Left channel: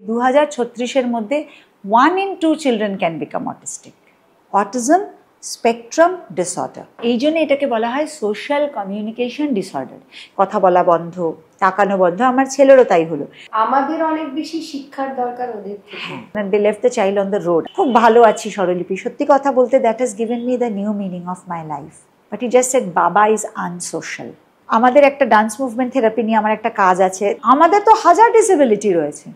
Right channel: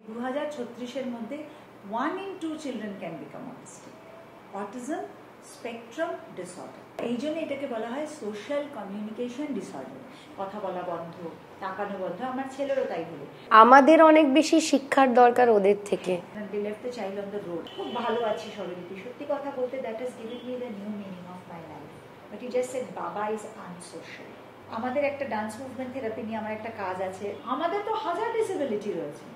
2036 মধ্যে 1 in 2 children can become autistic. Autism spectrum disorder, এই জন্য এটাকে বলা হয় সোশ্যাল কমিউনিকেশন ডিসঅর্ডার। কথা বলা বন্ধ, তাকানো বন্ধ। আমার ছেলেরও তাই হলো। আমাদের অনেক বেশি শিক্ষার দরকার ওদের থেকে। They left the child on the road. খুব ভালো আছি স্বরলিপি, সত্যি কথা বলতে that has given me the new meaning of my life. But he just said Baba is unsocial. আমাদের একটা ডান্স মুভমেন্ট থেরাপি নিয়ে আমার একটা কাজ আছে। আমাদের তো হাজার ডিসেবিলিটি রয়েছে।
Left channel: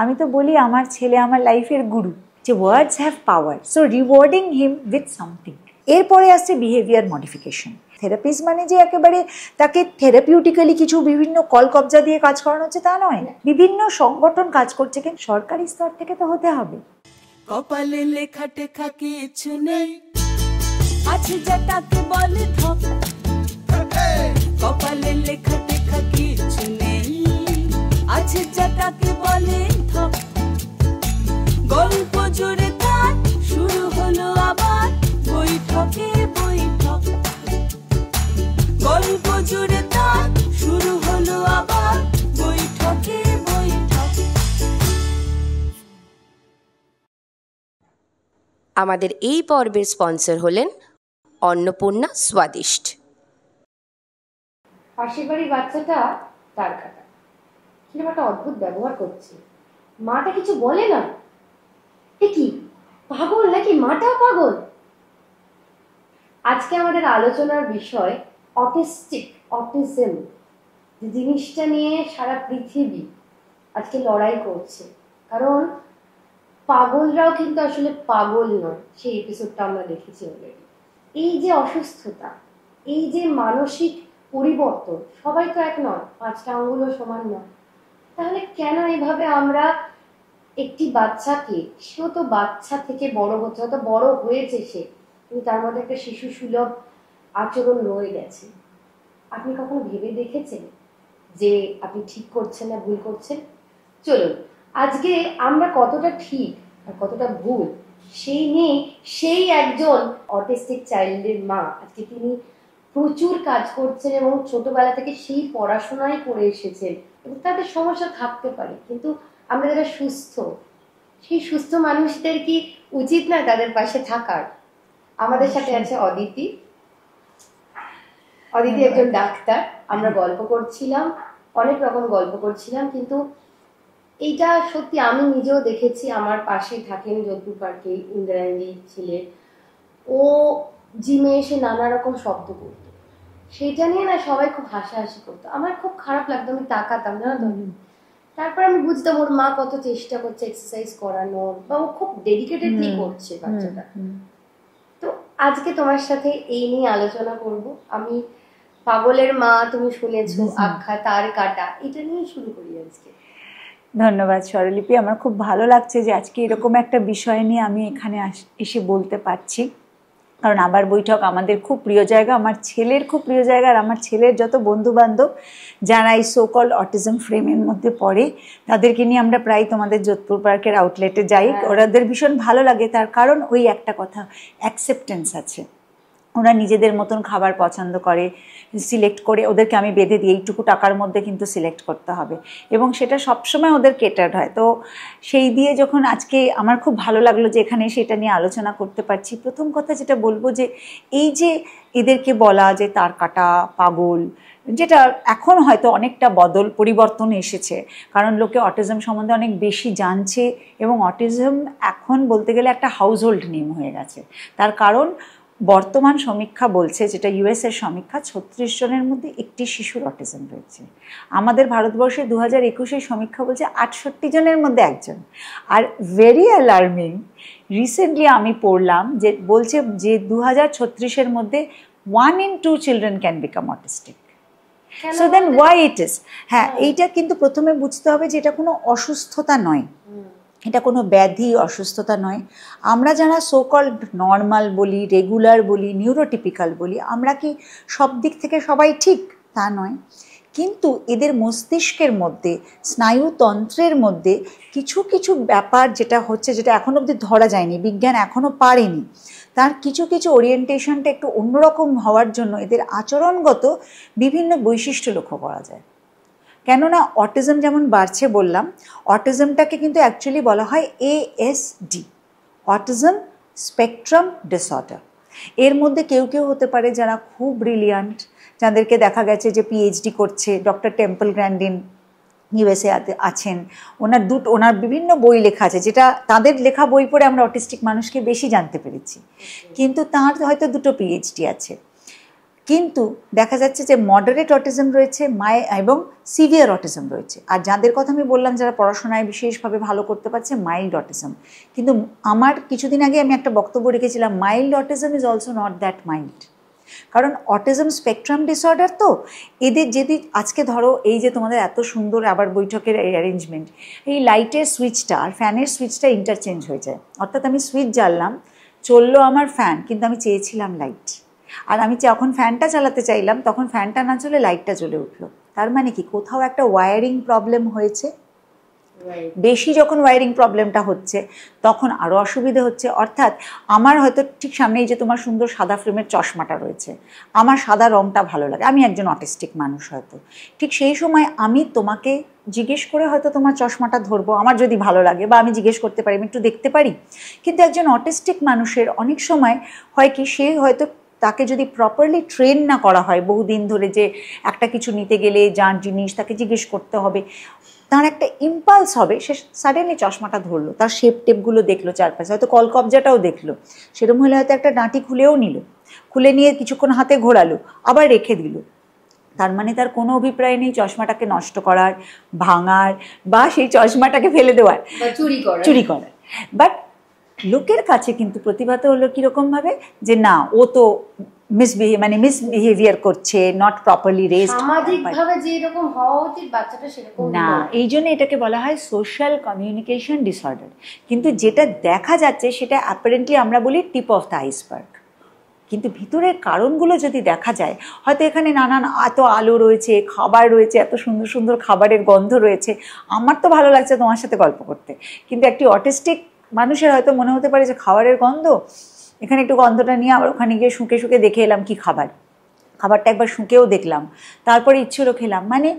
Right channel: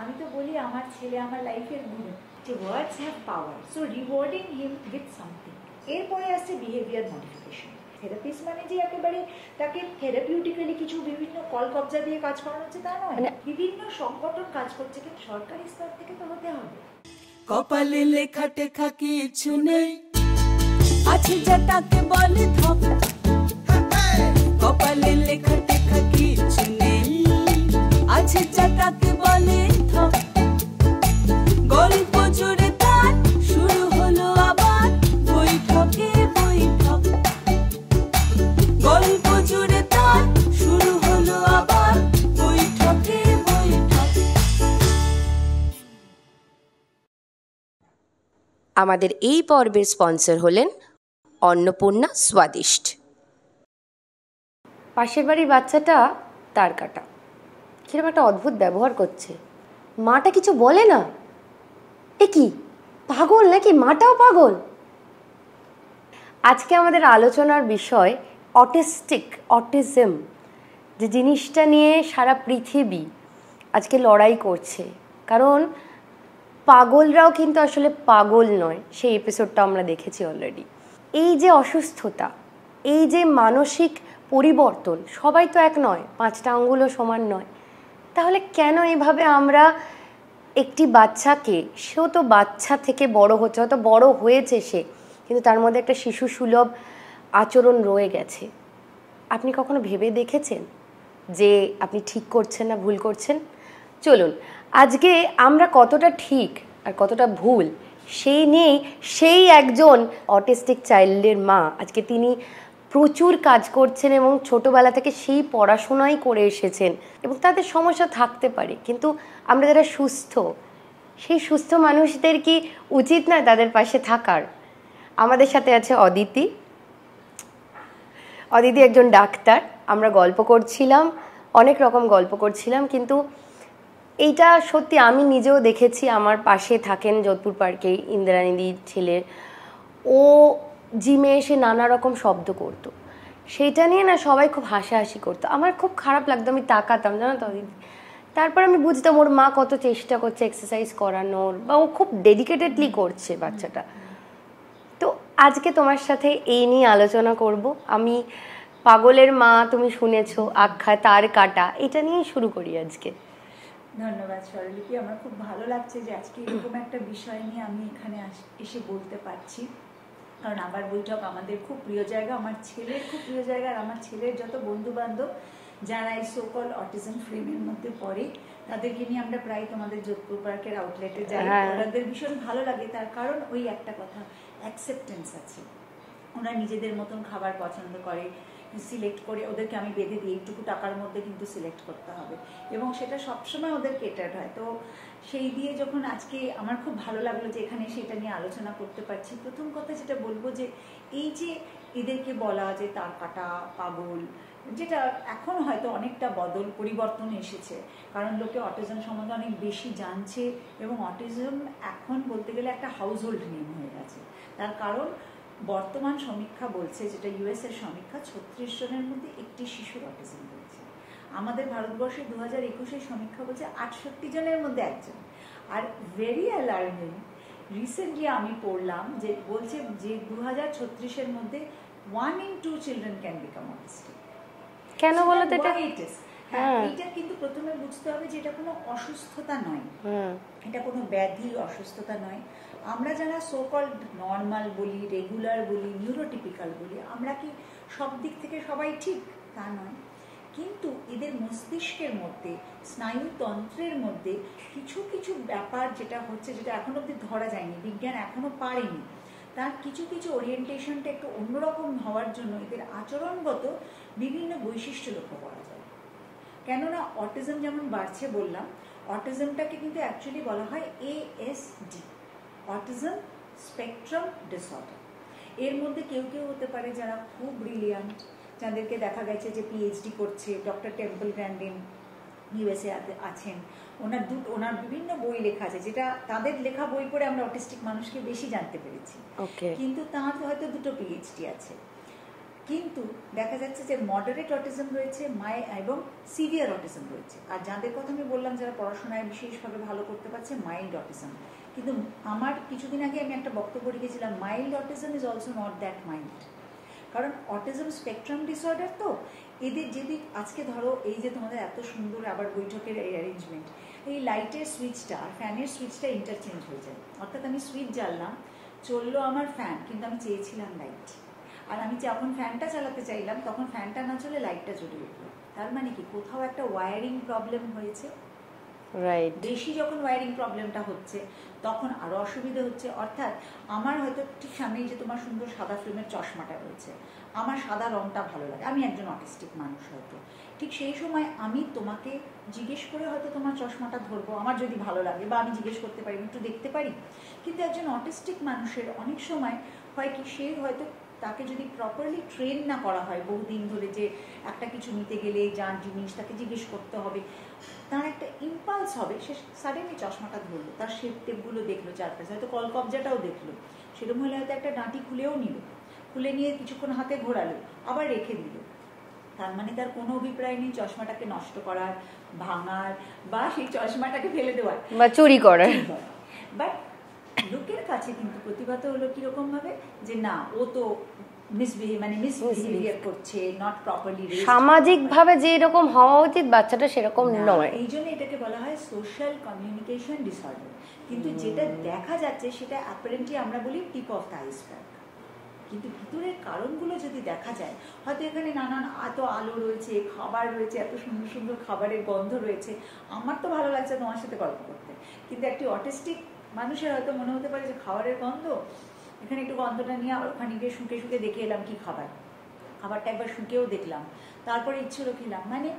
আমি তো বলি আমার ছেলে আমার লাইফের গুরু, যে words have power, so rewarding him with something. এরপরে আসছে বিহেভিয়ার মডিফিকেশন। থেরাপিস্ট মানে যে একেবারে তাকে থেরাপিউটিক্যালি কিছু বিভিন্ন কলকবজা দিয়ে কাজ করানো হচ্ছে তা নয়। বিভিন্ন সংগঠন কাজ করছে, কিন্তু সরকারি স্তর থেকে তো হতে হবে। কপালে লেখা টেখা কিছু নেই, আছে যেটাকে বলে ধপ। কপালে লেখা টেখা কিছু নেই, আছে যেটাকে বলে ধপ। গল্প জুড়ে তার শুরু হলো আবার বৈঠকে বৈঠক। গল্প জুড়ে তার শুরু হলো আবার বৈঠকে বৈঠক। আমাদের এই পর্বের স্পন্সর হলেন অন্নপূর্ণা স্বাদিষ্ট। পাশের বাড়ির বাচ্চাটা তার কাটা কিরকম একটা অদ্ভুত ব্যবহার করছে। মাটা কিছু বলে না। এ কি পাগল নাকি? মাটাও পাগল। আজকে আমাদের আলোচনার বিষয় অটিজম, যে জিনিসটা নিয়ে সারা পৃথিবী আজকে লড়াই করছে। কারণ পাগলরাও কিন্তু আসলে পাগল নয়, সেই এপিসোডটা আমরা দেখেছি অলরেডি। এই যে অসুস্থতা, এই যে মানসিক পরিবর্তন, সবাই তো এক নয়, 5টা আঙ্গুলও সমান নয়। তাহলে কেন এভাবে আমরা একটি বাচ্চাকে, সেও তো বাচ্চা থেকে বড় হচ্ছে, হয়তো বড় হয়েছে সে, কিন্তু তার মধ্যে একটা শিশু সুলভ আচরণ রয়ে গেছে। আপনি কখনো ভেবে দেখেছেন যে আপনি ঠিক করছেন না ভুল করছেন? চলুন আজকে আমরা কতটা ঠিক আর কতটা ভুল সেই নিয়েই, সেই একজন অটিস্টিক চাইল্ডের মা, আজকে তিনি প্রচুর কাজ করছেন এবং ছোটোবেলা থেকে সেই পড়াশোনাই করে এসেছেন। এবং তাদের সমস্যা থাকতে পারে, কিন্তু আমরা যারা সুস্থ, সেই সুস্থ মানুষদের কি উচিত না তাদের পাশে থাকার? আমাদের সাথে আছে অদিতি। অদিতি একজন ডাক্তার। আমরা গল্প করছিলাম, অনেক রকম গল্প করছিলাম, কিন্তু এইটা সত্যি আমি নিজেও দেখেছি। আমার পাশে থাকেন যোধপুর পার্কে ইন্দ্রাণীদির ছেলে, ও জিমে এসে নানা রকম শব্দ করতো। সেটা নিয়ে না সবাই খুব হাসাহাসি করতো। আমার খুব খারাপ লাগতো, আমি তাকাতাম, জানো তো। তারপর আমি বুঝতাম ওর মা কত চেষ্টা করছে এক্সারসাইজ করানোর, বা ও খুব ডেডিকেটেডলি করছে বাচ্চাটা। তো আজকে তোমার সাথে এই নিয়ে আলোচনা করব। আমি পাগলের মা, তুমি শুনেছো আখ্যা, তার কাটা, এটা নিয়ে শুরু করি আজকে। ধন্যবাদ স্বরলিপি, আমার খুব ভালো লাগছে যে আজকে এরকম একটা বিষয় নিয়ে আমি এখানে এসে বলতে পারছি। কারণ আবার বৈঠক আমাদের খুব প্রিয় জায়গা, আমার ছেলের খুব প্রিয় জায়গা। আর আমার ছেলের যত বন্ধুবান্ধব যারা এই সোকল অটিজম ফ্রেমের মধ্যে পড়ে, তাদেরকে নিয়ে আমরা প্রায় তোমাদের যোধপুর পার্কের আউটলেটে যাই। ওদের ভীষণ ভালো লাগে, তার কারণ ওই একটা কথা, অ্যাকসেপ্টেন্স আছে। ওরা নিজেদের মতন খাবার পছন্দ করে, সিলেক্ট করে। ওদেরকে আমি বেঁধে দিই এইটুকু টাকার মধ্যে কিন্তু সিলেক্ট করতে হবে, এবং সেটা সবসময় ওদের কেটার্ড হয়। তো সেই দিয়ে যখন আজকে আমার খুব ভালো লাগলো যে এখানে সেটা নিয়ে আলোচনা করতে পারছি। প্রথম কথা যেটা বলবো, যে এই যে এদেরকে বলা যে তার কাটা, পাগল, যেটা এখন হয়তো অনেকটা পরিবর্তন এসেছে, কারণ লোকে অটিজম সম্বন্ধে অনেক বেশি জানছে, এবং অটিজম এখন বলতে গেলে একটা হাউসহোল্ড নেম হয়ে গেছে। তার কারণ বর্তমান সমীক্ষা বলছে, যেটা ইউএসের সমীক্ষা, 36 জনের মধ্যে একটি শিশুর অটিজম রয়েছে। আমাদের ভারতবর্ষে 2021 সমীক্ষা বলছে 68 জনের মধ্যে একজন। আর ভেরি অ্যালার্মিং, রিসেন্টলি আমি পড়লাম যে বলছে যে 2036 মধ্যে 1 in 2 children can become autistic. So then why it is? হ্যাঁ, এইটা কিন্তু প্রথমে বুঝতে হবে যে এটা কোনো অসুস্থতা নয়, এটা কোনো ব্যাধি, অসুস্থতা নয়। আমরা যারা সোকল্ড নর্মাল বলি, রেগুলার বলি, নিউরোটিপিক্যাল বলি, আমরা কি সব দিক থেকে সবাই ঠিক? তা নয়। কিন্তু এদের মস্তিষ্কের মধ্যে, স্নায়ুতন্ত্রের মধ্যে কিছু কিছু ব্যাপার যেটা হচ্ছে, যেটা এখনও অবধি ধরা যায়নি, বিজ্ঞান এখনও পারেনি, তার কিছু কিছু ওরিয়েন্টেশনটা একটু অন্যরকম হওয়ার জন্য এদের আচরণগত বিভিন্ন বৈশিষ্ট্য লক্ষ্য করা যায়। কেননা অটিজম যেমন বাড়ছে বললাম, অটিজমটাকে কিন্তু অ্যাকচুয়ালি বলা হয় ASD, অটিজম স্পেকট্রাম ডিসঅর্ডার। এর মধ্যে কেউ কেউ হতে পারে যারা খুব ব্রিলিয়ান্ট, যাদেরকে দেখা গেছে যে PhD করছে, ডক্টর টেম্পল গ্র্যান্ডিন USA আছেন, ওনার বিভিন্ন বই লেখা আছে, যেটা তাদের লেখা বই পড়ে আমরা অটিস্টিক মানুষকে বেশি জানতে পেরেছি। কিন্তু তার হয়তো 2টো PhD আছে। কিন্তু দেখা যাচ্ছে যে মডারেট অটিজম রয়েছে এবং সিভিয়ার অটিজম রয়েছে। আর যাদের কথা আমি বললাম যারা পড়াশোনায় বিশেষভাবে ভালো করতে পারছে, মাইল্ড অটিজম। কিন্তু আমার কিছুদিন আগে আমি একটা বক্তব্য রেখেছিলাম, mild autism is also not that mild. কারণ অটিজম স্পেকট্রাম ডিসঅর্ডার তো এদের যদি আজকে ধরো এই যে তোমাদের এত সুন্দর আবার বৈঠকের এই অ্যারেঞ্জমেন্ট, এই লাইটের সুইচটা আর ফ্যানের সুইচটা ইন্টারচেঞ্জ হয়ে যায়। অর্থাৎ আমি সুইচ জ্বাললাম, চললো আমার ফ্যান, কিন্তু আমি চেয়েছিলাম লাইট। আর আমি যখন ফ্যানটা চালাতে চাইলাম তখন ফ্যানটা না চলে লাইটটা জ্বলে উঠলো। তার মানে কি কোথাও একটা ওয়্যারিং প্রবলেম হয়েছে। বেশি যখন ওয়্যারিং প্রবলেমটা হচ্ছে তখন আরও অসুবিধে হচ্ছে। অর্থাৎ আমার হয়তো ঠিক সামনে এই যে তোমার সুন্দর সাদা ফ্রেমের চশমাটা রয়েছে, আমার সাদা রঙটা ভালো লাগে, আমি একজন অটিস্টিক মানুষ, হয়তো ঠিক সেই সময় আমি তোমাকে জিজ্ঞেস করে হয়তো তোমার চশমাটা ধরবো, আমার যদি ভালো লাগে, বা আমি জিজ্ঞেস করতে পারি, আমি একটু দেখতে পারি। কিন্তু একজন অটিস্টিক মানুষের অনেক সময় হয় কি, সে হয়তো তাকে যদি প্রপারলি ট্রেন না করা হয় বহুদিন ধরে, যে একটা কিছু নিতে গেলে যার জিনিস তাকে জিজ্ঞেস করতে হবে, তার একটা ইম্পালস হবে, সে সাডেনলি চশমাটা ধরলো, তার শেপ টেপগুলো দেখলো চারপাশে, হয়তো কলকবজাটাও দেখলো, সেরকম হলে হয়তো একটা ডাঁটি খুলেও নিল, খুলে নিয়ে কিছুক্ষণ হাতে ঘোরালো, আবার রেখে দিল। তার মানে তার কোনো অভিপ্রায় নেই চশমাটাকে নষ্ট করার, ভাঙার, বা সেই চশমাটাকে ফেলে দেওয়ার বা চুরি করার। বাট লোকের কাছে কিন্তু প্রতিভাত হলো কীরকমভাবে, যে না ও তো মিসবিহেভিয়ার করছে, নট প্রপারলি রেজড, সামাজিকভাবে যে এরকম হওয়া উচিত বাচ্চাটা সেরকম না। নয়। এই জন্য এটাকে বলা হয় সোশ্যাল কমিউনিকেশন ডিসঅর্ডার। কিন্তু যেটা দেখা যাচ্ছে সেটা অ্যাপারেন্টলি আমরা বলি টিপ অফ দ্য আইসবার্গ। কিন্তু ভিতরের কারণগুলো যদি দেখা যায়, হয়তো এখানে নানান এত আলো রয়েছে, খাবার রয়েছে, এত সুন্দর সুন্দর খাবারের গন্ধ রয়েছে, আমার তো ভালো লাগছে তোমার সাথে গল্প করতে, কিন্তু একটি অটিস্টিক মানুষের হয়তো মনে হতে পারে যে খাবারের গন্ধ, এখানে একটু গন্ধটা নিয়ে আবার ওখানে গিয়ে শুঁকে শুঁকে দেখে এলাম কি খাবারটা একবার শুঁকেও দেখলাম, তারপরে ইচ্ছেরও খেলাম। মানে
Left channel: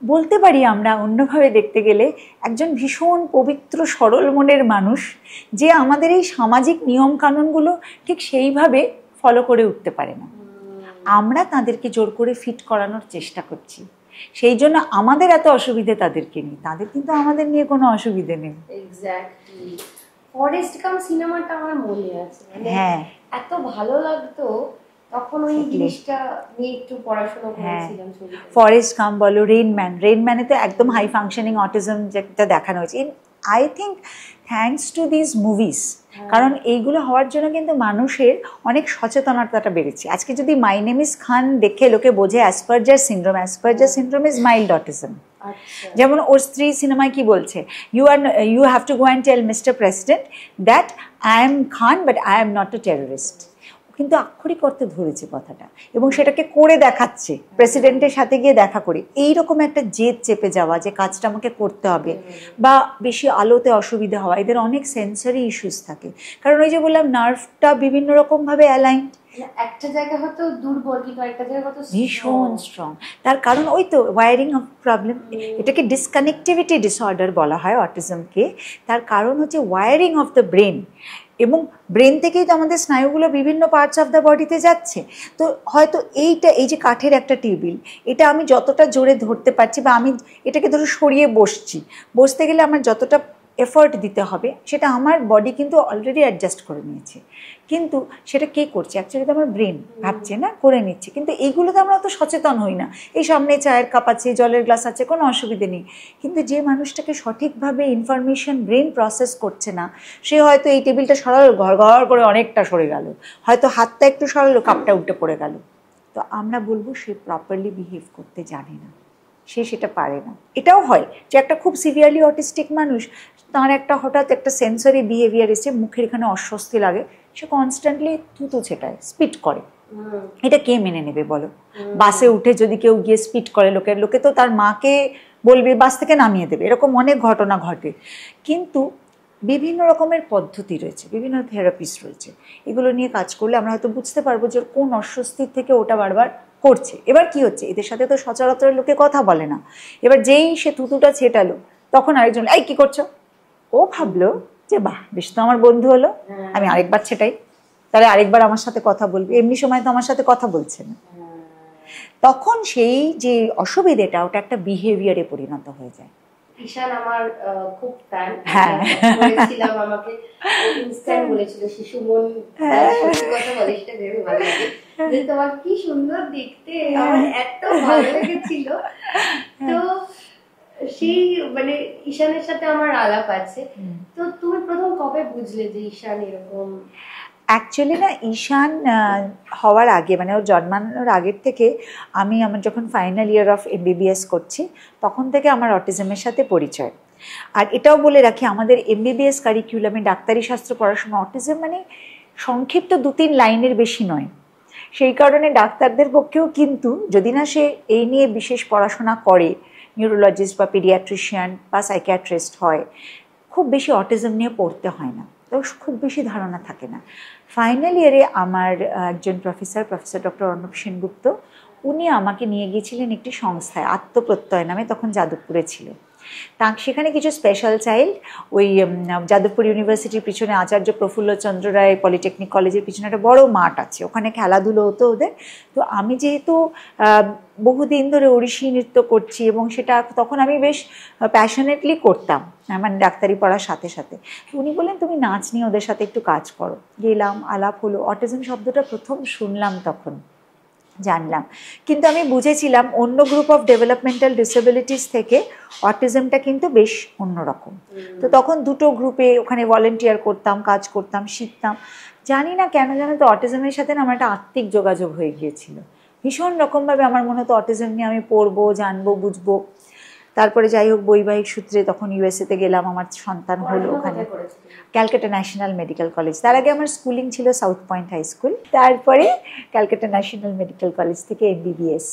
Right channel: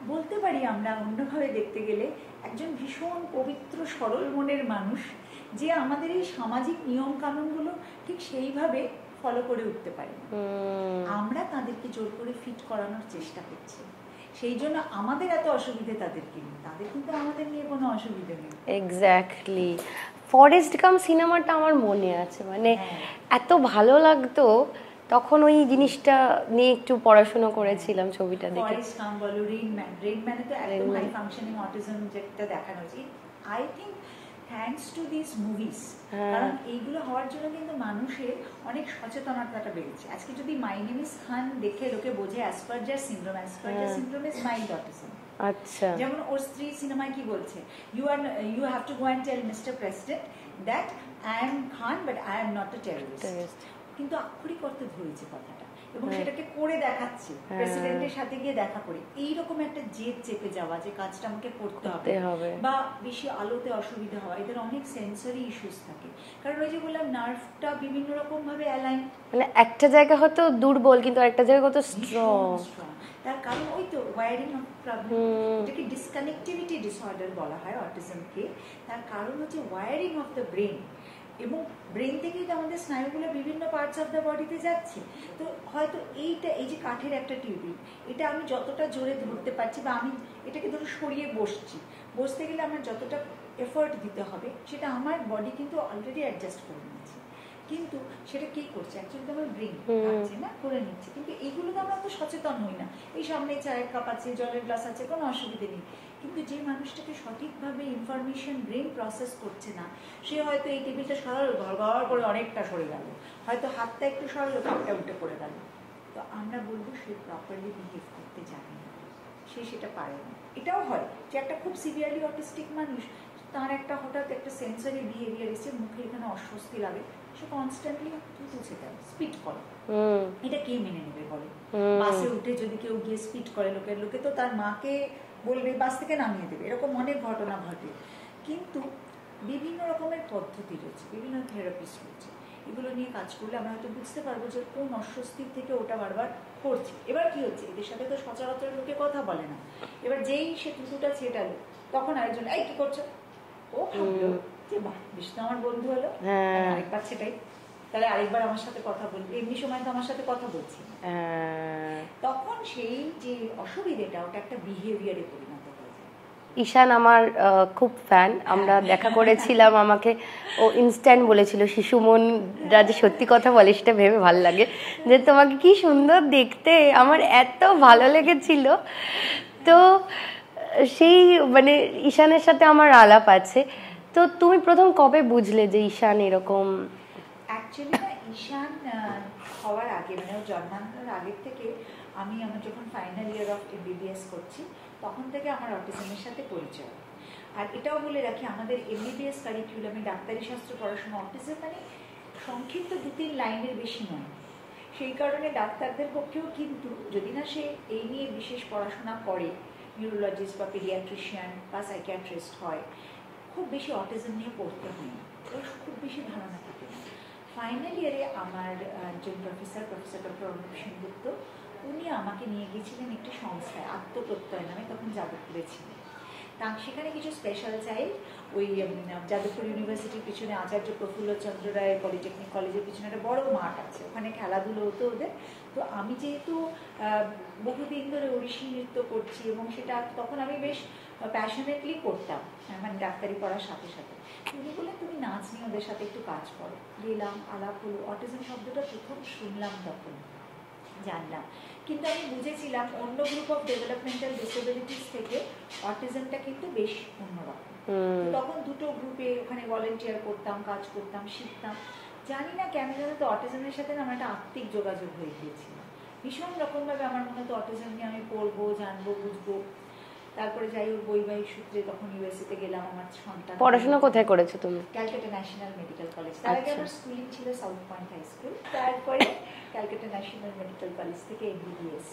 বলতে পারি আমরা অন্যভাবে দেখতে গেলে একজন ভীষণ পবিত্র সরল মনের মানুষ, যে আমাদের এই সামাজিক নিয়মকানুনগুলো ঠিক সেইভাবে ফলো করে উঠতে পারে না। আমরা তাদেরকে জোর করে ফিট করানোর চেষ্টা করছি, সেই জন্য আমাদের এত অসুবিধে তাদেরকে নিয়ে, তাদের কিন্তু আমাদের নিয়ে কোনো অসুবিধে নেই। এক্স্যাক্টলি। ফরেস্ট গাম্প সিনেমাটা আমার মনে আছে, মানে এত ভালো লাগতো তখন, ওই জিনিসটা নিয়ে একটু পড়াশোনা করেছিলাম ছবিটা। ফরেস্ট গাম্প বলো, রেইনম্যানে তো একদম হাই ফাংশনিং অটিজম যেটা দেখানো হয়েছে। I think thanks to this movies, কারণ এইগুলো হওয়ার জন্য কিন্তু মানুষের অনেক সচেতনতাটা বেড়েছে। আজকে যদি মাই নেম ইজ খান দেখে লোকে বোঝে Asperger syndrome is mild autism. যেমন ওর স্ত্রী সিনেমায় কি বলছে, you have to go and tell Mr President that I am Khan but I am not a terrorist. কিন্তু আক্ষরিক করতে ধরেছে কথাটা, এবং সেটাকে করে দেখাচ্ছে, প্রেসিডেন্টের সাথে গিয়ে দেখা করে। এইরকম একটা জেদ চেপে যাওয়া যে কাজটা আমাকে করতে হবে, বা বেশি আলোতে অসুবিধা হওয়া, এদের অনেক সেন্সারি ইস্যুস থাকে। কারণ ওই যে বললাম নার্ভটা বিভিন্ন রকমভাবে অ্যালাইন, মানে একটা জায়গা হয়তো দুর্বল কিন্তু একটা জায়গা কত ভীষণ স্ট্রং। তার কারণ ওই তো ওয়্যারিং অফ প্রবলেম, এটাকে ডিসকানেক্টিভিটি ডিসঅর্ডার বলা হয় অটিজমকে। তার কারণ হচ্ছে ওয়্যারিং অফ দ্য ব্রেন, এবং ব্রেন থেকেই তো আমাদের স্নায়ুগুলো বিভিন্ন পার্টস অফ দ্য বডিতে যাচ্ছে। তো হয়তো এই যে কাঠের একটা টেবিল, এটা আমি যতটা জোরে ধরতে পারছি, বা আমি এটাকে ধরো সরিয়ে বসতে গেলে আমার যতটা এফর্ট দিতে হবে, সেটা আমার বডি কিন্তু অলরেডি অ্যাডজাস্ট করে নিয়েছে। কিন্তু সেটা কে করছে? অ্যাকচুয়ালি তো আমার ব্রেন ভাবছে না, করে নিচ্ছে। কিন্তু এইগুলোতে আমরা অত সচেতন হই না। এই সামনে চায়ের কাপ আছে, জলের গ্লাস আছে, কোনো অসুবিধে নেই। কিন্তু যে মানুষটাকে সঠিকভাবে ইনফরমেশন ব্রেন প্রসেস করছে না, সে হয়তো এই টেবিলটা সরালো, ঘর ঘর করে অনেকটা সরে গেল, হয়তো হাতটা একটু সরালো, কাপটা উল্টে পড়ে গেল। তো আমরা বলবো সে প্রপারলি বিহেভ করতে জানে না, সে সেটা পারে না। এটাও হয় যে একটা খুব সিভিয়ারলি অটিস্টিক মানুষ, তার একটা হঠাৎ একটা সেন্সরি বিহেভিয়ার এসে, মুখের এখানে অস্বস্তি লাগে, সে কনস্ট্যান্টলি থুতু ছেটায়, স্পিট করে। এটা কে মেনে নেবে বলো? বাসে উঠে যদি কেউ গিয়ে স্পিট করে, লোকে তো তার মাকে বলবে, বাস থেকে নামিয়ে দেবে, এরকম অনেক ঘটনা ঘটে। কিন্তু বিভিন্ন রকমের পদ্ধতি রয়েছে, বিভিন্ন থেরাপিস্ট রয়েছে, এগুলো নিয়ে কাজ করলে আমরা হয়তো বুঝতে পারবো যে কোন অস্বস্তির থেকে ওটা বারবার করছে। এবার কি হচ্ছে, এদের সাথে তো সচরাচর লোকে কথা বলে না, এবার যেই সে থুতুটা ছেটালো তখন আরেকজন এই কি করছো, ও ভাবলো যে বাহ বেশ তো আমার বন্ধু হলো, আমি আরেকবার ছেটাই, তাহলে আরেকবার আমার সাথে কথা বলবে, এমনি সময় তো আমার সাথে কথা বলছে না। তখন সেই যে অসুবিধেটা ওটা একটা বিহেভিয়ারে পরিণত হয়ে যায়। ঈশান আমার খুব ফ্যান, আমরা দেখা করেছিলাম, আমাকে ও ইনস্ট্যান্ট বলেছিল শিশু মন দাদা সত্যি কথা বলে, সেটা ভেবে ভালো লাগে যে তোমাকে কি সুন্দর দেখতে, আমার এত ভালো লেগেছিল। তো সেই মানে ঈশানের সাথে আমার আলাপ আছে। তো তুমি প্রথম কবে বুঝলে যে ঈশান এরকম? অ্যাকচুয়ালি না, ঈশান হওয়ার আগে মানে ওর জন্মানোর আগের থেকে আমার যখন ফাইনাল ইয়ার অফ এমবিবিএস করছি তখন থেকে আমার অটিজমের সাথে পরিচয়। আর এটাও বলে রাখি, আমাদের এমবিবিএস কারিকুলামে ডাক্তারি শাস্ত্র পড়াশোনা অটিজম মানে সংক্ষিপ্ত 2-3 লাইনের বেশি নয়। সেই কারণে ডাক্তারদের পক্ষেও কিন্তু যদি না সে এই নিয়ে বিশেষ পড়াশোনা করে, নিউরোলজিস্ট বা পিডিয়াট্রিশিয়ান বা সাইকিয়াট্রিস্ট হয়, খুব বেশি অটিজম নিয়ে পড়তে হয় না, ওর খুব বেশি ধারণা থাকে না। ফাইনাল ইয়ারে আমার একজন প্রফেসর ডক্টর অর্ণব সেনগুপ্ত, উনি আমাকে নিয়ে গিয়েছিলেন একটি সংস্থায়, আত্মপ্রত্যয় নামে, তখন যাদবপুরে ছিল। সেখানে কিছু স্পেশাল চাইল্ড, ওই যাদবপুর ইউনিভার্সিটির পিছনে আচার্য প্রফুল্লচন্দ্র রায় পলিটেকনিক কলেজের পিছনে একটা বড় মাঠ আছে, ওখানে খেলাধুলো হতো ওদের। তো আমি যেহেতু বহুদিন ধরে ওড়িশি নৃত্য করছি এবং সেটা তখন আমি বেশ প্যাশনেটলি করতাম, মানে ডাক্তারি পড়ার সাথে সাথে। উনি বললেন তুমি নাচ নিয়ে ওদের সাথে একটু কাজ করো। গেলাম, আলাপ হলো, অটিজম শব্দটা প্রথম শুনলাম তখন জানলাম, কিন্তু আমি বুঝেছিলাম অন্য গ্রুপ অফ ডেভেলপমেন্টাল ডিসেবিলিটিস থেকে অটিজমটা কিন্তু বেশ অন্যরকম। তো তখন দুটো গ্রুপে ওখানে ভলেন্টিয়ার করতাম, কাজ করতাম, শিখতাম। জানি না কেন জানো তো অটিজমের সাথে না আমার একটা আত্মিক যোগাযোগ হয়ে গিয়েছিল ভীষণ রকমভাবে। আমার মনে হতো অটিজম নিয়ে আমি পড়বো, জানবো, বুঝবো। তারপরে যাই হোক বৈবাহিক সূত্রে তখন ইউএসএতে গেলাম, আমার সন্তান হলো। কোথায় করেছো তুমি? Calcutta national medical college. তার আগে আমার স্কুলিং ছিল সাউথ পয়েন্ট হাই স্কুল, তারপরে ক্যালকাটা ন্যাশনাল মেডিকেল কলেজ থেকে এমবিবিএস।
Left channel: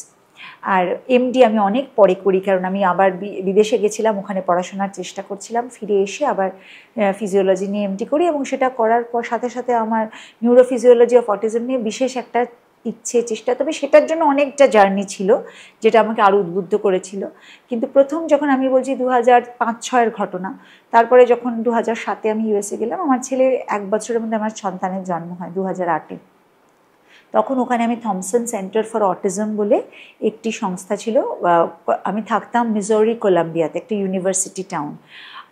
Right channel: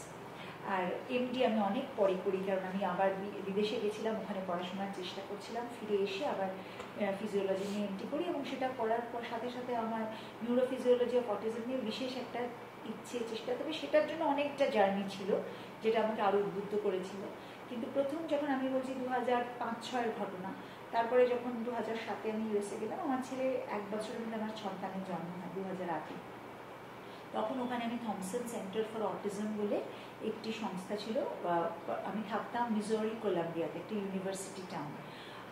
আর এমডি আমি অনেক পরে করি, কারণ আমি আবার বিদেশে গেছিলাম, ওখানে পড়াশোনার চেষ্টা করছিলাম, ফিরে এসে আবার ফিজিওলজি নিয়ে এমডি করি। এবং সেটা করার পর সাথে সাথে আমার নিউরোফিজিওলজি অফ অটিজম নিয়ে বিশেষ একটা ইচ্ছে, চেষ্টা, তবে সেটার জন্য অনেকটা জার্নি ছিল যেটা আমাকে আরও উদ্বুদ্ধ করেছিল। কিন্তু প্রথম যখন আমি বলছি 2005-06 ঘটনা, তারপরে যখন 2007 আমি ইউএসএ গেলাম, আমার ছেলে 1 বছরের মধ্যে আমার সন্তানের জন্ম হয় 2008-এ। তখন ওখানে আমি থমসন সেন্টার ফর অটিজম বলে একটি সংস্থা ছিল, আমি থাকতাম মিজোরি কলাম্বিয়াতে, একটা ইউনিভার্সিটি টাউন।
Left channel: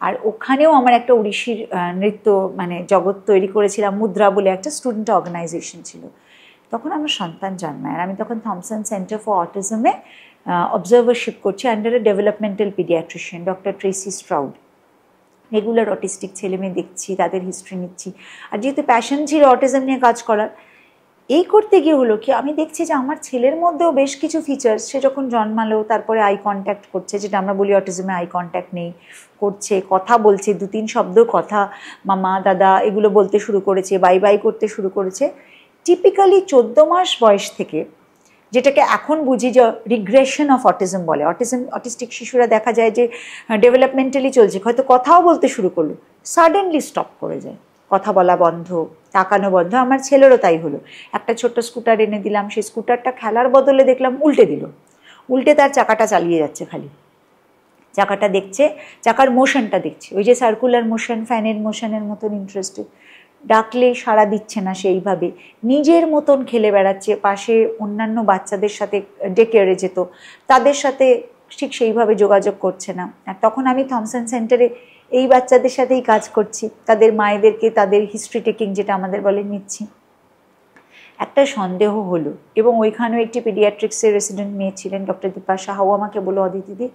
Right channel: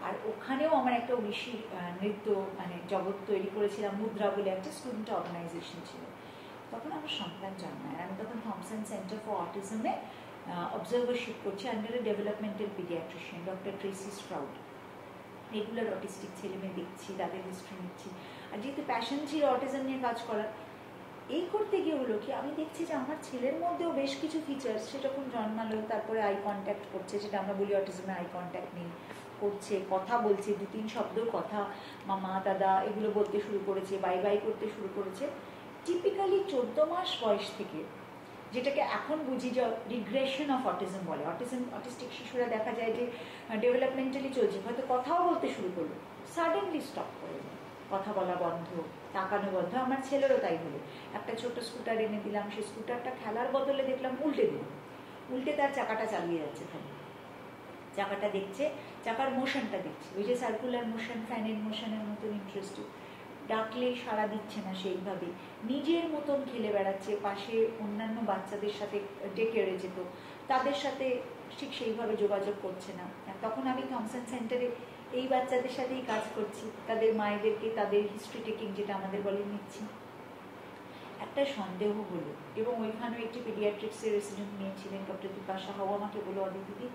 আর ওখানেও আমার একটা ওড়িশির নৃত্য মানে জগৎ তৈরি করেছিলাম, মুদ্রা বলে একটা স্টুডেন্ট অর্গানাইজেশন ছিল। তখন আমার সন্তান জন্মায়, আর আমি তখন থমসন সেন্টার ফর অটিজমে অবজারভারশিপ করছি under a developmental paediatrician doctor Tracy Stroud. Regular autistic ছেলেমেয়ে দেখছি, তাদের হিস্ট্রি নিচ্ছি। আর যেহেতু প্যাশন ছিল অটিজম নিয়ে কাজ করার, এই করতে গিয়ে হলো কি আমি দেখছি যে আমার ছেলের মধ্যেও বেশ কিছু ফিচার্স, সে যখন জন্মালো তারপরে আই কন্ট্যাক্ট করছে, যেটা আমরা বলি অটিজমে আই কন্ট্যাক্ট নেই, করছে, কথা বলছে, 2-3 শব্দ কথা, মামা দাদা এগুলো বলতে শুরু করেছে, বাই বাই করতে শুরু করেছে। টিপিক্যালি 14 মাস বয়স থেকে, যেটাকে এখন বুঝি যে রিগ্রেশন অফ অটিজম বলে। অটিস্টিক শিশুরা দেখা যায় যে ডেভেলপমেন্টালি চলছে, হয়তো কথাও বলতে শুরু করলো, সাডেনলি স্টপ করে যায়, কথা বলা বন্ধ, তাকানো বন্ধ। আমার ছেলেরও তাই হলো। একটা ছোট্ট স্কুটার এনে দিলাম, সেই স্কুটারটা খেলার বদলে দেখলাম উল্টে দিল, উল্টে তার চাকাটা চালিয়ে যাচ্ছে, খালি চাকাটা দেখছে, চাকার মোশনটা দেখছে, ওই যে সার্কুলার মোশন, ফ্যানের মোশনের মতন ইন্টারেস্টেড। ডাকলে সাড়া দিচ্ছে না সেইভাবে, নিজের মতন খেলে বেড়াচ্ছে, পাশে অন্যান্য বাচ্চাদের সাথে ডেকেরে যেত, তাদের সাথে ঠিক সেইভাবে যোগাযোগ করছে না। আর তখন আমি থমসন সেন্টারে এই বাচ্চাদের সাথেই কাজ করছি, তাদের মায়েদেরকে তাদের হিস্ট্রি টেকিং যেটা আমাদের বলে নিচ্ছি। একটা সন্দেহ হলো, এবং ওইখানেও একটি পিডিয়াট্রিক্সের রেসিডেন্ট মেয়ে ছিলেন ডক্টর দীপা সাহাও, আমাকে বলো অদিতিদি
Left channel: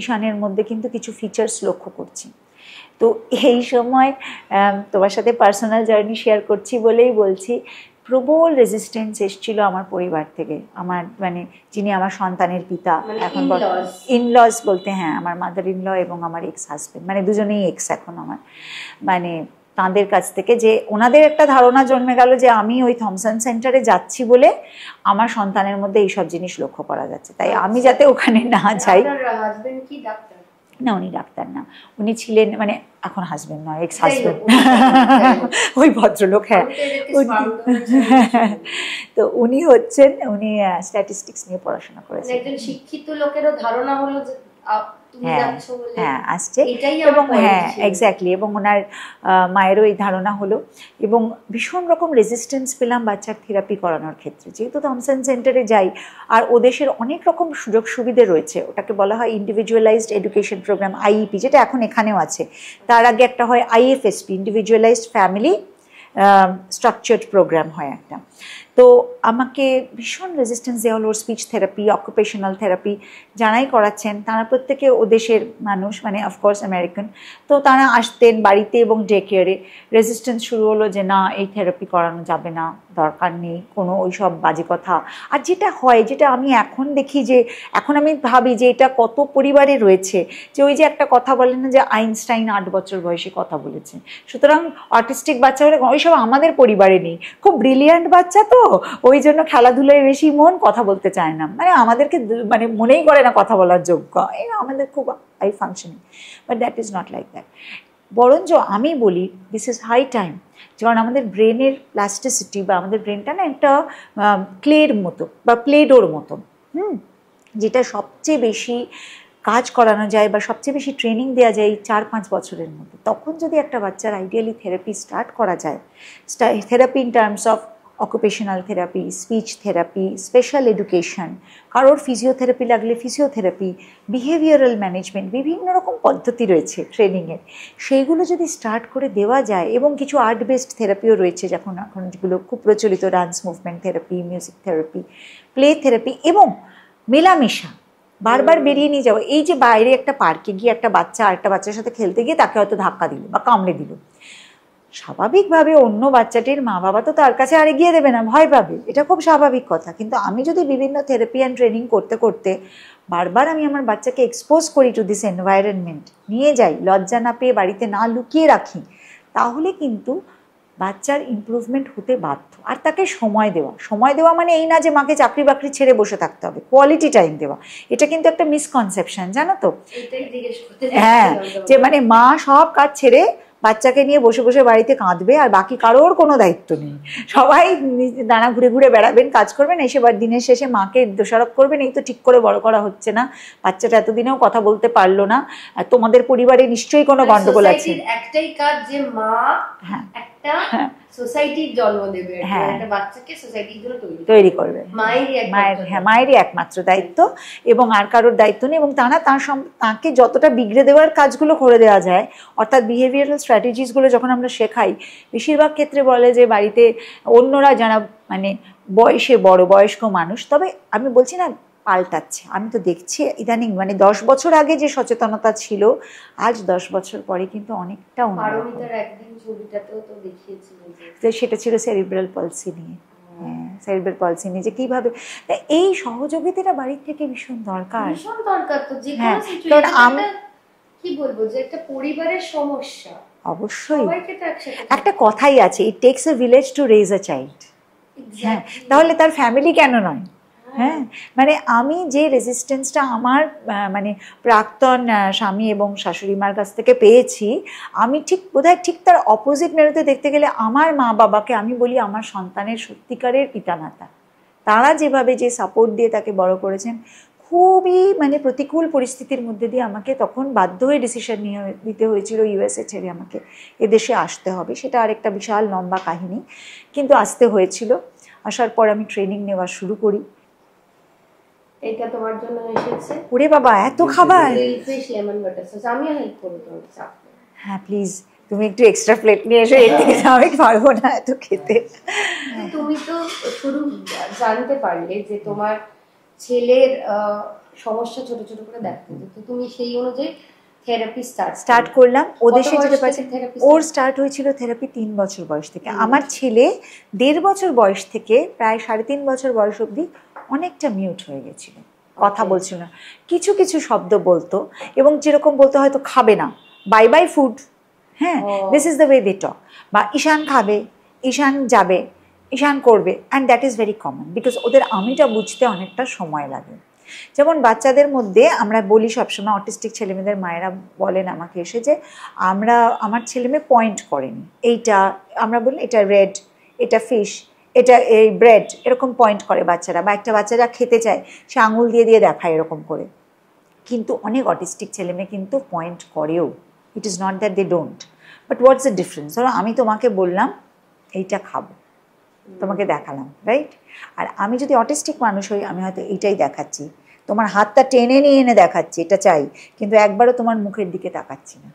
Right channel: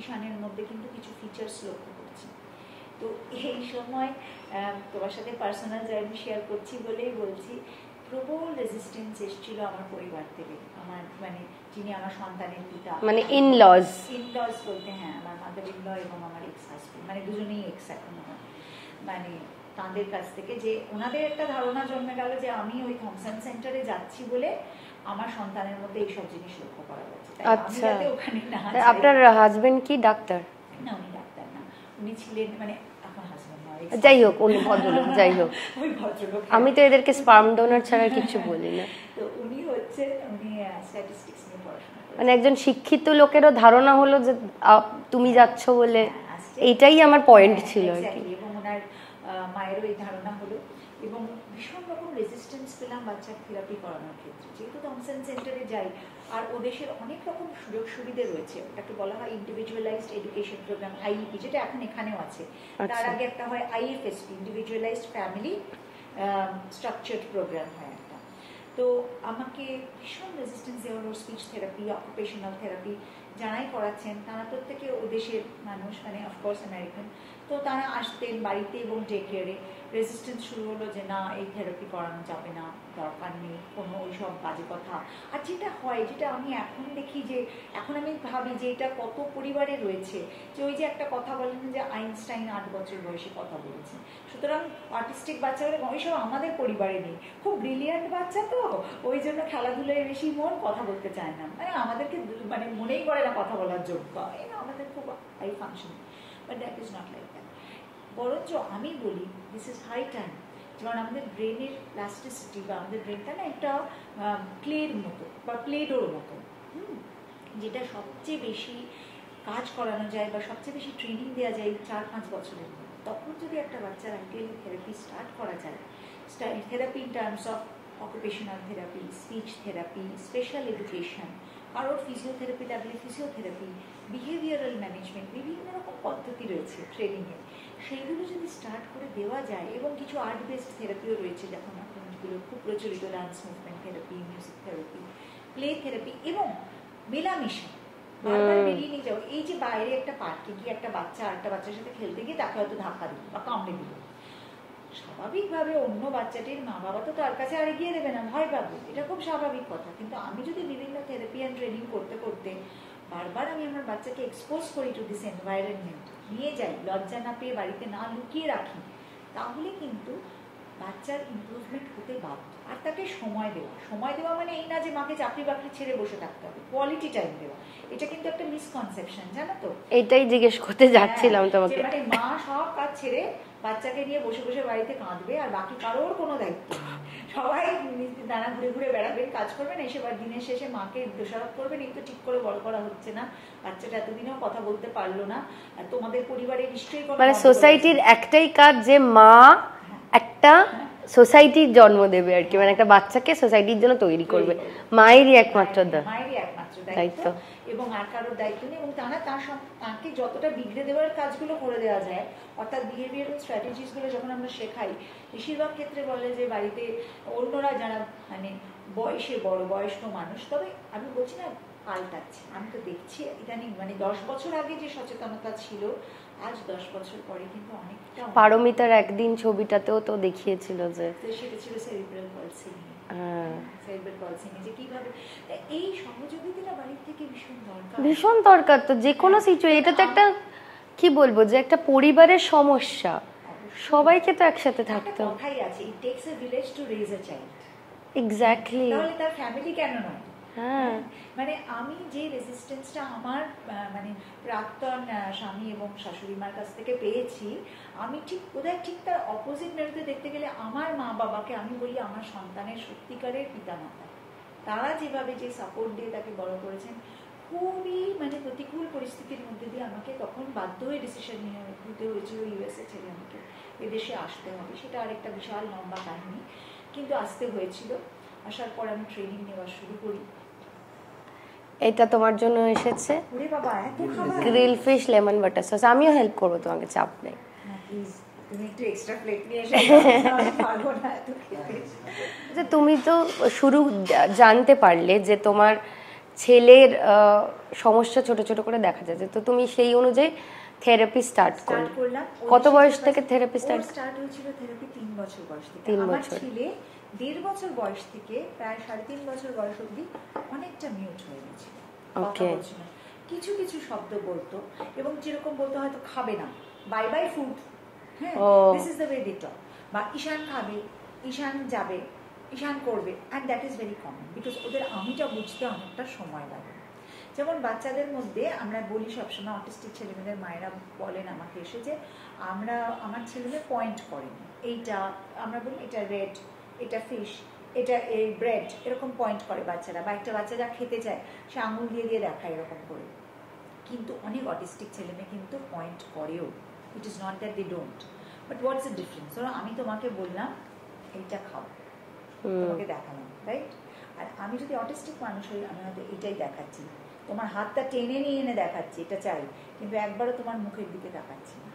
ঈশানের মধ্যে কিন্তু কিছু ফিচার্স লক্ষ্য করছি। তো এই সময় তোমার সাথে পার্সোনাল জার্নি শেয়ার করছি বলেই বলছি, প্রবল রেজিস্ট্যান্স এসেছিল আমার পরিবার থেকে, আমার মানে যিনি আমার সন্তানের পিতা, ইনলজ বলতে হ্যাঁ, আমার মাদার ইনল এবং আমার এক্স হাজব্যান্ড, মানে দুজনেই এক্স এখন আমার, মানে তাঁদের কাছ থেকে যে ওনাদের একটা ধারণা জন্মে গেল যে আমি ওই থমসন সেন্টারে যাচ্ছি বলে আমার সন্তানের মধ্যে এইসব জিনিস লক্ষ্য করা যাচ্ছে, তাই আমি যাতে ওখানে না যাই। হাজবেন্ড কি ডাক্তার? না, উনি ডাক্তার না, উনি ছিলেন মানে এখন হাজবেন্ড নয়, এক্স যাই হোক, হাজবেন্ড, ওই ভদ্রলোক। হ্যাঁ, আমি তো এদেরকে স্পার্ম ডোনার ছাড়া কিছু বলি না। তো উনি হচ্ছেন, উনি স্ট্যাটিস্টিক্স নিয়ে পড়াশোনা মানে করেছেন। একজন শিক্ষিত লোকেরও ধারণা হলো যে তুমি যাচ্ছ বলে, হ্যাঁ আসছে, এইটাই আমার পয়েন্ট ছিল। এক্স্যাক্টলি। এবং ওনার মায়েরও এই ধারণা হলো, এবং ভীষণ রকম রেজিস্ট্যান্স পেলাম বাচ্চার থেরাপি করানোর ক্ষেত্রে। যেহেতু থমসন সেন্টারে যাই, আর ও দেশের অনেক রকম সুযোগ সুবিধে রয়েছে, ওটাকে বলা হয় ইন্ডিভিজুয়ালাইজড এডুকেশন প্রোগ্রাম, আইইপি, যেটা এখন এখানেও আছে। তার আগে একটা হয় আইএফএসপি, ইন্ডিভিজুয়ালাইজড ফ্যামিলি স্ট্রাকচার্ড প্রোগ্রাম হয় একটা। তো আমাকে ভীষণ রেজিস্ট্যান্স দেওয়া হলো। স্পিচ থেরাপি, অকুপেশনাল থেরাপি যারাই করাচ্ছেন তারা প্রত্যেকে ও দেশের মানুষ, মানে অফকোর্স আমেরিকান। তো তারা আসতেন বাড়িতে এবং ডে কেয়ারে। রেজিস্ট্যান্স শুরু হলো যে না, এই থেরাপি করানো যাবে না, দরকার নেই, কোনো ওই সব বাজে কথা। আর যেটা হয়, যেটা আমি এখন দেখি, যে এখন আমি ভাবি যে এটা কত পরিবারে রয়েছে, যে ওই যে একটা কথা বলেন না যে আইনস্টাইন 8 বছর বয়সে কথা বলেছেন, সুতরাং অটিস্টিক বাচ্চা হলে ওইসব আমাদের পরিবারে নেই। খুব ব্রিলিয়ান্ট বাচ্চা তো, ওই জন্য খেলাধুলায় বেশি মন, কথা বলতে চায় না, মানে আমাদেরকে মানে মনেই করে না কথা বলার যোগ্য, এই আমাদের খুব high functioning. But that is not like that. বরঞ্চ আমি বলি দিস ইজ হাই টাইম, যেমন আমাদের ব্রেনের প্লাস্টিসিটি, বা আমাদের ব্রেনটা না একটা ক্লের মতো বা প্লেডোর মতো, যেটা সবচেয়ে বেশি কাজ করানো যায় বা সবচেয়ে বেশি ট্রেনিং দেওয়া যায় 4-5 বছরের মধ্যে। তখন যদি একটা বাচ্চার আইডিয়ালি থেরাপি স্টার্ট করা যায়, therapy in terms of occupational therapy, speech therapy, special education, কারোর ফিজিওথেরাপি লাগলে ফিজিওথেরাপি, বিহেভিয়ারাল ম্যানেজমেন্ট, বিভিন্ন রকম পদ্ধতি রয়েছে ট্রেনিংয়ের, সেইগুলো যদি স্টার্ট করে দেওয়া যায়। এবং কিছু আর্ট বেসড থেরাপিও রয়েছে, এখন যেগুলো খুব প্রচলিত, dance movement therapy, music therapy, play therapy, এবং মেলামেশা, বারবার বেরিয়ে নিয়ে যাওয়া। এই যে বাইরে একটা পার্কে গিয়ে একটা বাচ্চা আরেকটা বাচ্চার সাথে খেলতে গিয়ে তাকে হয়তো ধাক্কা দিল বা কামড়ে দিল, স্বাভাবিকভাবে অন্য বাচ্চাটির মা বাবা তো তার কাছে আর এগিয়ে দেবে না, ভয় পাবে, এটা খুব স্বাভাবিক কথা। কিন্তু আমি যদি বিভিন্ন থেরাপি অ্যান্ড ট্রেনিং করতে করতে বারবার আমি আমার বাচ্চাকে এক্সপোজ করি টু দিস এনভায়রনমেন্ট, নিয়ে যাই, লজ্জা না পেয়ে বাড়িতে না লুকিয়ে রাখি, তাহলে কিন্তু বাচ্চার ইমপ্রুভমেন্ট হতে বাধ্য। আর তাকে সময় দেওয়া, সময় দেওয়া মানে এই না যে মাকে চাকরি বাকরি ছেড়ে বসে থাকতে হবে, কোয়ালিটি টাইম দেওয়া, এটা কিন্তু একটা মিসকনসেপশন, জানো তো? এটাই জিজ্ঞেস করতে যাচ্ছিলাম তোমাকে, যে মানে মা সব কাজ ছেড়ে বাচ্চাকে নিয়ে বসে বসে বাড়িতে কাঁদবে, আর বাকি কারোর কোনো দায়িত্ব নেই, সবাই দানা ঘুরে ঘুরে বেড়াবেন, কাজ করবেন, এসে দিনের শেষে মাকে দোষারোপ করবেন, এই তো ঠিক করে বড় করা হচ্ছে না, বাচ্চাটা এতদিনেও কথা বলতে পারলো না, তোমাদের পরিবারে নিশ্চয়ই কোনো গন্ডগোল আছে। সোসাইটির একটাই কাজ যে মা একটা সোসাইটির জন্ম দেবে আর কি, মানে একটা বাচ্চাকে সোসাইটির জন্য তৈরি করবে, মায়েরই একমাত্র দায়িত্ব, এবং আর কারোর দায়িত্ব নেই। এবং তাকে যতটা বিগড়ে দেওয়ার কাজগুলো করে দেওয়া যায়, অর্থাৎ বিহেভিয়ারাল স্ট্র্যাটেজিসগুলো যখন আমরা শেখাই, বেশিরভাগ ক্ষেত্রে বলে যে বাড়িতে অন্যরা যারা মানে বয়সে বড়, বয়স্ক মানুষ, তবে আমি বলছি না পাল্টাচ্ছে, আমি তো দেখছি ইদানিং, মানে 10 বছর আগে যে সচেতনতা ছিল, আজ 10 বছর পরে কিন্তু অনেকটা। পারমিতার একদিন ছবিটাতেও তো দেখিয়েছিল যে সেটা ছিল সেরিব্রাল পলসি নিয়ে, সেরিব্রাল পলসি নিয়ে, যে কিভাবে এই সহযোগিতাটা বাড়ির থেকে ভীষণ দরকার, ভীষণ দরকার। তো যে কোনো সিচুয়েশনে কি বলবো, যে একটা পরিবারের সমস্যা, অবশ্যই সবাইকে তো একসাথে, একটা কথাই আছে, it takes a village to raise a child. Exactly, তাহলে তার ফ্যামিলি কেন নয়? হ্যাঁ, মানে আমি যে রেজিস্ট্যান্সটা আমার মানে প্রাক্তন স্বামী এবং শাশুড়ি মার কাছ থেকে পেয়েছি, আমি ঠিক বোধহয় ঠিক তার অপোজিট মেরুতে দেখতে গেলে আমার মা বাবাকে আমি বলি আমার সন্তানের সত্যিকারের পিতামাতা। তারা যেভাবে যে সাপোর্ট দিয়ে তাকে বড় করেছেন, খুবই মানে প্রতিকূল পরিস্থিতির মধ্যে দিয়ে আমাকে তখন বাধ্য হয়ে ডিসিশন নিতে হয়েছিল ইউএসএ ছেড়ে আমাকে এদেশে আসতে হবে। সেটা আরেকটা বিশাল লম্বা কাহিনী, কিন্তু আসতে হয়েছিল। আসার পর আমি ট্রেনিং নেওয়া শুরু করি। এটা তোমার জন্য এসেছে। ওরে বাবা, এত খাবার! Grill fish lemon butter sauce. আমিও হেল্প করবো তোমাকে, চাপ নেই। হ্যাঁ প্লিজ, তুমি একটু এক্সট্রা প্লেট নিয়ে এসে, আমি পারবো না এত খেতে। তুমি তো শুরু জানতে পারলে যে তোমার ছেলের সমস্যা ছোট ছোট করে দেখা যাচ্ছে, তো তুমি সেই অনুযায়ী থেরাপি স্টার্ট করলাম। ওর স্টার্ট হয়েছিল থেরাপি 3 বছর বয়স থেকে। আমার ছেলে 1.5 বছর বয়স থেকে প্রায় 3.5 বছর বয়স অবধি অনেকটা মিউট হয়ে গেছিল, কথা বলছিল না, কিছু কিছু শব্দ বলতো, এবং যেরকম বলতে হয়তো খাবে না, বাই বাই ফুড, হ্যাঁ, this is the way they talk, বা ঈশান খাবে, ঈশান যাবে, ঈশান করবে, and that is very common, because ওদের আমিটা বুঝতে অনেকটা সময় লাগে। যেমন বাচ্চাদের মধ্যে আমরা বলি সবসময়, অটিস্টিক ছেলেমেয়েদের মায়েরা বলেন আমাকে এসে যে আমার ছেলেমেয়ে পয়েন্ট করেনি, এইটা আমরা বলি এটা রেড, এটা ফিশ, এটা এই ব্রেড, এরকম পয়েন্ট করে বাচ্চারা, বা একটা বাচ্চারা খেতে চায় সে আঙুল দিয়ে দিয়ে দেখায় এরকম করে। কিন্তু অনেক অটিস্টিক ছেলেমেয়ে কিন্তু পয়েন্ট করেও, it is not that they don't, but what's the difference? ধরো আমি তোমাকে বললাম এইটা খাবো, তোমাকে দেখালাম, রাইট? আর আমি যদি অটিস্টিক মানুষ হই, আমি হয়তো এইটাই দেখাচ্ছি, তোমার হাতটা টেনে নিয়ে এনে দেখাচ্ছি এটা চাই, কিন্তু একবারও তোমার মুখের দিকে তাকাচ্ছি না।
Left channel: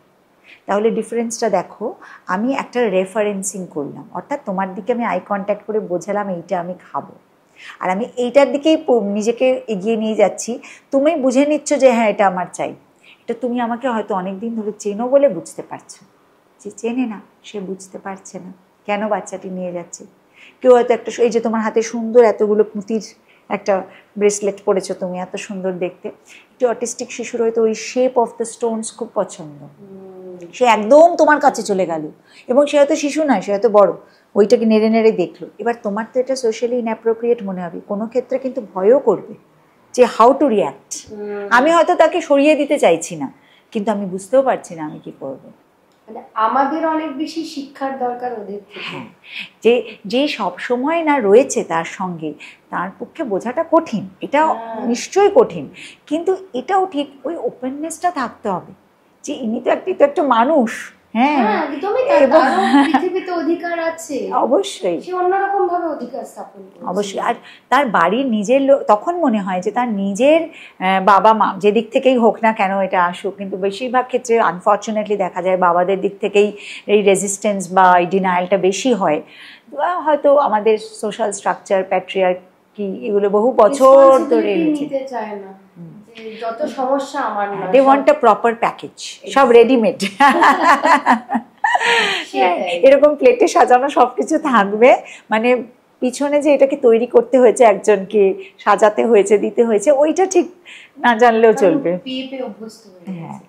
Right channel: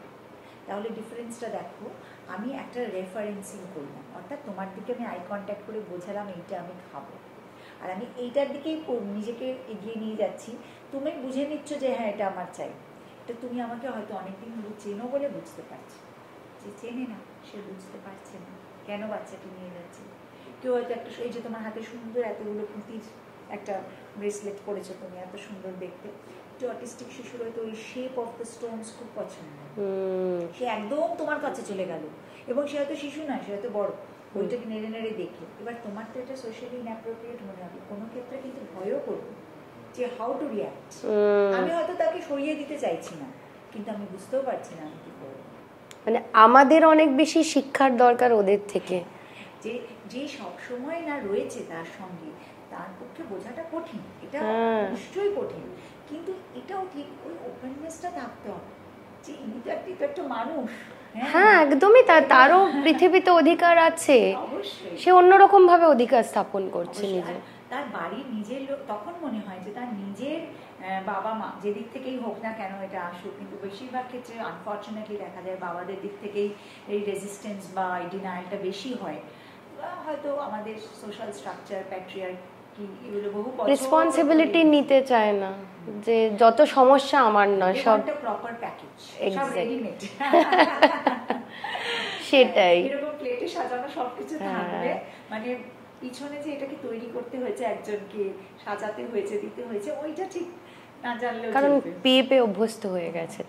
তাহলে ডিফারেন্সটা দেখো, আমি একটা রেফারেন্সিং করলাম, অর্থাৎ তোমার দিকে আমি আই কন্ট্যাক্ট করে বোঝালাম এইটা আমি খাবো, আর আমি এইটার দিকেই নিজেকে এগিয়ে নিয়ে যাচ্ছি, তুমি বুঝে নিচ্ছ যে হ্যাঁ এটা আমার চাই। এটা তুমি আমাকে হয়তো অনেক দিন ধরে চেনো বলে বুঝতে পারছো, যে চেনে না সে বুঝতে পারছে না কেন বাচ্চাটি নিয়ে যাচ্ছে। কেউ হয়তো একটা, এই যে তোমার হাতে সুন্দর এতগুলো পুঁতির একটা ব্রেসলেট পরেছো তুমি, এত সুন্দর দেখতে, একটু অটিস্টিক শিশুর হয়তো ওই শেপ অফ দ্য স্টোনস খুব পছন্দ, সে একদম তোমার কাছে চলে গেল, এবং সে হয়তো শিশু নয়, সে হয়তো বড়, ওইটাকে নেড়ে নেড়ে দেখলো। এবার তোমার তো এটা সোশ্যালি ইনঅ্যাপ্রোপ্রিয়েট মনে হবে, কোনো ক্ষেত্রে কিন্তু ভয়ও করবে যে হাউ টু রিয়্যাক্ট। আমি হয়তো তাকে সরিয়ে দিতে চাইছি না, কিন্তু আমি বুঝতেও পারছি না আমি কি করব। মানে আমাদের অনেক বেশি শিক্ষার দরকার ওদের থেকে, যে সব সময় না রয়েছে তার সঙ্গে, তার পক্ষে বোঝাটা কঠিন, এটা নিশ্চয়ই কঠিন, কিন্তু এটাও ঠিক ওই ওপেননেসটা থাকতে হবে যে ইনি তো একটা মানুষ। হ্যাঁ একদমই, তারও পৃথিবীতে অধিকার আছে, অবশ্যই সে অন্যরকম ভাবে অধিকার স্থাপন করছে অবশ্যই। আর তার বাড়ির নিজের লোক, তখন মনে হয় যে তার নিজের বাবা মা যেদিক থেকেই হোক না কেন এটা আসুক, কিন্তু বেশিরভাগ ক্ষেত্রে আনফর্চুনেটলি দেখা যায় বাবাদের দিক থেকেই এই রেজিস্ট্যান্স বা এই ডিনায়ালটা বেশি হয়। হয়তো আমাদের সোশ্যাল স্ট্রাকচার, প্যাট্রিয়ার্কি, এগুলো বহু বছর ধরে নিতে চায় না যে যত সমস্যা আমার না, they want a proper package, সব রেডিমেড, সেটাই এরকম প্লেটে সাজানো সবকিছু থাকবে, মানে পিছনে যে এটাকে তৈরি করতে হয়েছে, একজনকে সাজাতে হয়েছে, দিতে হয়েছে, ওইটা ঠিক না জানলেও চলবে, পেয়ে পেয়ে অভ্যস্ত হয়ে গেছে।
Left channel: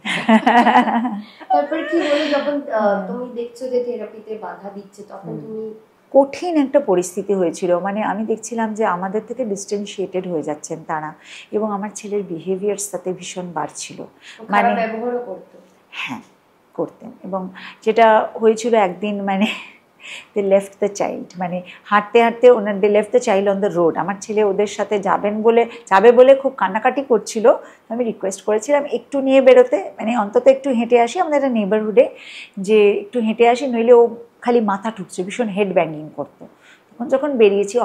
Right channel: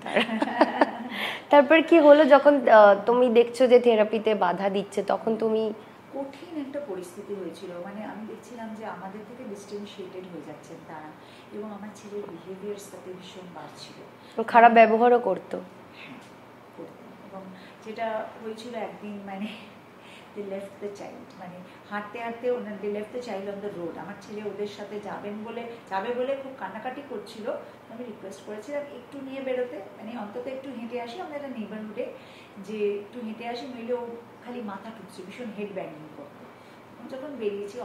তারপর কি হলো যখন তুমি দেখছো যে থেরাপিতে বাধা দিচ্ছে, তখন তুমি? কঠিন একটা পরিস্থিতি হয়েছিল, মানে আমি দেখছিলাম যে আমাদের থেকে ডিস্টেন্সিয়েটেড হয়ে যাচ্ছেন তারা, এবং আমার ছেলের বিহেভিয়ার্স তাতে ভীষণ বাড়ছিল, খারাপ ব্যবহারও করতো। হ্যাঁ করতেন, এবং যেটা হয়েছিল একদিন, মানে দে লেফট দ্য চাইল্ড, মানে হাঁটতে হাঁটতে ওনার they left the child on the road. আমার ছেলে ওদের সাথে যাবে বলে খুব কান্নাকাটি করছিল, আমি রিকোয়েস্ট করেছিলাম একটু নিয়ে বেরোতে, মানে অন্তত একটু হেঁটে আসি আমাদের একটা নেবারহুডে, যে একটু হেঁটে আসি, নইলে ও খালি মাথা ঠুকছে, ভীষণ হেড ব্যাঙ্গিং করতো। তখন যখন বেরিয়েছি,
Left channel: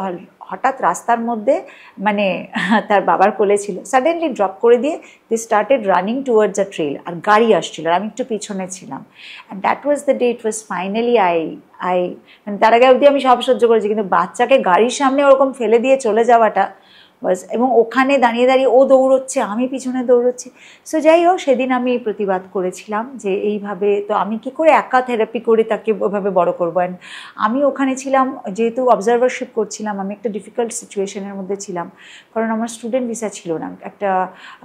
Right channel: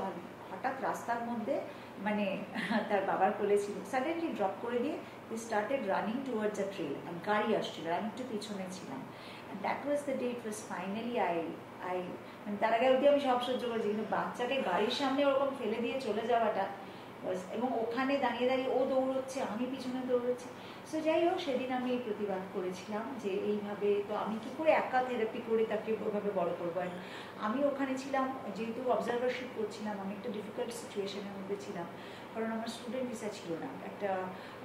হঠাৎ রাস্তার মধ্যে, মানে তার বাবার কোলে ছিল, সাডেনলি ড্রপ করে দিয়ে they started running towards a trail, আর গাড়ি আসছিল আর আমি একটু পিছনে ছিলাম, and that was the day it was finally মানে তার আগে অবধি আমি সব সহ্য করেছি, কিন্তু বাচ্চাকে গাড়ির সামনে ওরকম ফেলে দিয়ে চলে যাওয়াটা বাস, এবং ওখানে দাঁড়িয়ে দাঁড়িয়ে ও দৌড়চ্ছে, আমি পিছনে দৌড়চ্ছি। সো যাই হোক, সেদিন আমি প্রতিবাদ করেছিলাম যে এইভাবে তো আমি কি করে একা থেরাপি করে তাকে ওইভাবে বড় করবো। অ্যান্ড আমি ওখানে ছিলাম, যেহেতু অবজারভারশিপ করছিলাম, আমি একটা ডিফিকাল্ট সিচুয়েশনের মধ্যে ছিলাম, কারণ আমার স্টুডেন্ট ভিসা ছিল না, একটা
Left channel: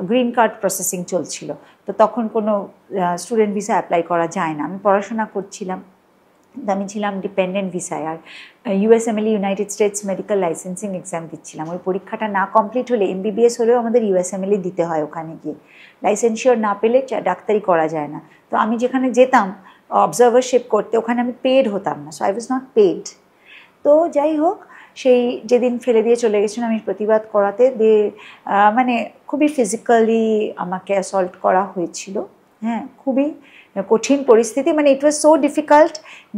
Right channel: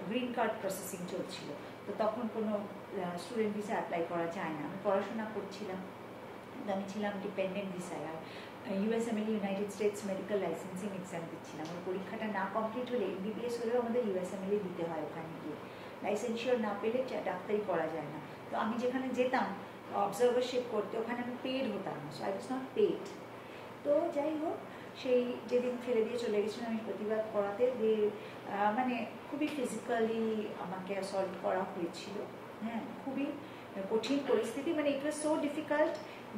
গ্রিন কার্ড প্রসেসিং চলছিল, তো তখন কোনো স্টুডেন্ট ভিসা অ্যাপ্লাই করা যায় না, আমি পড়াশোনা করছিলাম, আমি ছিলাম ডিপেন্ডেন্ট ভিসায়, আর USMLE, United States medical licensing exam দিচ্ছিলাম। ওই পরীক্ষাটা না কমপ্লিট হলে, এমবিবিএস হলেও আমাদের ইউএসএমএল দিতে হয়, ওখানে গিয়ে লাইসেন্সিওর না পেলে ডাক্তারি করা যায় না। তো আমি যেখানে যেতাম অবজারভারশিপ করতে, ওখানে আমি পেড হতাম না, so I was not paid. তো যাই হোক, সেই যেদিন ফেলে দিয়ে চলে গেছিলাম আমি প্রতিবাদ করাতে, মানে খুবই ফিজিক্যালি আমাকে অ্যাসল্ট করা হয়েছিল, হ্যাঁ খুবই কঠিন পরিস্থিতি, মানে ইট ওয়াজ সো ডিফিকাল্ট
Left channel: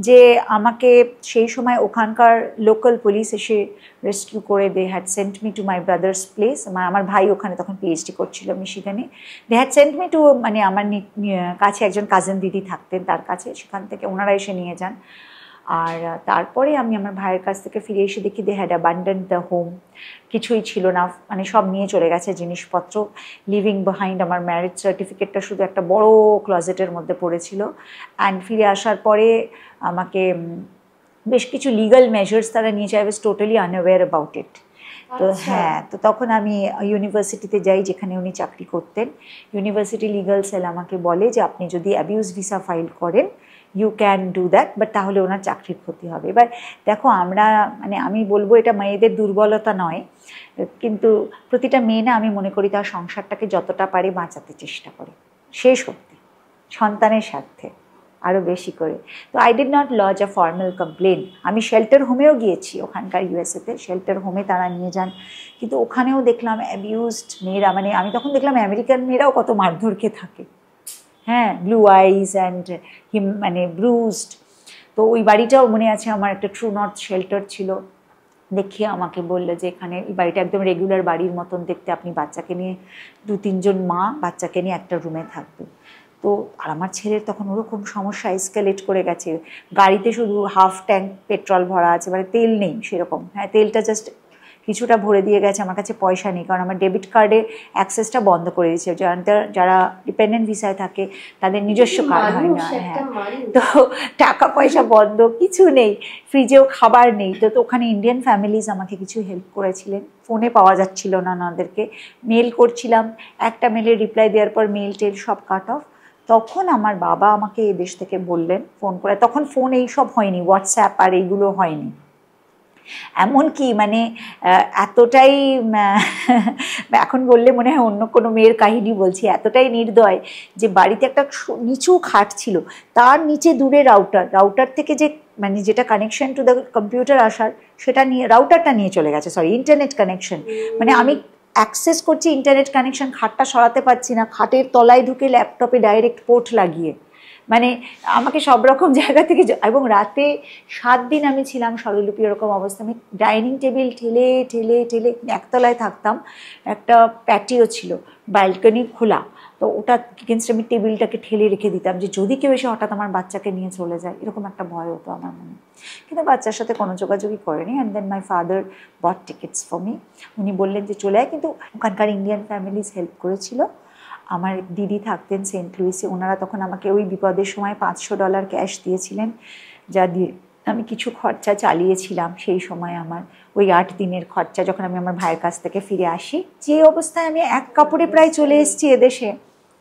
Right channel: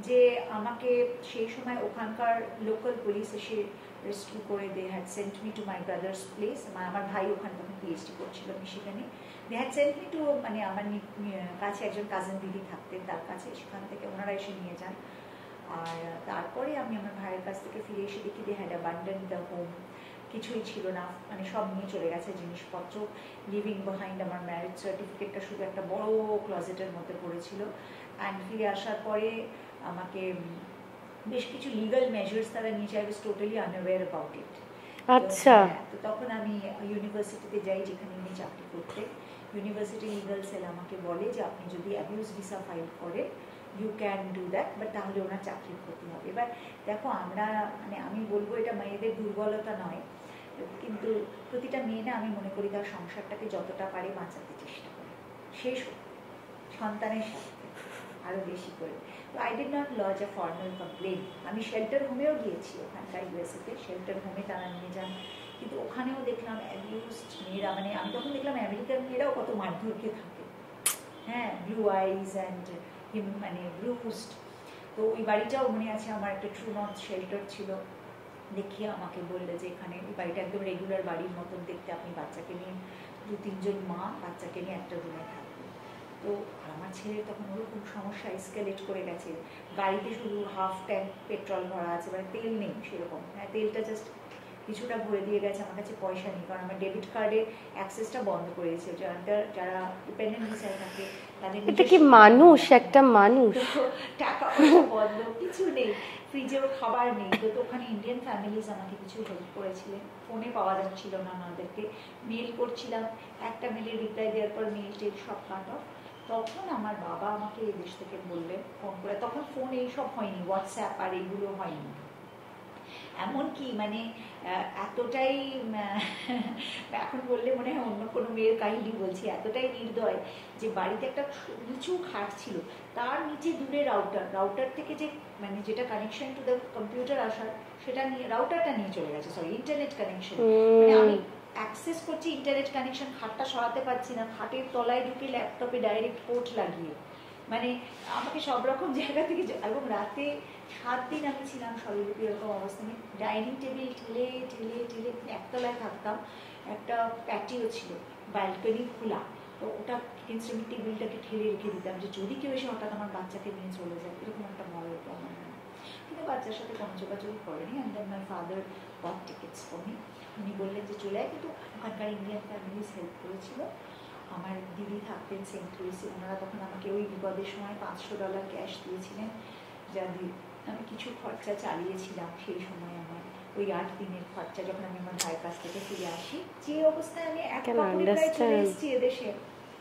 যে আমাকে সেই সময় ওখানকার লোকাল পুলিশ এসে রেস্কিউ করে, they had sent me to my brother's place. আমার ভাই ওখানে তখন পিএইচডি করছিল মিশিগানে, they had sent me to, মানে আমার কাছে একজন কাজিন দিদি থাকতেন, তার কাছে, সেখান থেকে ওনারা এসে নিয়ে যান। আর তারপরে আমি আমার ভাইয়ের কাছ থেকে ফিরে এসে দেখি they had abandoned the home, কিছুই ছিল না, মানে সব নিয়ে চলে গেছে জিনিসপত্র, লিভিং বিহাইন্ড। আমার ম্যারেজ সার্টিফিকেটটা শুধু একটা বড় ক্লজেটের মধ্যে পড়েছিল। অ্যান্ড ফিরে আসার পরে আমাকে বেশ কিছু লিগাল মেজার্স তারা নিয়েছে, I was totally unaware about it. তো হ্যাঁ, তো তখন আমি ইউনিভার্সিটিতে যাই যেখানে উনি চাকরি করতেন। ইউনিভার্সিটি লিগাল সেল আমাকে বলে যে আপনি যদি অ্যাবিউজ ভিসা ফাইল করেন, you can do that, but তাহলে ওনার চাকরির ক্ষতি হবে। এবার দেখো আমরা মানে আমি বলবো এটা মেয়েদের দুর্বলতা নয়, কিন্তু প্রতিটা মেয়ে না আমি মনে করি তার সংসারটাকে যতটা পারে বাঁচাতে চেষ্টা করে, শেষ সত্যি সন্তানের স্বার্থে আরও বেশি করে। তো I did not lodge a formal complain. আমি শেল্টার হোমেও গিয়েছি ওখানকার ইউএসএতে, শেল্টার হোমে তারা নিয়ে যান, কিন্তু ওখানেও দেখলাম অ্যাবিউজড মেয়েরা, মানে আমি তখন দেখলাম আমেরিকান মেয়েরাও কত মারধর খেয়ে থাকে, হ্যাঁ, ব্লু আইজ অ্যান্ড মানে ব্রুজড। তো ওই বাড়িটাও মনে আছে আমার, একটা ট্রু নর্থ শেল্টার ছিল, দেখিয়ে আমাকে বললো যে এখানে এই বাড়িটা একদম রেগুলার বাড়ির মতন দেখতে, আপনি বাচ্চাকে নিয়ে 2-3 জন মা বাচ্চাকে নিয়ে একটা রুমে থাকবে। তো আর আমার ছেলের তখন ওরকম সমস্যা এসকেলেট করে গেছে, গাড়িতে শুধু হাফ ট্যাঙ্ক পেট্রোল ভরা আছে, মানে তেল নেই সেরকম, হ্যাঁ তেলটা জাস্ট কিছুটা ভরে দিয়ে গেছে, আমার কাছে পয়সা নেই, কারণ আমার ডেবিট কার্ডে অ্যাক্সেসটা বন্ধ করে দিয়েছে, যারা ডিপেন্ডেন্ট ভিসায় থাকে তাদের নিজস্ব মানুষ, একটা মানুষ, তো টাকা পয়সা বন্ধ, কিছু নেই, ফ্রিজেও খাবার নেই। তো ওখানে ইন্ডিয়ান ফ্যামিলিজ আমাকে কিছু হেল্প করেছিলেন, ফোনে পাওয়া যাচ্ছিল না ওনাদেরকে, মেল করছিলাম, একটা মেলের রিপ্লাই দেওয়ার পর মেল টেল সব কাট অফ। তখন আমার বাবা আমাকে এই দেশ থেকে বললেন ফোন করে, তখন ফোন এইসব হয়নি, হোয়াটসঅ্যাপ আর এইগুলো হয়নি, এমনকি মানে এতটাই এখন বললে মনে হয় অন্য কোনো মেয়ের কাহিনী বলছি, এতটাই নির্দয় যে বাড়িতে একটা নিচু খাট ছিল, তার নিচে দূরে রাউটার থেকে যে মানে যেটা কানেকশন টু দ্য কম্পিউটার আসার সেটা নিয়ে, রাউটারটা নিয়ে চলে গেছে, সরি ইন্টারনেট কানেকশন, মানে আমি অ্যাক্সেস করছি ইন্টারনেট কানেকশন, খাটটা সরাতে পারছি না, খাটের তলায় ঢুকে ল্যাপটপে ডাইরেক্ট পোর্ট লাগিয়ে, মানে আমাকে সব রকম জায়গা থেকে, এবং রাতে 7 দিন আমি ছিলাম স্বরলিপি এরকম অবস্থা, আমি ডাইনিং টেবিল ঠেলে ঠেলে ঠেলে, একতলায় থাকতাম, একটা প্যাটিও ছিল, ব্যালকনি খোলা, তো ওটা এগেনস্ট আমি টেবিলটাকে ঠেলে রেখে দিতাম যে যদি কেউ এসে হঠাৎ আমার বাচ্চাকে নিয়ে চলে যায়, এরকম একটা ভয় হতো আমার মনে। কিন্তু বাচ্চার সাথে কোনো যোগাযোগই করেনি। And then my father bought tickets for me, উনি বললেন যে চলে আয়, কিন্তু ওখানকার ইন্ডিয়ান ফ্যামিলিজ হেল্প করেছিল। আমার দিদি থাকতেন সেন্ট লুইসে, ওনারা তখন আমাকে ওই বিপদের সময় $500 ক্যাশ দিয়েছিলেন, যা দিয়ে আমি কিছু খরচা চালিয়েছিলাম সেই সময়, আমার ওই 8 দিনের খরচা, যখন আমি আমার ভাইয়ের কাছ থেকে ফিরে আসি, যে অবস্থায় আমি এক কাপড়ে প্রায় চলে এসেছি এদেশে,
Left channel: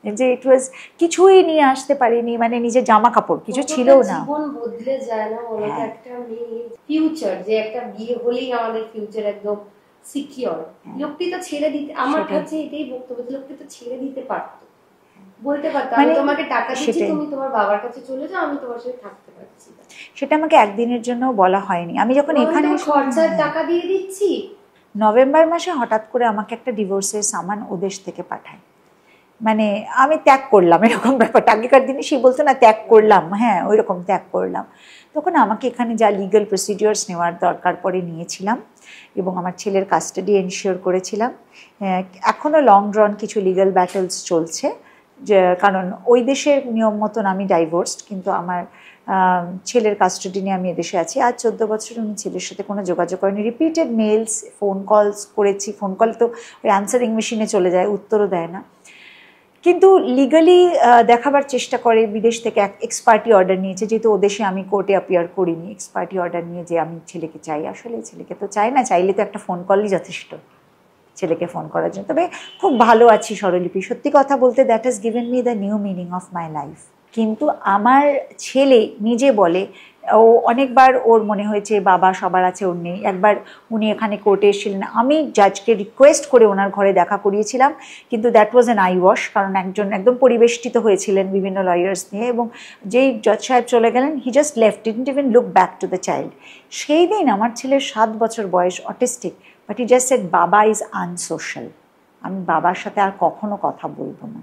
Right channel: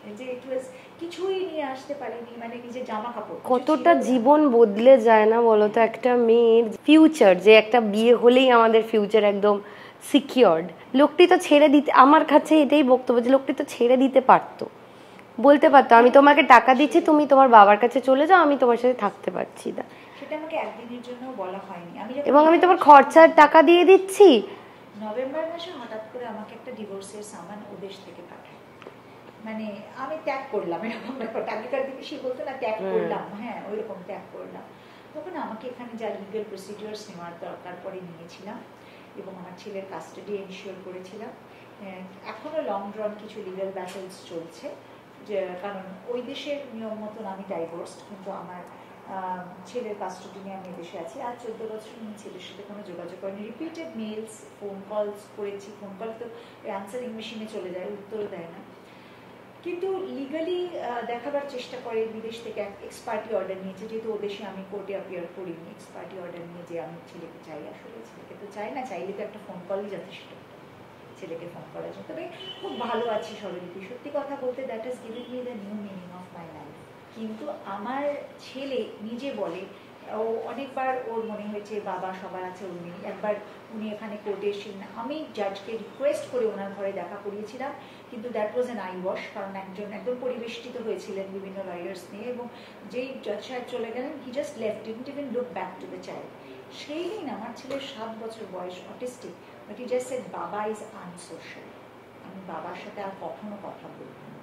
যে ইট ওয়াজ কিছুই নিয়ে আসতে পারিনি, মানে নিজের জামা কাপড় কিছু ছিল না। জীবন বদলে যায় না বলো তো, একটা মেয়ের ফিউচার, যে একটা বিয়ে হলেই আমাদের ফিউচার একদম সিকিউরড, লোকটি তো ছেড়ে দিতে, আমার কাছে এটাই বক্তব্য যে লোকটি তো ছেড়ে দিতে পারতো, বলতে পারতো আমি তোমাকে টাকা দিচ্ছি, তুমি তোমার বাবার কাছে চলে যাও, আমি তোমার সাথে থাকতে পারছি না। সেটা আমাকে একদিনের জন্য বলা হয়নি। আমি যখন এখানে খরচার টাকা দিয়ে দিচ্ছি, নভেম্বর মাসে হঠাৎ করে আমাকে একটা ডিভোর্সের সামান ওদেশ থেকে পাঠায়, মানে আমি ত্যাগ করলাম এরকম ব্যাপারটা, আগেকার দিনে সে বলতো না ত্যাগ করলাম, হ্যাঁ ওই রকম ত্যাগ করলাম। তখন আমাকে এখানে যা লিগাল প্রসিডিওর্স নেওয়ার দরকার পরে নিয়েছিলাম, এবং আমার ছেলের কাস্টাডি এনশিওর করেছিলাম। এখনও লং ড্রন কিছু লিগাল ব্যাটেলস চলছে, যে কারণ ওই দেশের নিয়ম মতন আমি ডাইভোর্সড, কিন্তু আমার ছেলের কাস্টাডি নিয়ে আমি এদেশে আছি। আজ 14 বছর আমি ছেলের সাথে কোনো যোগাযোগ করিনি, রিপিটেড মেলস ফোন কলস করেছি, ফোন কল তো ওই অ্যান্সারিং মেশিনে চলে যায়, উত্তরও দেয় না, কিন্তু লিগালি দেখাবার চেষ্টা করে। বিদেশ থেকে এক্সপার্টি অর্ডার নিয়েছে, যেহেতু ও দেশে আমি কোর্টে অ্যাপিয়ার করিনি, এক্সপার্টি অর্ডার নিয়ে যে আমি ছেলেকে চাই, আসলে ছেলেকে তো চাই না, চাইলে তো একটা ফোন কলই যথেষ্ট ছেলেকে ফোন করার জন্য। তবে খুব ভালো আছি স্বরলিপি, সত্যি কথা বলতে that has given me the new meaning of my life. কিন্তু আমার ছেলে নিজে বলে, ও অনেকবার ওর মনে হয়েছে বাবা সবার আছে ওর নেই। একবার উনি এখানে কোর্টে এসেছিলেন, আমি জাজকে রিকোয়েস্ট করে ওনার ঘরে দেখা করিয়েছিলাম, কিন্তু that was an I wash, কারণ একজন একদম পরিবেষ্টিত হয়েছিলেন বিভিন্ন লয়ার্স নিয়ে, এবং যেই জজ সাহেব চলে গেলেন, he just left, didn't even look back to the child. সেই দিন আমার ছেলের 7 বছর বয়স, autistic, but he just said বাবা ইজ আনসোশ্যাল, আমি বাবার সাথে আর কখনো কথা বলবো না।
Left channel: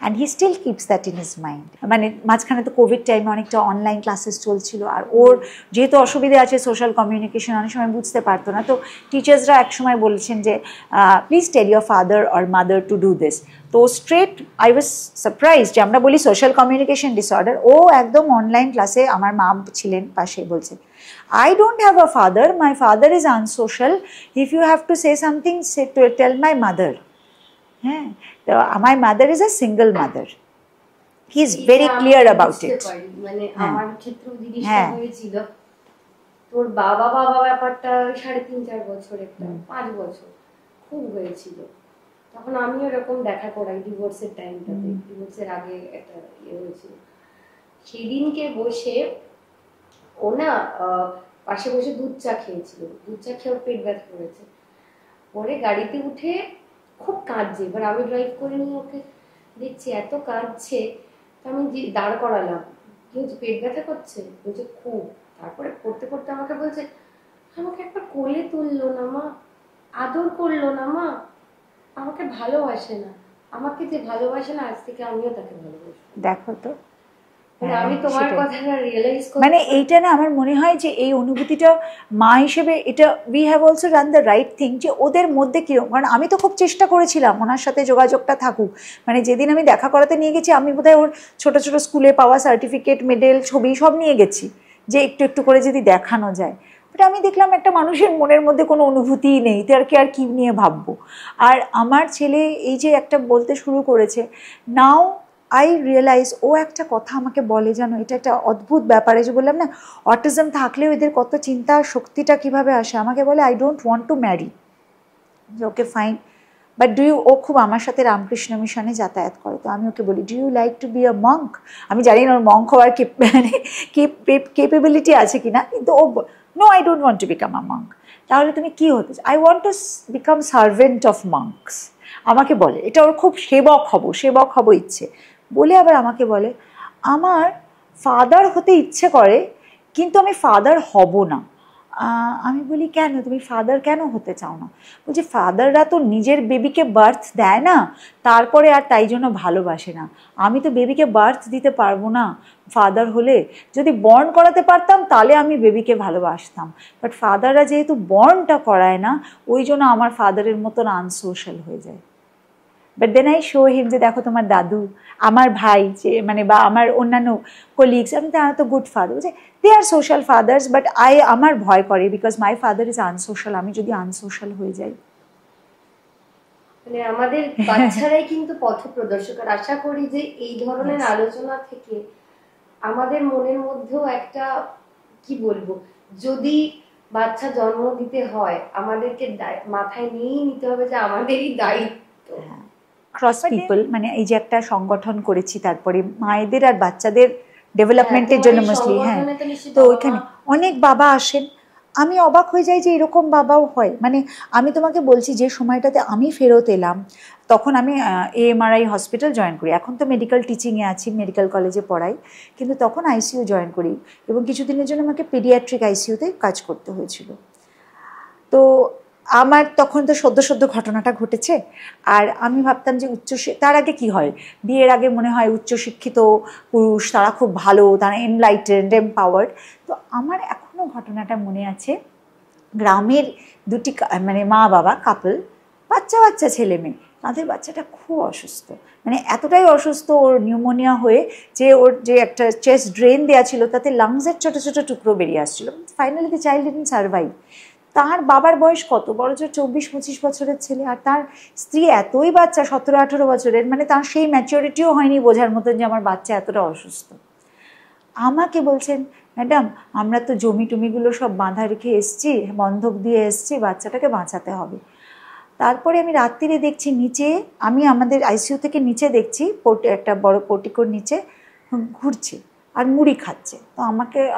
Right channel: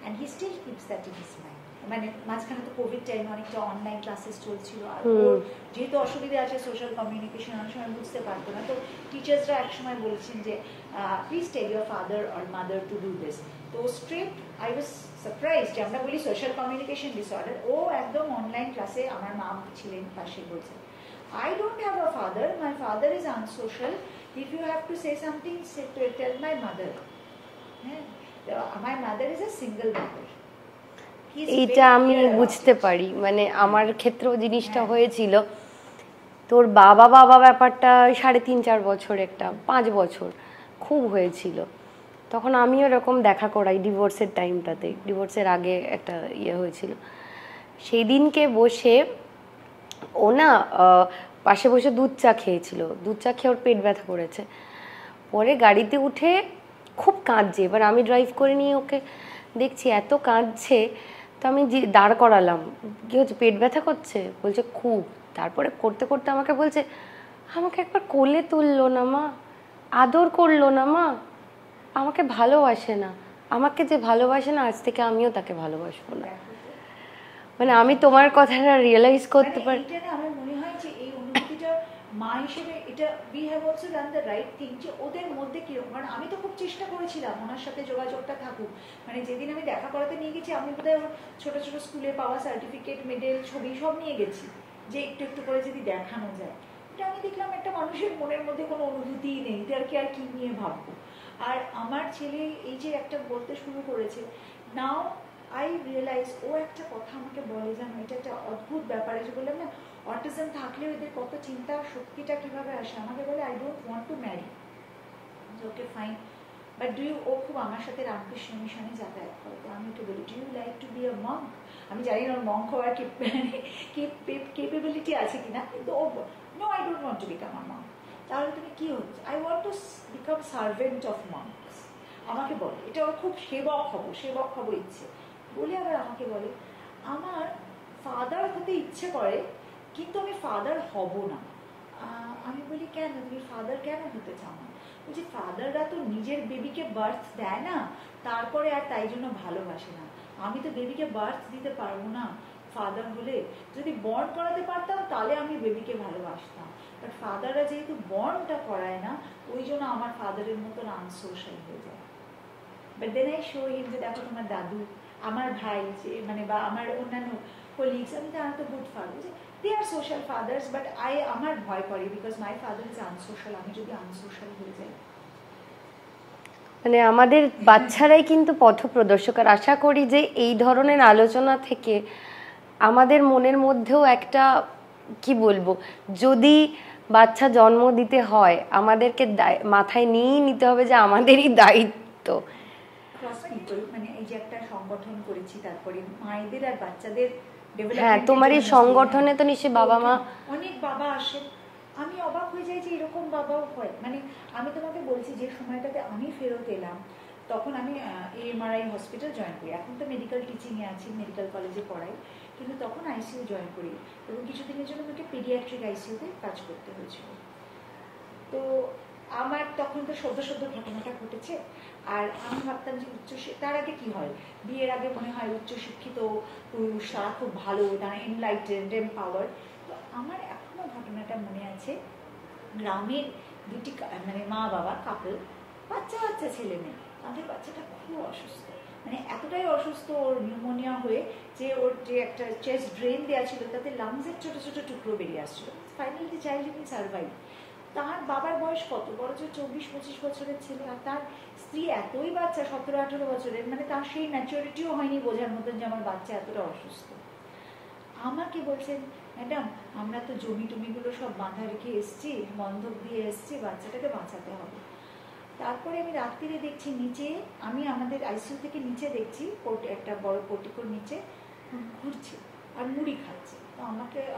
And he still keeps that in his mind. মানে মাঝখানে তো কোভিড টাইমে অনেকটা অনলাইন ক্লাসেস চলছিল, আর ওর যেহেতু অসুবিধা আছে সোশ্যাল কমিউনিকেশন, অনেক সময় বুঝতে পারতো না, তো টিচার্সরা একসময় বলেছেন যে please tell your father or mother to do this. তো স্ট্রেট আই ওয়াজ সারপ্রাইজ, যে আমরা বলি সোশ্যাল কমিউনিকেশন ডিসঅর্ডার, ও একদম অনলাইন ক্লাসে, আমার মা ছিলেন পাশে, বলছে I don't have a father, my father is unsocial, if you have to say something, say to tell my mother. হ্যাঁ, my mother is a single mother. He is very clear about it. বুঝতে পারি, মানে আমার ক্ষেত্রেও জিনিসটা হয়েছিল, তোর বাবা ব্যাপারটা 3.5-4 বছর, একটা 5 বছর খুব হয়েছিল। তখন আমিও এরকম দেখা করাই ডিভোর্সের টাইমটাতে, ডিভোর্সের আগে একটা ইয়ে হয়েছিল। সেদিনকে বসে ও না পাশে বসে দুধ চা খেয়েছিল, দুধ চা খেয়ে ওর পেট ব্যথা করেছে, পরে গাড়িতে উঠে খুব কাঁদছে। এবার আমি ড্রাইভ করে নিয়ে ওকে দেখছি এত কাঁদছে, তো আমি দাঁড় করালাম, কি হচ্ছে পেট ব্যথা করছে, বলছে খুব। তারপরে করতে করতে আমাকে বলছে আমাকে একবার কোলে তুললো না মা, আদর করলো না মা, আমাকে ভালোবাসে না, আমাকে যে ভালোবাসে না আজ থেকে আমিও তাকে ভালোবাসবো। দেখো তো, মানে আমি তোমার কথাটা রিয়েলাইজ করি, মানে এইটা না আমার মনে হয় যে এই অনুভূতিটা মা হিসেবে এটা we have also run the right thing, যে ওদের মধ্যে কীরকম, কারণ আমি তো খুব চেষ্টা করেছিলাম ওনার সাথে যোগাযোগটা থাকুক। মানে যেদিন আমি দেখা করাতে নিয়ে গেছি আমি বোধহয় ওর ছোটো ছোটো স্কুলে পাওয়া সার্টিফিকেট, মেডেল, ছবি সব নিয়ে গেছি, যে একটু একটু করে যদি দেখানো যায়। বাট আমি দেখলাম একটা মানুষের মনের মধ্যে কোনো অনুভূতিই নেই, তারকে আর কী নিয়ে ভাববো। আর আমার ছেলে এই যে একটা বলতে শুরু করেছে, নাও আই রিয়েলাইজ, ও একটা কথা আমাকে বলে জানো, এটা একটা অদ্ভুত ব্যাপারে, যে বললাম না অটিজম থাকলেও এদের কত চিন্তা শক্তিটা কীভাবে আসে। আমাকে বলে I don't want to marry, okay fine, but do you, ও খুব আমার সাথে রামকৃষ্ণ মিশনে যাতায়াত করে, তো আমি ওকে বলি do you like to be a monk. আমি জানি না ওর মঙ্ক হওয়ার কেপেবিলিটি আছে কি না, কিন্তু ও no I don't want to become a monk. তাহলে তুমি কী হতে চাও? I want to become servant of monks. আমাকে বলে এটা ওর খুব সেবক হব ইচ্ছে। বলে আবার আমাকে বলে আমার ফাদার হতে ইচ্ছে করে কিন্তু আমি ফাদার হব না। আমি বলি কেন, তুমি ফাদার কেন হতে চাও না? বলছি ফাদাররা তো নিজের বেবিকে বার্থ দেয় না, তারপরে আর তাই জন্য ভালোবাসে না। আমি তো বেবিকে বার্থ দিতে পারবো না, ফাদার হলে যদি বর্ন করাতে পারতাম তাহলে আমি বেবিকে ভালোবাসতাম, বাট ফাদাররা যেহেতু বর্নটা করায় না, ওই জন্য আমার ফাদারের মতন আনসোশ্যাল হয়ে যায়। বাট দেন আই শো হিম যে দেখো তোমার দাদু, আমার ভাই, যে মানে বা আমার অন্যান্য কলিগস, আমি তারা তো গুড ফাদার, বলছে দে আর সোশ্যাল ফাদার্স, বাট আমার ভয় করে because my father is unsocial, আমি যদি আনসোশ্যাল হয়ে যাই। মানে আমাদের বাচ্চারাই কিন্তু পথপ্রদর্শক। আর আশা করি যে এই ধরনের আলোচনা থেকে আমাদের মনের মধ্যেও একটা কি বলবো, যদি বাচ্চা জন্ম দিতে হয় আমাদেরকে মাথায় নিয়েই নিতে হবে যে আমাদেরই দায়িত্ব। ক্রস পিপল, মানে এই যে একটা সংগঠন করেছি, তারপরে মায়েদের আর বাচ্চাদের ডেভেলপমেন্টের জন্য তো ওখানে অনেক বাবা আসেন, আমি অবাক হয়ে যাই যে এরকম বাবাও হয়। মানে আমি তোমাকে বলছি যে সময়টাতে আমি ফেরত এলাম তখন আমি AMRI হসপিটাল জয়েন করি, এখন তো মেডিকেল টিচিংয়ে আছি, মেডিকেল কলেজে পড়াই, কিন্তু তখন ICU জয়েন করি এবং কিছুদিনের জন্য আমাকে পেডিয়াট্রিক ICUতে কাজ করতে হয়েছিল। তো আমার তখন তো সদ্য ঘটনাটা ঘটেছে, আর আমি ভাবতাম যে তার আগে কি হয়, বিয়ের আগে মনে হয় উচ্চশিক্ষিত পুরুষ তারা খুব ভালো, তারা এনলাইটেন্ড, এমপাওয়ার্ড। তো আমার এখনও ঘটনাটা মনে আছে, গ্রামের দুটি মানে মা বাবা কাপল, বাচ্চা ছেলে মেয়ে, তাদের বাচ্চাটা খুব অসুস্থ, মানে এতটাই অসুস্থ, ওর নিউমোনিয়া হয়ে যে ওর যে একটা চেস্ট ড্রেন দেওয়া ছিল তাতে লাংসের ছোটো টুকরো বেরিয়ে আসছিলো। Finally the child didn't survive. তার বাবার বয়স কত বড়, যে 24-25 বছরের ছেলে, আর তার স্ত্রী এতই বাচ্চা 17-18 বছরের, মানে তার সেই ম্যাচিউরিটিও হয়নি বোঝার মতন যে আমার বাচ্চা এতটা অসুস্থ। আমাকে বলছেন ম্যাডাম আমরা তো জমি টমিগুলো সব বাঁধা রেখে এসছি, বন্ধক দিয়ে এসছি, বাচ্চাটাকে বাঁচাতে হবে। তারপরে আমি রাত্রিরে দেখছি নিচে, আমি আমাদের ICU থেকে নিচে দেখছি একটা বড় পোর্টিকোর নিচে ঘুরছে আর মুড়ি খাচ্ছে। তো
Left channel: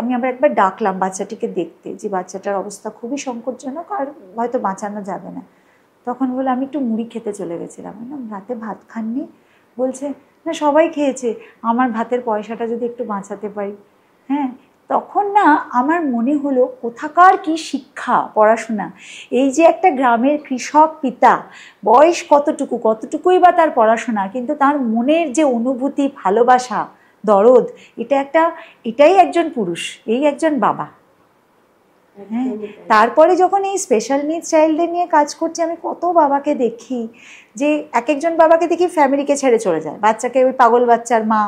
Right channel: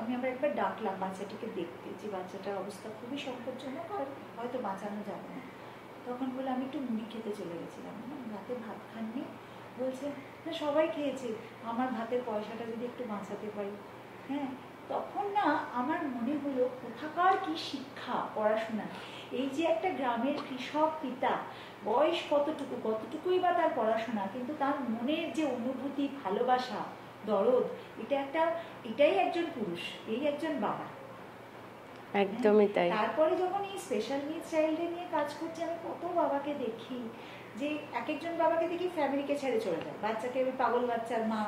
আমি আবার একবার ডাকলাম বাচ্চাটিকে দেখতে, যে বাচ্চাটার অবস্থা খুবই সংকটজনক আর হয়তো বাঁচানো যাবে না। তখন বলে আমি একটু মুড়ি খেতে চলে গেছিলাম। রাতে ভাত খাননি? বলছে না সবাই খেয়েছে, আমার ভাতের পয়সাটা যদি একটু বাঁচাতে পারি। হ্যাঁ, তখন না আমার মনে হলো কোথাকার কি শিক্ষা, পড়াশোনা। এই যে একটা গ্রামের কৃষক পিতা, বয়স কতটুকুই বা তার পড়াশোনা, কিন্তু তার মনের যে অনুভূতি, ভালোবাসা, দরদ, এটাই একজন পুরুষ, এই একজন বাবা। তারপরে যখন এই স্পেশাল নিডস চাইল্ডদের নিয়ে কাজ করছি, আমি কত বাবাকে দেখি যে একজন বাবাকে দেখি ফ্যামিলিকে ছেড়ে চলে যায়, বাচ্চাকে ওই পাগল বাচ্চার মা,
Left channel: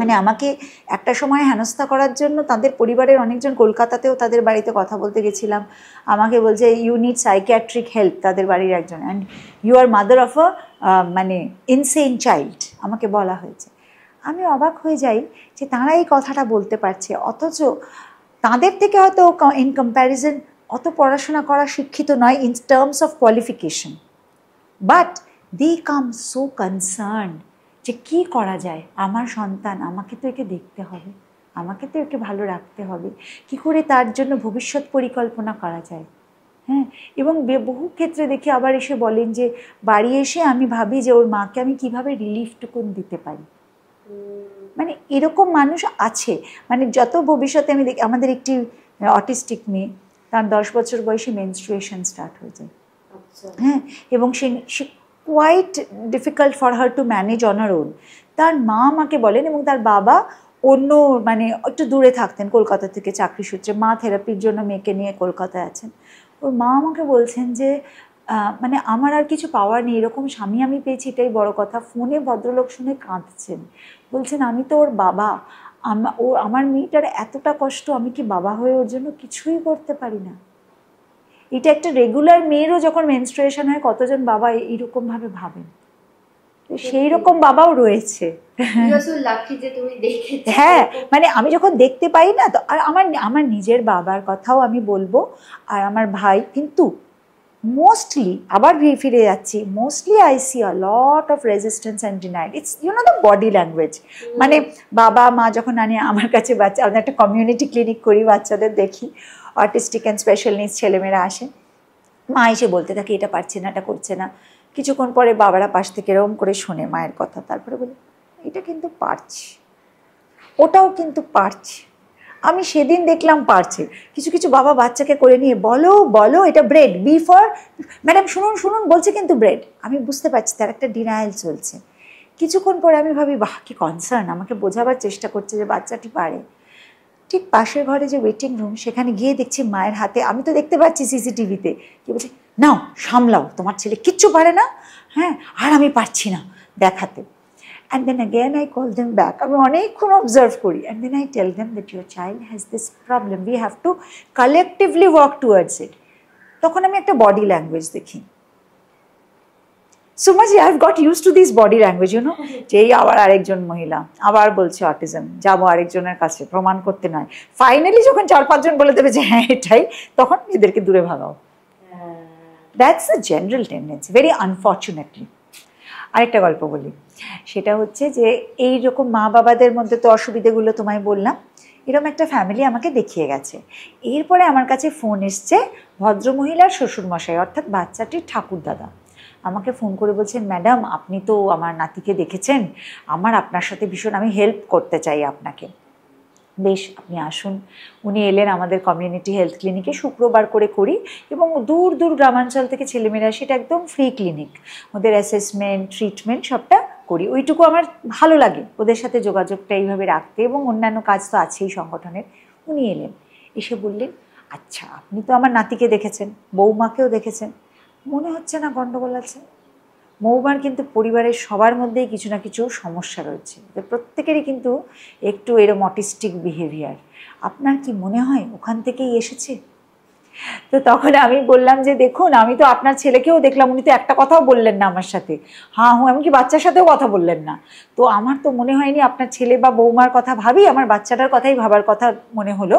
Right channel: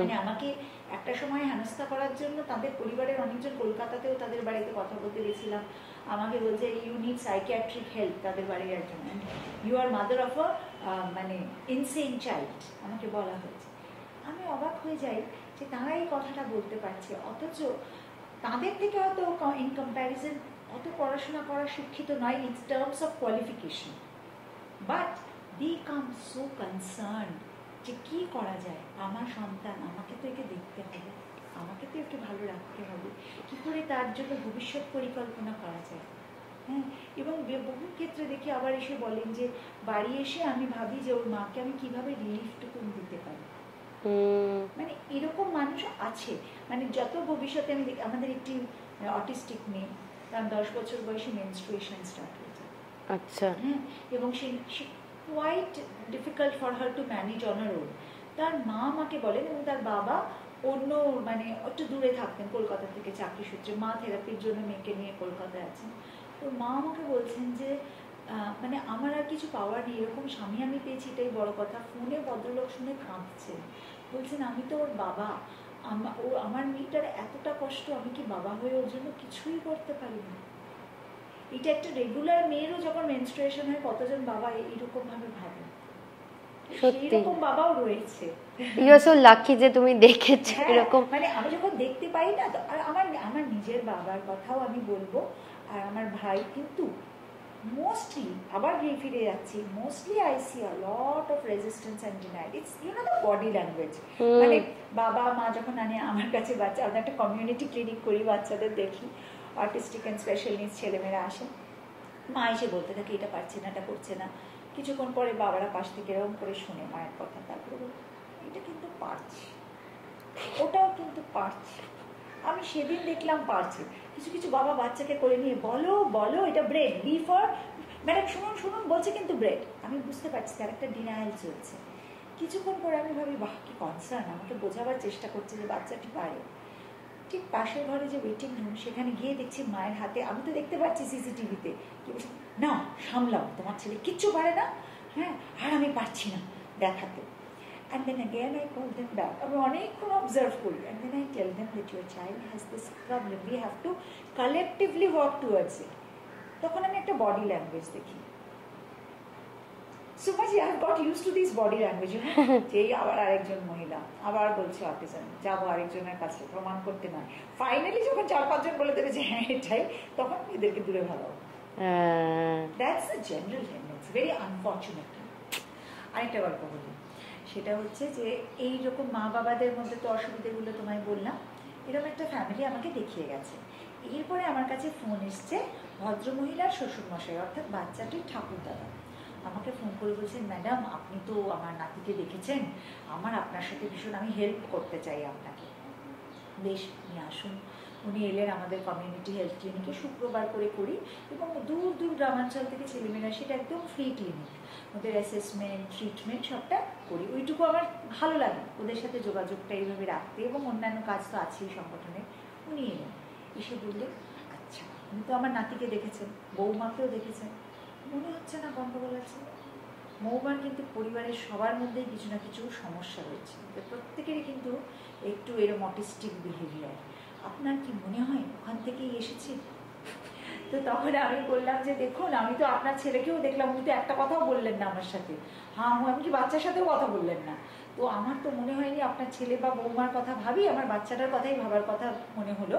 মানে আমাকে একটা সময় হেনস্থা করার জন্য তাদের পরিবারের অনেকজন, কলকাতাতেও তাদের বাড়িতে কথা বলতে গেছিলাম, আমাকে বলছে ইউ নিড সাইকিয়াট্রিক হেল্প, তাদের বাড়ির একজন, and you are mother of a মানে ইনসেন চাইল্ড, আমাকে বলা হয়েছে। আমি অবাক হয়ে যাই যে তারা এই কথাটা বলতে পারছে, অথচ তাদের থেকে হয়তো ইন কম্প্যারিজন অত পড়াশোনা করা শিক্ষিত নয় in terms of qualification, but they come so concern যে কি করা যায়, আমার সন্তান, আমাকে তো একে দেখতে হবে, আমাকে তো একে ভালো রাখতে হবে, কি করে তার জন্য ভবিষ্যৎ পরিকল্পনা করা যায়। হ্যাঁ, এবং বহু ক্ষেত্রে দেখি আবার এসে বলেন যে বাড়ি এসে আমি ভাবি যে ওর মাকে আমি কিভাবে রিলিফটুকুন দিতে পারি। মানে এরকম মানুষ আছে, মানে যত ভবিষ্যতে আমি দেখি, আমাদের একটি অটিস্টিক মেয়ে, তার 10 বছর বয়সে মেনস্ট্রুয়েশন স্টার্ট হয়ে যায়। আচ্ছা। হ্যাঁ, এবং সে quite difficult for her to manage on her own. তার মা আমাকে বলেন, এবং তার বাবা অন্য মানে একটু দূরে থাকতেন কলকাতা থেকে চাকরি সূত্রে, মা থেরাপির জন্য মেয়েকে নিয়ে কলকাতায় আছেন। ওর মা আমাকে বলছেন যে মানে আমার আর কিছু পাওয়ার নেই, এরকম স্বামী আমি পেয়েছি এটাই বড় কথা। ফোনে ভদ্রলোক শুনে কাঁদছেন, বলছেন আমি তো ওর বাবা, আমার মেয়েটার এতটা কষ্ট, আমি কি বাবা হয়ে ওর জন্য কিছুই করতে পারি না। এটা একটা রেগুলার মেয়েরও যখন মেনস্ট্রুয়েশন হয়, কতজন বাবা এইরকমভাবে ভাবেন, সেই রকম বাবাও রয়েছে। লাকি যে তুমি দেখেছো। হ্যাঁ, মানে আমি যখন দেখতে পাই না, তো আর আমার নিজের বাবার কথাও আমি বলবো, আর আমার ভাই, কিন্তু মোস্টলি আবার ফিরে যাচ্ছি, mostly I C a lot of resistance and denial. It's the body language. মানে বাবা মা যখন আনে আমার কাছে বাচ্চা, আমি একটা কমিউনিটি ক্লিনিক করি, বাচ্চাদের দেখি, অটিস্টিক অ্যান্ড স্পেশাল নিডস ছেলেমেয়েরা আসে, মা এসে বলতে থাকে এটা পারছে না, এটা করছে না। কিছুক্ষণ পরে বাবারা পাশ থেকে এরকম করে শোনে মায়ের কথা, তারপরে বলে এটা কিন্তু পারছে, ওটাও কিন্তু পারছে। আমি সেদিন দেখলাম পারছে। কিছু কিছু বাবা বাচ্চাকে করে নিয়ে বলো বলো এটা ব্রেড, বি ফর ম্যাডাম, শুনুন শুনুন বলছে কিন্তু ব্রেড। আমি বুঝতে পারছি তার একটা ডিনায়াল চলছে। কিছুক্ষণ পরে আমি ভাবি বাহ কি কনসার্ন, আমাকে বোঝাবার চেষ্টা করছে যে বাচ্চাটি পারে। ঠিক পাশের ঘরে যে ওয়েটিং রুম, সেখানে গিয়ে দেখছি মায়ের হাতে, আমি তো দেখতে পাচ্ছি সিসিটিভিতে, কি বলছে, নাও সামলাও, তোমার ছেলে কিচ্ছু পারে না, হ্যাঁ আর আমি পারছি না দেখাতে। And then again I call them back. আমি অনেকক্ষণ অবজার্ভ করি, and then I tell them that your child has this problem, we have to collectively work towards it. তখন আমি একটা বডি ল্যাঙ্গুয়েজ দেখি। সুমাজি, I've got used to this body language, you know, যেই আবার আরেকজন মহিলা আবার বলছে অটিজম, যাবো আরেকজনের কাছে প্রমাণ করতে নয়। ফাইনালি যখন 4-5 জন বলে দেবে যে হ্যাঁ এটাই, তখন এদেরকে দূরে ভাগাও। That's a general tendency, very unfortunately. আরেকটা গল্প বলি, সেটা হচ্ছে যে এইরকম মা বাবাদের মধ্যে তো অসুবিধেগুলো তোমায় বললাম, এরকম একটা ফ্যামিলি আমাকে দেখিয়ে গেছে। এরপরে আমার কাছে ফোন এসছে ভদ্রমহিলার শ্বশুরমশাই, অর্থাৎ বাচ্চাটির ঠাকুরদাদা, আমাকে ফোন করে বলছেন, ম্যাডাম আপনি তো আমার নাতিকে দেখেছেন, আমার আপনার সাথে ভীষণ, আমি হেল্প করতে চাই আপনাকে। বেশ, আপনি আসুন। উনি এলেন আমাদের কমিউনিটি হেলথ ক্লিনিকে, শুক্রবার করে করি, এবং দূর দূর গ্রামাঞ্চল থেকে ছেলেমেয়েরা, সেটা একদম ফ্রি ক্লিনিক, ওদের অ্যাসেসমেন্ট ট্রিটমেন্ট সবটা করি। ওইটুকু আমার ভালো লাগে, ওদের সাথে যোগাযোগটা এইভাবে রাখতে, এবং অন্যান্য কাজ তো আছেই সংগঠনের। উনি এলেন, এসে বললেন, আচ্ছা আপনি তো আমার নাতিকে দেখেছেন, বৌমাকেও দেখেছেন, মনে হচ্ছে না গণ্ডগোল আছে? বৌমার কিন্তু পরিবারের সবার মধ্যেই কিছু না কিছু সমস্যা রয়েছে, প্রত্যেকেরই কিন্তু একটু এরকম অটিস্টিক বিহেভিয়ার, আপনার কি মনে হয় ওখান থেকেই এসেছে? তো তখন আমি বললাম যে দেখুন, আমি তো আপনার ছেলেকেও দেখলাম, উনি তো একটা কথাও বললেন না আমার সাথে, হ্যাঁ হুঁ, এমনকি বাচ্চার সাথেও কথা বললেন না। তো আমার তো মনে হয়নি আপনার ছেলে বা বৌমার কথা ভাবি, আমার বাচ্চাটার কথাই ভাবার কথা মনে হলো।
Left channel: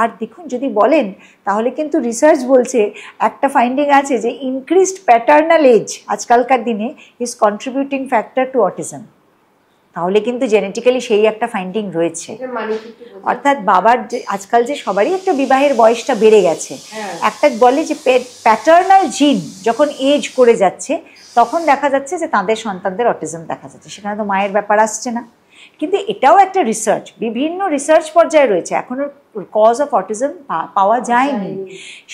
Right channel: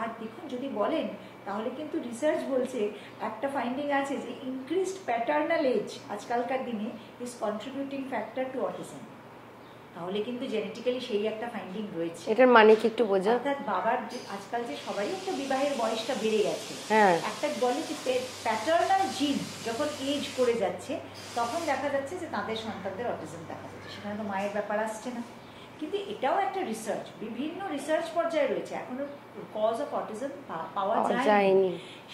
আর দেখুন যদি বলেন, তাহলে কিন্তু রিসার্চ বলছে, একটা ফাইন্ডিং আছে যে ইনক্রিজড প্যাটার্নাল এজ আজকালকার দিনে is contributing factor to autism. তাহলে কিন্তু জেনেটিক্যালি সেই একটা ফাইন্ডিং রয়েছে। এটার মানে কি একটু বোঝান? অর্থাৎ বাবার যে আজকাল যে সবারই একটা বিবাহের বয়সটা বেড়ে গেছে, একটা বলে যে প্যাটার্নাল জিন যখন এজ করে যাচ্ছে, তখন দেখা যাচ্ছে যে তাদের সন্তানদের অটিজম দেখা যাচ্ছে। সেখানে তো মায়ের ব্যাপার আসছে না, কিন্তু এটাও একটা রিসার্চ, বিভিন্ন রিসার্চ পর্যায়ে রয়েছে, এখনো কজ অফ অটিজম পাওয়া যায়নি।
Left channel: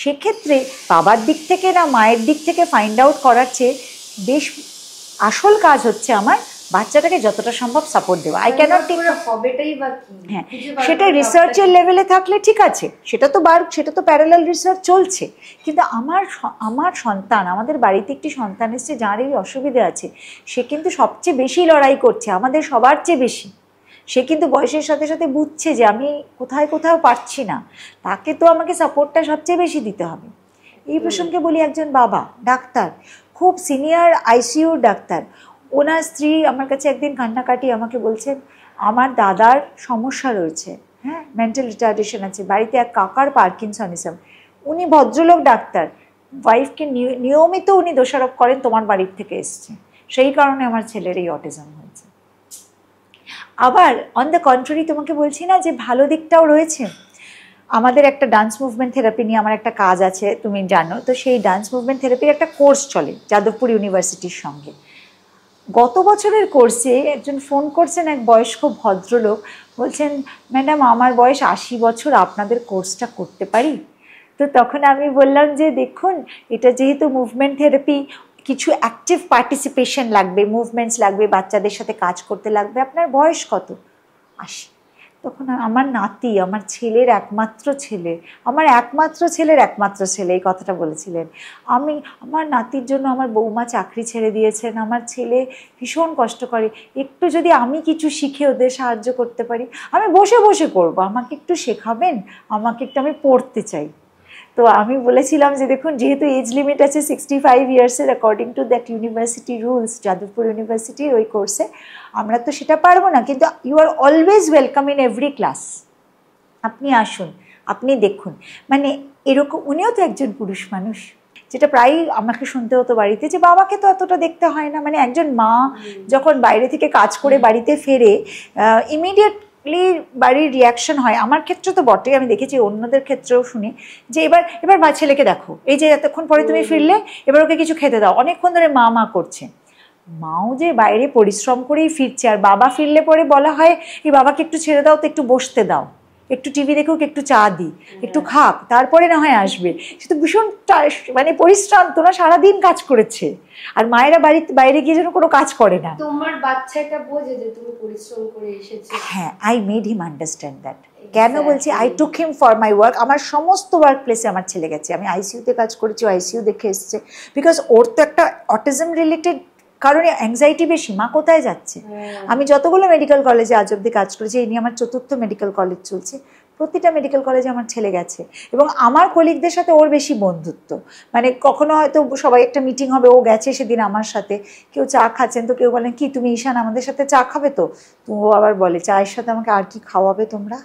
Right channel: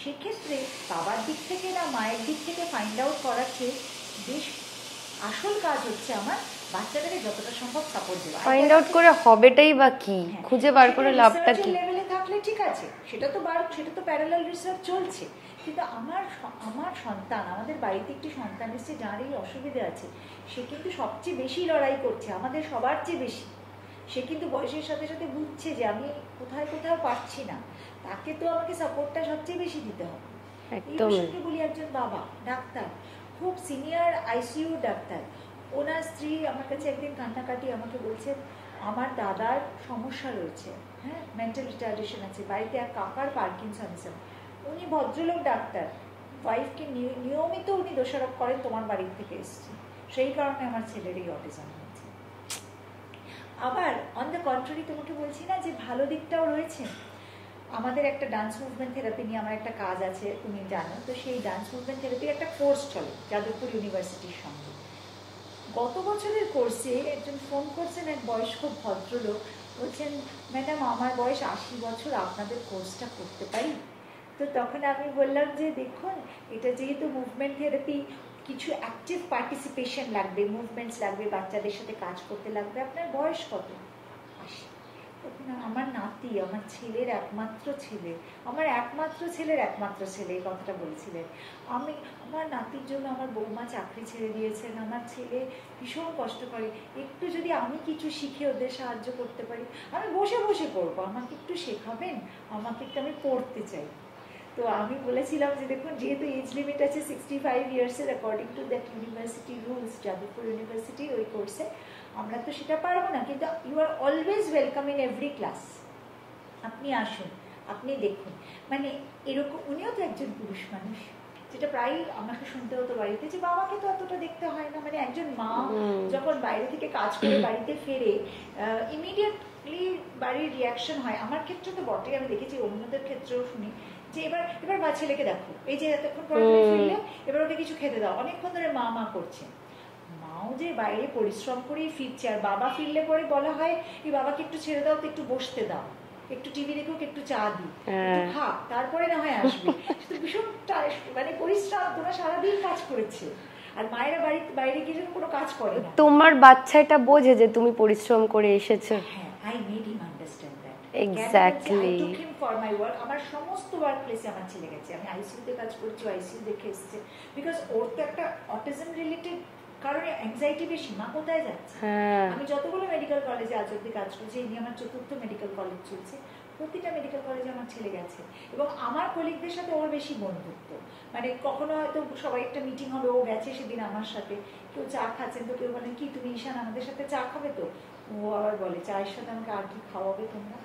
সেক্ষেত্রে বাবার দিক থেকে না মায়ের দিক থেকে ফাইন্ড আউট করার চেয়ে বেশ আসল কাজ হচ্ছে আমার বাচ্চাটাকে যতটা সম্ভব সাপোর্ট দেওয়া। আই ক্যানট হবেটাই বা কি, হ্যাঁ সেটা রিসার্চের লেভেলে থাকলে ঠিক আছে, সেটা তো প্যারালাল রিসার্চ চলছে, কিন্তু আমার সন্তান, আমাদের বাড়িতে একটি সন্তান এসছে যার এই অসুবিধে আছে, সে কিন্তু সবচেয়ে বেশি লড়াই করছে, আমাদের সবার চেয়ে বেশি। সে কিন্তু বয়সের সাথে সাথে বুঝছে যে আমি কোথাও পারছি না, তাকে তো আমাকে সাপোর্টটা সবচেয়ে বেশি দিতে হবে। এই প্রসঙ্গে বলি, একজন বাবা ডাক্তার, খুব সিনিয়র আইসিইউর ডাক্তার, ওনার স্ত্রী আমার কাছে একদিন কান্নাকাটি আমাকে বলছেন, আমার দাদার সমস্যা রয়েছে, হ্যাঁ মেন্টাল রিটার্ডেশন আছে, বাড়িতে এক কাকার পার্কিনসনিজম, উনি ভদ্রলোক ডাক্তার, ওয়াইফকে নিয়মিত উনি দোষারোপ করেন তোমার বাড়ির থেকে এসছে, সেই কারণে আমার ছেলের এই অটিজম হয়েছে। আবার অন দ্য কন্ট্রারি তোমাকে বলছি না যে ভালো দিকটাও রয়েছে। আমাদের একটা ডান্স মুভমেন্ট থেরাপি নিয়ে আমার একটা কাজ আছে, তুমি জানো তো। সেই ডান্স মুভমেন্ট থেরাপির একটা কোর্স চলে যাদবপুর ইউনিভার্সিটির সঙ্গে। গত বছরের কোর্সে একজন ফোন করছেন, এক বয়স্ক ভদ্রলোক, বলছেন ম্যাডাম আমার বয়স 80 বছর, আপনাদের কোর্সটা করতে পারি? তো তখন আমি বললাম যে দেখুন, এটা যেহেতু মুভমেন্ট থেরাপি, কিছু অ্যাক্টিভ পার্টিসিপেশন লাগবে, মুভমেন্টস লাগবে, বাচ্চাদের সাথে কাজ করতে লাগবে। আপনার বয়স কত? 80। তখন আমার নাতি, আমার ছেলের একমাত্র ছেলে, আমার একমাত্র ছেলের একমাত্র ছেলে এই কথাটা বলেছিলেন। আমার নাতির জন্য আমার বৌমা চাকরি ছেড়ে দিয়েছেন, আমার ছেলে ভীষণ কষ্ট করে, একটু যদি আমি কিছু শিখে ওদের সাহায্য করতে পারি, আমি বসে বসে করব, আমাকে একটু শেখাবেন, আমাকে একটু, আমি পড়তে চাই। তো আমি বলেছিলাম যে দেখুন, যেহেতু এজ লিমিট আছে 65 ইয়ার্সের according to that university rules, Jadavpur ইউনিভার্সিটির ওই কোর্সে আমরা তো সেটা পারবো না, কিন্তু you are always welcome in every class, আপনি আসুন, আপনি দেখুন। মানে এরকম, উনিও তো একজন পুরুষ মানুষ, যেটা প্রায়ই আমাকে শুনতে হতো বাড়িতে, যে বাবাকে তো এতটা দেখতে হয় না। মানে একজন মা যখন বাইরে থেকে কাজ করে বাড়িতে ফেরে, ইমিডিয়েট বাড়ির রিয়াকশন হয়, আমার ক্ষেত্রে তো বটেই, আমি দেখেছি অন্যদের ক্ষেত্রেও শুনি, যে এবার মা ছেলেকে দেখো, এই যে এতক্ষণ পরে তুমি ফিরলে, এবার ওকে কিছু খেতে দাও, অনেকক্ষণ ধরে মা মা করছে। মাও যে বাইরে পরিশ্রম করেই ফিরছে, আর বাবা ফিরলে পরে বলা হয় এই বাবাকে একটু ছেড়ে দাও তো, একটু বসতে দাও, একটু টিভি দেখুক, একটু চা দিই, একটু খাক, তারপরে না হয় আসবে। সে তো ভীষণ মানে পরিশ্রান্ত না, সারাদিন কাজ করেছে, আর মায়েরা বাইরে গিয়ে যেন কোনো কাজ করে না। তোমার বাচ্চা এটা বোঝে যে তুমি পরিশ্রম করে এসেছো? হ্যাঁ, I made him understand that. কেন বলছি, I took him for my work. আমার সমস্ত ওয়ার্ক প্লেসে আমার ছেলে গেছে, আমি আইসিইউতে কাজ করেছি, আইসিইউ দেখে এসছে, বিকজ ওর তো একটা অটিজম রিলেটেড কারণে অ্যাংজাইটি বেশি, মা কোথায় যাচ্ছে। আমি যতগুলো মেডিকেল কলেজে আজ অব্দি কাজ করেছি, এই নিয়ে আমার 4র্থ মেডিকেল কলেজ চলছে, প্রতিটা মেডিকেল কলেজে আমার ছেলে গেছে, এবং আমার কলিগদের সাথে ওর বেশি বন্ধুত্ব। মানে কখনো হয়তো সবাই একটা মিটিং হবে, ও গেছে সেদিন আমার সাথে, কেউ চা খাচ্ছেন, তো কেউ বলেন কি তুমি ঈশান আমাদের সাথে চা খাবে? তো ও আবার বলে চায়ের সাথে আমাকে আর কি খাওয়াবে তোমরা,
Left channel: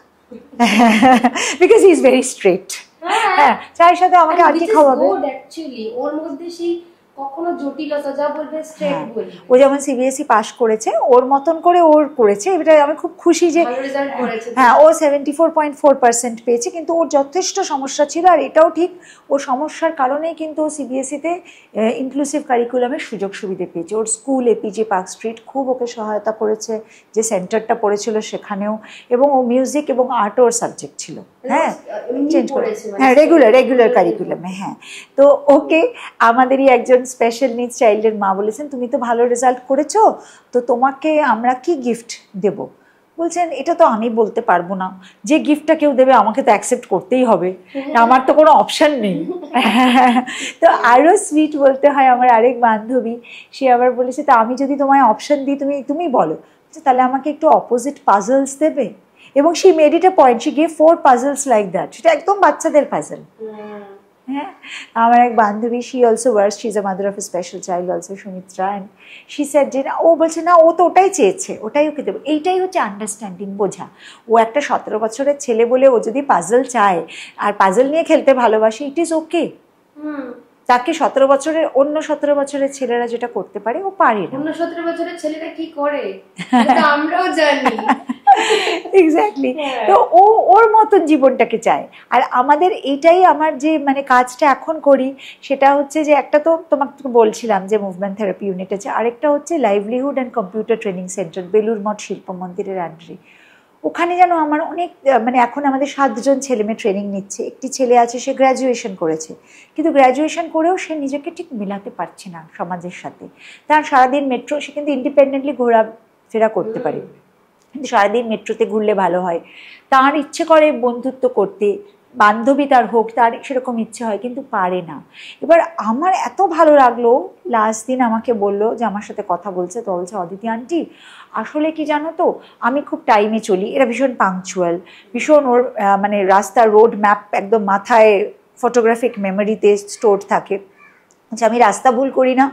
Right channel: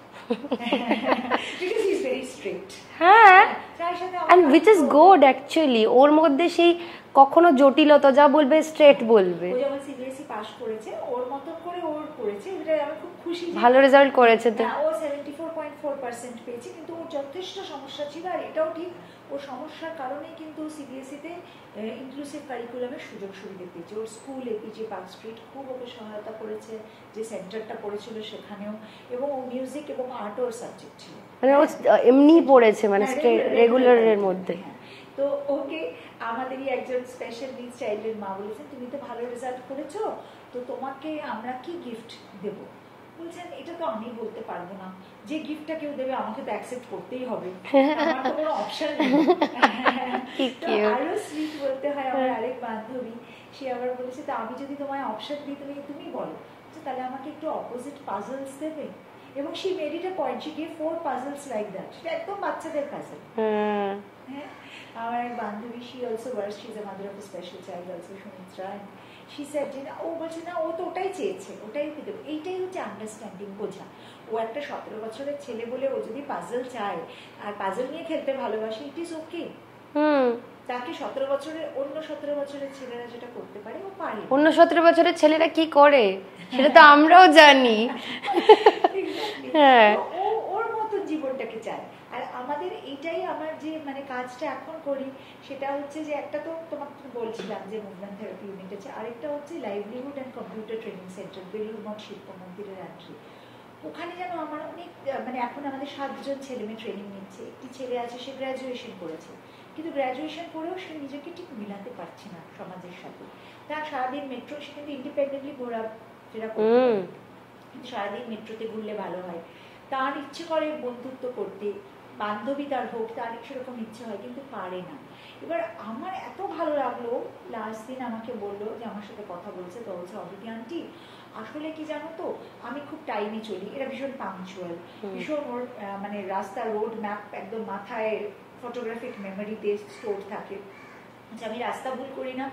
because he is very strict. হ্যাঁ, চায়ের সাথে আমাকে আর কি খাওয়াবে। গুড অ্যাকচুয়ালি, ওর মধ্যে সেই কখনো জটিলতা, যা বলবে স্ট্রেট বলবে। ও যেমন সিবিএসই পাশ করেছে, ওর মতন করে ওর করেছে, এটা আমি খুব খুশি যে ভালো রেজাল্ট করেছে। হ্যাঁ, ও 74.4% পেয়েছে, কিন্তু ওর যথেষ্ট সমস্যা ছিল, আর এটাও ঠিক, ওর সমস্যার কারণেই কিন্তু ও সিবিএসইতে ইনক্লুসিভ কারিকুলামের সুযোগ সুবিধে পেয়েছে। ওর স্কুল এপিজে পার্ক স্ট্রিট খুব ওকে সহায়তা করেছে, যে সেন্টারটা পড়েছিল সেখানেও, এবং ও মিউজিক এবং আর্ট ওর সাবজেক্ট ছিল। হ্যাঁ, এমনি পড়েছে, মানে হ্যাঁ, রেগুলার কারিকুলামে। হ্যাঁ, তো ওকে আমাদেরই একজন স্পেশাল নিডস চাইল্ডের মা বলেছেন, তুমি তো ভালো রেজাল্ট করেছো, তো তোমাকে আমরা কি গিফট দেব? বলছেন এটা তো আমি বলতে পারবো না, যে গিফটটা কেউ দেবে আমাকে তো অ্যাকসেপ্ট করতেই হবে, আমার তো কোনো অপশান নেই। তো আরও সুইট বলতে হয়, আমার আরেক বান্ধবী, সে আবার বলেছে তা আমি যদি তোমায় অপশান দিই, তুমি বলো, তাহলে আমাকে একটু অপোজিট পাজলস দেবে? এবং she made it a point, she gave 4 puzzles like that, সেটা একদম বাচ্চাদের পাজল। হ্যাঁ, আমার এক বান্ধবী, she also works, she is a mother of a special child also, Sumitra, and she said যে না, ও বলছে না, ও তো ওটাই চেয়েছে, ওটাই ওকে দেবো। এইটাই হচ্ছে আন্ডারস্ট্যান্ডিং, বোঝা। ও একটা 17 বছরের ছেলে বলে ও যদি পাজল চায় আর পাজল নিয়ে খেলতে ভালোবাসে, ইট ইজ ওকে। তাকে 17 বছরের, অন্য 17 বছরের ছেলেরা যেটা করতে পারে ও পারে না। অন্য 17 বছরের ছেলেরা কি করে সেটা আমরাও জানি। এক্স্যাক্টলি। তো ও ওর মতন জীবনটাকে চায়। আর আমাদের এইটাই, আমার যে মানে কাজটা এখন করি, সেটা হচ্ছে যে একটা তো তোমাকে বলছিলাম যে মুভমেন্ট থেরাপি ইউনিট আছে, আরেকটা হচ্ছে livelihood and computer training centre, Belur Math শিল্প মন্দিরের আন্ডারে। ওখানে যেন আমার অনেক, মানে এখন আমাদের 7 জন ছেলেমেয়ে ট্রেনিং নিচ্ছে। একটি ছেলে আছে, সে গ্র্যাজুয়েশন করেছে, কিন্তু গ্র্যাজুয়েশন করেও সে নিজেকে ঠিক মেলাতে পারছে না সমাজের সাথে। তার সারাদিন মেট্রো, সে কিন্তু ইন্ডিপেন্ডেন্টলি ঘোরাফেরা করতে পারে, কিন্তু সারাদিন মেট্রোতে ঘুরলে ভালো হয়। তার ইচ্ছে করে বন্ধুত্ব করতে, বান্ধবী তার হোক, তার সেরকম ইচ্ছে হয়, কিন্তু পারে না। এবার আমার এত ভালো লাগলো, লাস্ট দিন আমাকে বললো যে আমার সাথে কথা বলছে, তো বলছে অদিতি আন্টি আসলে কি জানো তো, আমি খুব টাইমে চলি, এরা ভীষণ পাংচুয়াল, ভীষণ, ওর মানে রাস্তার রোড ম্যাপ একদম মাথায় ফটোগ্রাফিক মেমোরিতে স্টোর থাকে, আচ্ছা আমি রাস্তা ভুল করি না,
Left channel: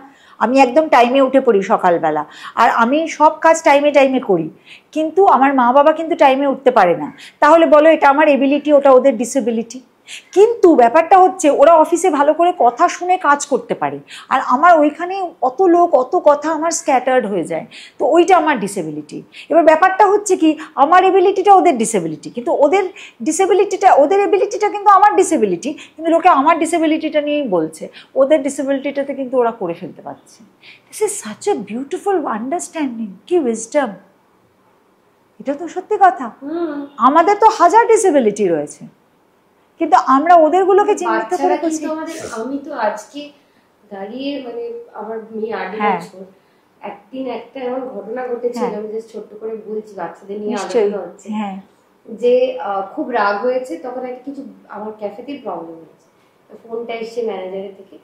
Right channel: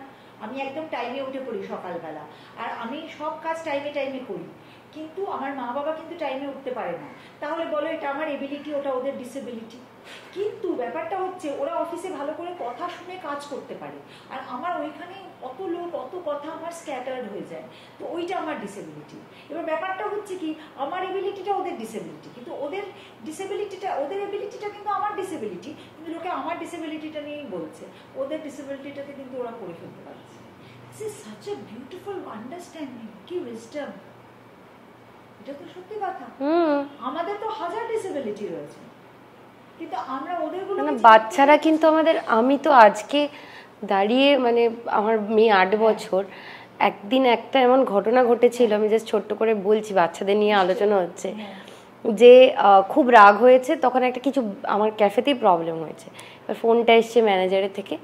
আমি একদম টাইমে উঠে পড়ি সকালবেলা, আর আমি সব কাজ টাইমে করি, কিন্তু আমার মা বাবা কিন্তু টাইমে উঠতে পারে না। তাহলে বলো এটা আমার এবিলিটি, ওটা ওদের ডিসেবিলিটি? কিন্তু ব্যাপারটা হচ্ছে ওরা অফিসে ভালো করে কথা শুনে কাজ করতে পারে, আর আমার ওইখানে অত লোক অত কথা আমার স্ক্যাটার্ড হয়ে যায়, তো ওইটা আমার ডিসেবিলিটি। এবার ব্যাপারটা হচ্ছে কি আমার এবিলিটিটা ওদের ডিসেবিলিটি, কিন্তু ওদের এবিলিটিটা কিন্তু আমার ডিসেবিলিটি, কিন্তু লোকে আমার ডিসেবিলিটিটা নিয়েই বলছে, ওদের ডিসেবিলিটিটাতে কিন্তু ওরা করে ফেলতে পারছে। This is such a beautiful understanding, কি উইজডম, এটা তো সত্যি কথা। আমাদের তো হাজার ডিসেবিলিটি রয়েছে, কিন্তু আমরা ওদেরগুলোকে বাচ্চারা কিন্তু আমাদের, আমি তো আজকে দাঁড়িয়ে মানে আমার মেয়ে 8 বছর, একদিন একটা এমন ঘটনা ঘটেছিল, আমি জাস্ট ছোট্ট করে বলছি, বাচ্চাদের নিয়ে আলোচনা হচ্ছে, যে খুব রাগ হয়েছে তখন একটা কিছু আমার ক্যাফেতেই প্রবলেম হয়েছে, এবার ফোনটা এসছে ম্যানেজারের থেকে,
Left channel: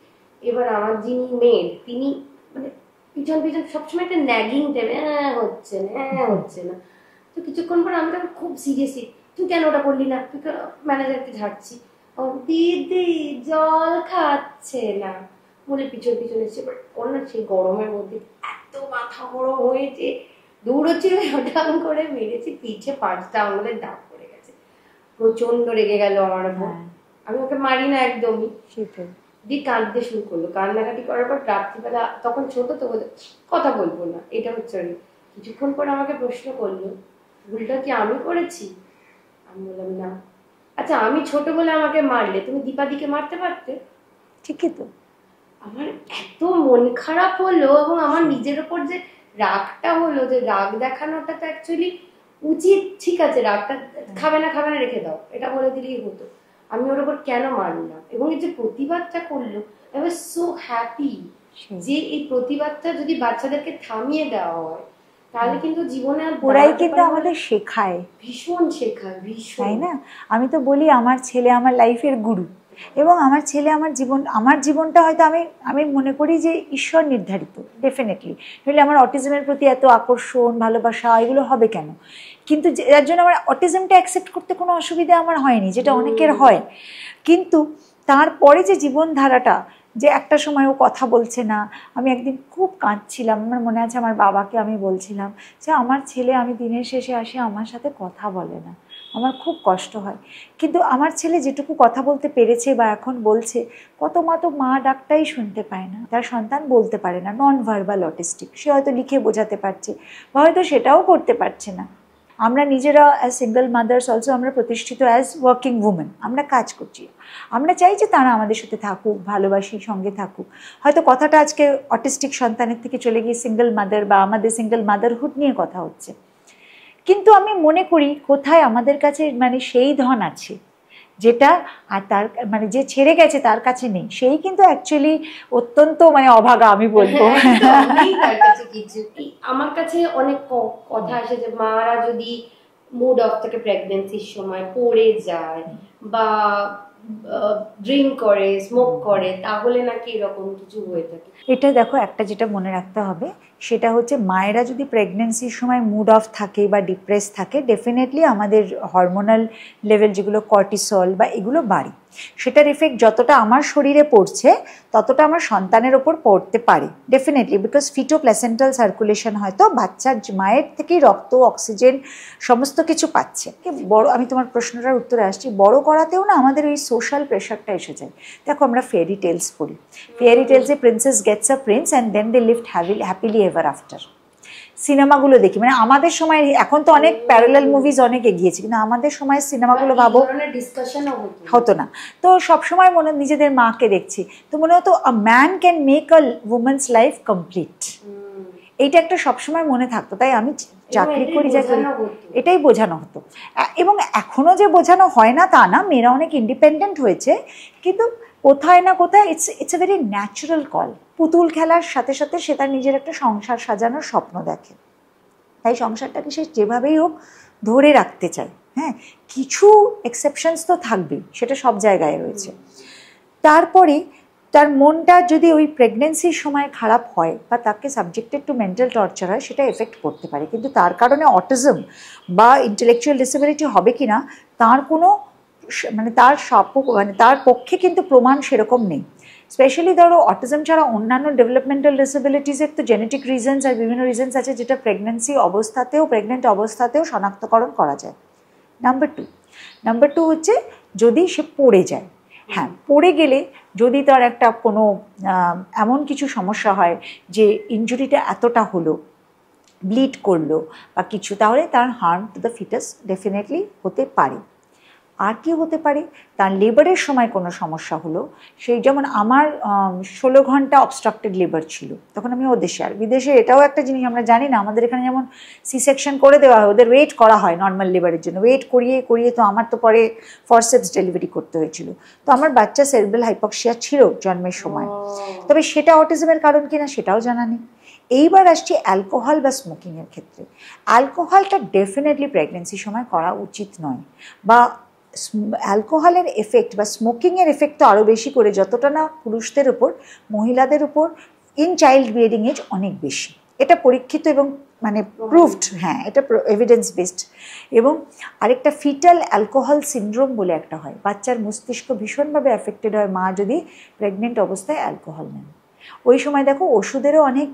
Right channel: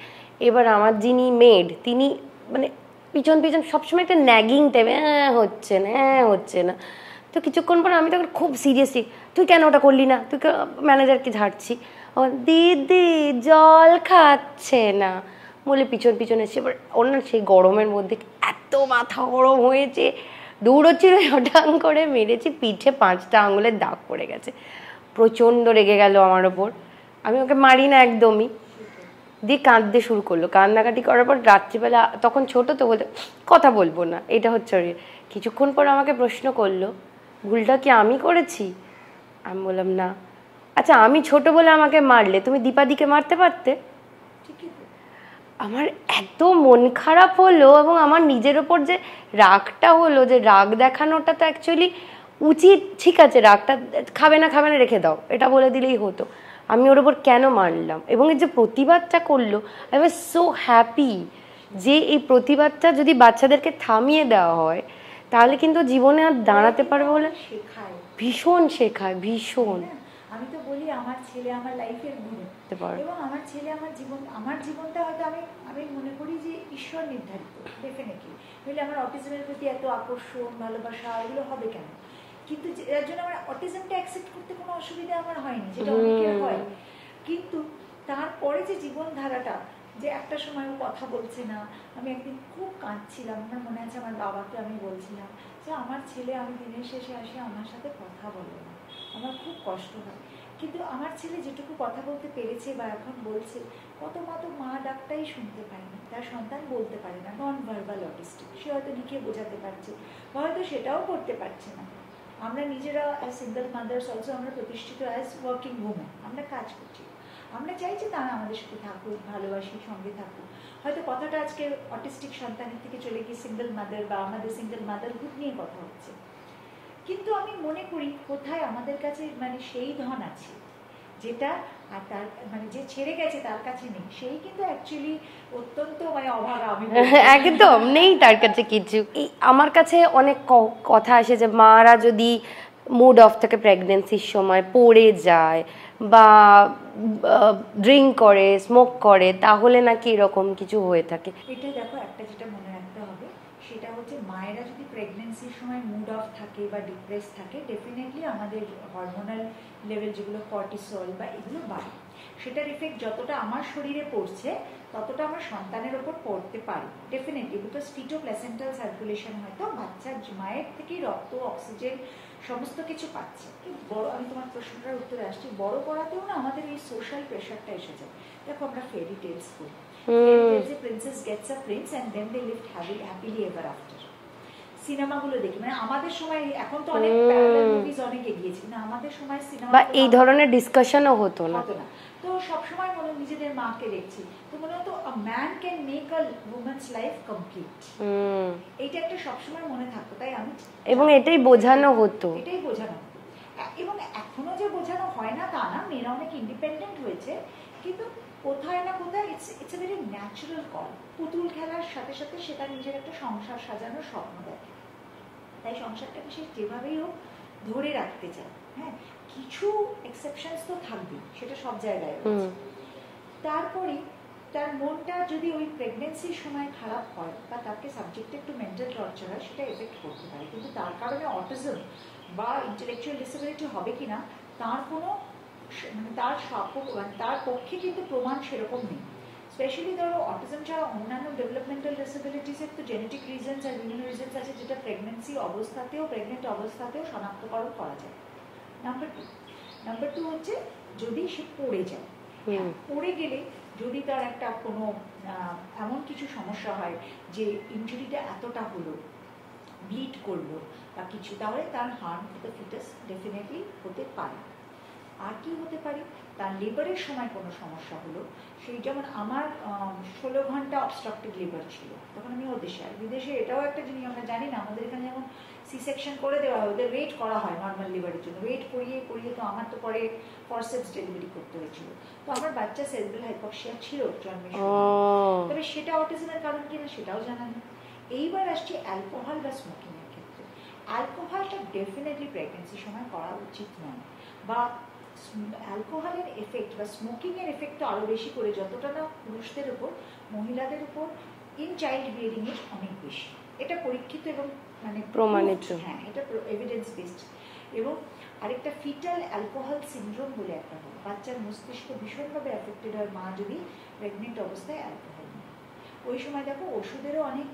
এবার আমার যিনি মেড তিনি মানে পিছন পিছন সবসময় একটা ন্যাগিং টাইপে, হচ্ছে না, তো কিছুক্ষণ পর আমি তখন খুব সিরিয়াসলি, তুই কেন ওটা করলি না, তুই ম্যানেজারকে ঝাড়ছি, দিদি জল খাচ্ছে না বলে পিছন পিছন এসছে। এবার ওর না সেই গরমের মধ্যে এত মাথা গরম হয়েছে, দৌড়চ্ছি, ওটাং করে মেরেছি, পিঠে 5টা আঙুলের দাগ পড়ে গেছে, প্রচণ্ড রেগে গেল আমার ওপর। আমি ওকে মারি না একদমই, দিয়ে কাঁদতে শুরু করলো, কান্নাকাটি করার পর রাত্রিবেলা, তখন ছোট তো বলে কথা বলবো না, এটা হচ্ছে। কিছুক্ষণ পর আমাকে প্রশ্ন করলো, ভুলটা কি আমি করেছি? আমি বললাম না। আচ্ছা, আমি ছোট বলে আমাকে মারলে, তুমি দীপাদিকে মারতে পারতে? ঠিকই তো। আমার এত মন খারাপ হলো, এবং আমার নিজের ওপর যে রাগটা হলো, যে রাগ দেখানোটা তো অ্যাকচুয়ালি উচিত, ঠিক আছে রাগটা খাবে না রেখে দাও, এটা বলে দিলেই হতো, আমি ওর ওপর কেন মারলাম? এবং এই যে প্রতিবাদটা করলো, আই ওয়াজ সো হ্যাপি যে এই প্রতিবাদটা যদি বাচ্চাদেরকে থামিয়ে দেওয়া হয় তাহলে কিন্তু জীবনে আর দাঁড়াতে পারবে না। আমাদের শেখায়, ভীষণ শেখায়, ভীষণ, তাই না? আমি তো বলি আমার ছেলে আমার লাইফের গুরু, এবং আমার ছেলে আমার জীবনটা হয়তো আমি মনে করি যে ঈশ্বর নির্ধারিত, ডেফিনেটলি। নইলে আমার অটিজমের প্রতি এত আকর্ষণ ভালোবাসা এগুলো হবে কেন? কিন্তু যার জন্য আমার অটিজমটা অ্যাকসেপ্ট করতে কোনো অসুবিধা আমার হয়নি, যেটা অনেকের হয়। কিন্তু তারপরে যে জীবনধারাটা, যে একটা সময় ও কথা বলছে না, আমি একদিন খুব কাঁদছিলাম, আমার মনে আছে আমার বাবাকে আমি বলছিলাম যে আমার ছেলে, আমি দিনের শেষে আসি আমার সাথে কথা বলে না, আমার খুব কষ্ট হয়। কিন্তু আমার ছেলে যেটুকু কথা বলতে পেরেছে বা এখন বলছে, কত মা তো মা ডাকটাই শুনতে পায় না, তার সন্তান বলতে পারে না, নন ভার্বাল অটিস্টিক, সে হয়তো লিখে বোঝাতে পারছে বা হয়তো সেটাও করতে পারছে না। আমরা নিজেরা অ্যাজ সিঙ্গেল মাদার্স অলসো আমরা প্রতিষ্ঠিত অ্যাজ ওয়ার্কিং উমেন, আমরা কাজ করছি, আমরা চাই যে তারা আমাদের সাথে থাকুক, ভালোবাসি, সঙ্গে থাকুক। হয়তো কথাটা আজকে অটিস্টিক সন্তানের থেকে চলে গিয়ে সিঙ্গেল মাদার বা আমাদের সিঙ্গেল মাদারহুড নিয়ে কথা হচ্ছে, কিন্তু আমি মনে করি কোথায় আমাদের কাছে মানে সেই ধন আছে যেটা আর তার মানে যে ছেড়ে গেছে তার কাছে নেই, সেই কিন্তু অ্যাকচুয়ালি অত্যন্ত মানে অভাগা, আমি বলবো। একদম নেই তার কাছে কিছু। আমার কাছে অনেক কথা আসে যে মারা যদি মুড অফ থাকে প্রেগনেন্সির সময়, পড়ে যায় বা ড্রিঙ্ক করে, স্মোক করে, তাহলে নাকি এরকম কিছু হয়ে থাকে। এটা দেখো, একটা যেটা মনে রাখতে হবে সেটা হচ্ছে মায়েরা যদি প্রেগনেন্সির সময় মুড অফ থাকে বা ডিপ্রেস থাকে, ডেফিনেটলি আমাদের হরমোনাল লেভেল যেগুলো কর্টিসল বা এগুলো বাড়ে, সেটার এফেক্ট যতটা আমার শরীরে পড়ছে ততটা আমার সন্তানের ওপর পড়তে পারে ডেফিনেটলি, বিকজ ফিটোপ্ল্যাসেন্টাল সার্কুলেশন হয়তো বাচ্চার মায়ের থেকেই রক্ত, অক্সিজেন সমস্ত কিছু পাচ্ছে। বড়, আমি তোমার প্রশ্নটার উত্তরে আসছি, বড় করাতেও না আমাদের ওই সোশ্যাল প্রেশারটা এসে যায়। দেখো আমরা ফেয়ারি টেলস পড়ি, ফেয়ারি টেলসে princess gets a prince and then they lived happily ever after. সিনেমাগুলো দেখি, মানে আমাদের সময়, এখন তো অনেক প্যারালাল মুভিজ অনেক এগিয়েছে, কিন্তু আমাদের সময় সিনেমাগুলো এই ধরনের ডিসকাশনও হতো না। তো সবসময় মনে নিজেদের মাকে দেখছি, তো মনে হতো a man can make a women's life complete, এইটা একটা সবসময় মনে থাকতো। তাই আমি এটাই বোঝানো হতো, এবং এখনো যে বোঝানো হয় না তা না, মেয়েরা অনেক ইন্ডিপেন্ডেন্ট হয়েছে, কিন্তু কোথায় না কোথায় it's a very natural call. পুতুল খেলার সাথে সাথে সে তার নিজের একটা সংসার সাজানোর স্বপ্ন দেখে, তাই সংসারটাকে সে যেভাবেই হোক ধরে রাখতে চায়। হ্যাঁ, কিছু এক্সেপশনস তো থাকবেই, সেটা সব জায়গায় রয়েছে। তারপরে তার মনটা যদি ওই প্রেগনেন্সির সময় খারাপ হয় বা তাকে সাবজেক্টেড টু মেন্টাল টর্চার হয়, সেটা এফেক্ট করতে পারে, কিন্তু তার কারণে অটিজম বা ইন্টেলেকচুয়াল ডিসেবিলিটি হবে কি না তার কোনো মানে তার পক্ষে কিন্তু প্রমাণ সেরকম নেই। স্পেশালি ধরো অটিজম ছাড়া অন্যান্য ডেভেলপমেন্টাল ডিসেবিলিটিসের তো জেনেটিক রিজনস আর বিভিন্ন রিজনস আছে, যেটা প্রেগনেন্ট অবস্থাতেও শনাক্তকরণ করা যায়। নাম্বার টু হচ্ছে যদি সে পড়ে যায়। হ্যাঁ, পড়ে গেলে যদি তার একটা কোনো এমন কিছু সমস্যা হয় যে ইনজুরিটা এতটা হলো, ব্লিড করলো বা কিছু, তাহলে তার harm to the foetus definitely হতে পারে। আর কি হতে পারে, তার লেবারের সময় কোনো সমস্যা হলো, সেই যেমন আমার 16 ঘন্টা অবস্ট্রাক্টেড লেবার ছিল, তখন আমি ওদেশে। আর বিদেশে এটাও একটা জিনিস আমরা জানি না, আমাদের এখানে যেমন সি সেকশন করে দেওয়া হয়, ওদের ওয়েট করা হয় নর্মাল লেবারের জন্য, ওয়েট করিয়ে করিয়ে তো আমার তো পরে ফরসেপস ডেলিভারি করতে হয়েছিল। তো আমার বাচ্চা সেরেব্রাল হাইপক্সিয়া ছিল জন্মের সময়, তবে সেটা অটিজমের কারণ কিনা সেটাও জানা নেই। এইবার আসছি অ্যালকোহল বা স্মোকিংয়ের ক্ষেত্রে। অ্যালকোহলটা ডেফিনেটলি প্রেগনেন্সির সময় করা উচিত নয়, বা অ্যালকোহলের এফেক্ট বা স্মোকিংয়ের এফেক্ট তো আরও বেশি করে, যতটা না পুরুষদের উপর, মহিলাদের উপর ইন চাইল্ড বিয়ারিং এজ অনেক বেশি। এটা পরীক্ষিত এবং মানে প্রুভড, হ্যাঁ, এটা এভিডেন্স বেসড। এবং আরেকটা ফিটাল অ্যালকোহল সিনড্রোম বলে একটা হয়, বাচ্চার মস্তিষ্ক ভীষণভাবে অ্যাফেক্টেড হয় মা যদি প্রেগনেন্ট অবস্থায় অ্যালকোহল নেয়। ওই সময় দেখো ওষুধেরও অনেক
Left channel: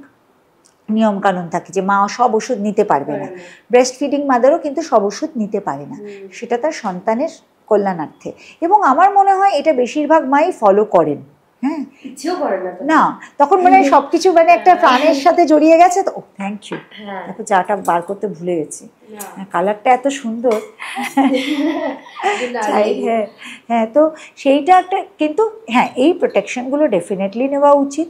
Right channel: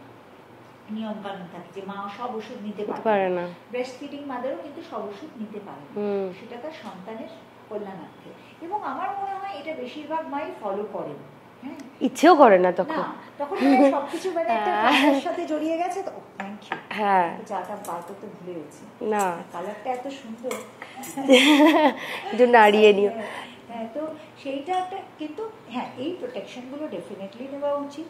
নিয়মকানুন থাকে যে মা সব ওষুধ নিতে পারবে না, ব্রেস্ট ফিডিং মাদারও কিন্তু সব ওষুধ নিতে পারে না, সেটা তার সন্তানের কল্যাণার্থে। এবং আমার মনে হয় এটা বেশিরভাগ মাই ফলো করেন। হ্যাঁ, ইচ্ছেও করে না না, তখন মানে সবকিছু মানে একটা প্রাণের সাথে জড়িয়ে গেছে। তো থ্যাংক ইউ, চাটা বার করতে ভুলে গেছি, কালারটা এত সুন্দর। হ্যাঁ, তো সেইটা একটা, কিন্তু হ্যাঁ এই প্রোটেকশনগুলো ডেফিনেটলি নেওয়া উচিত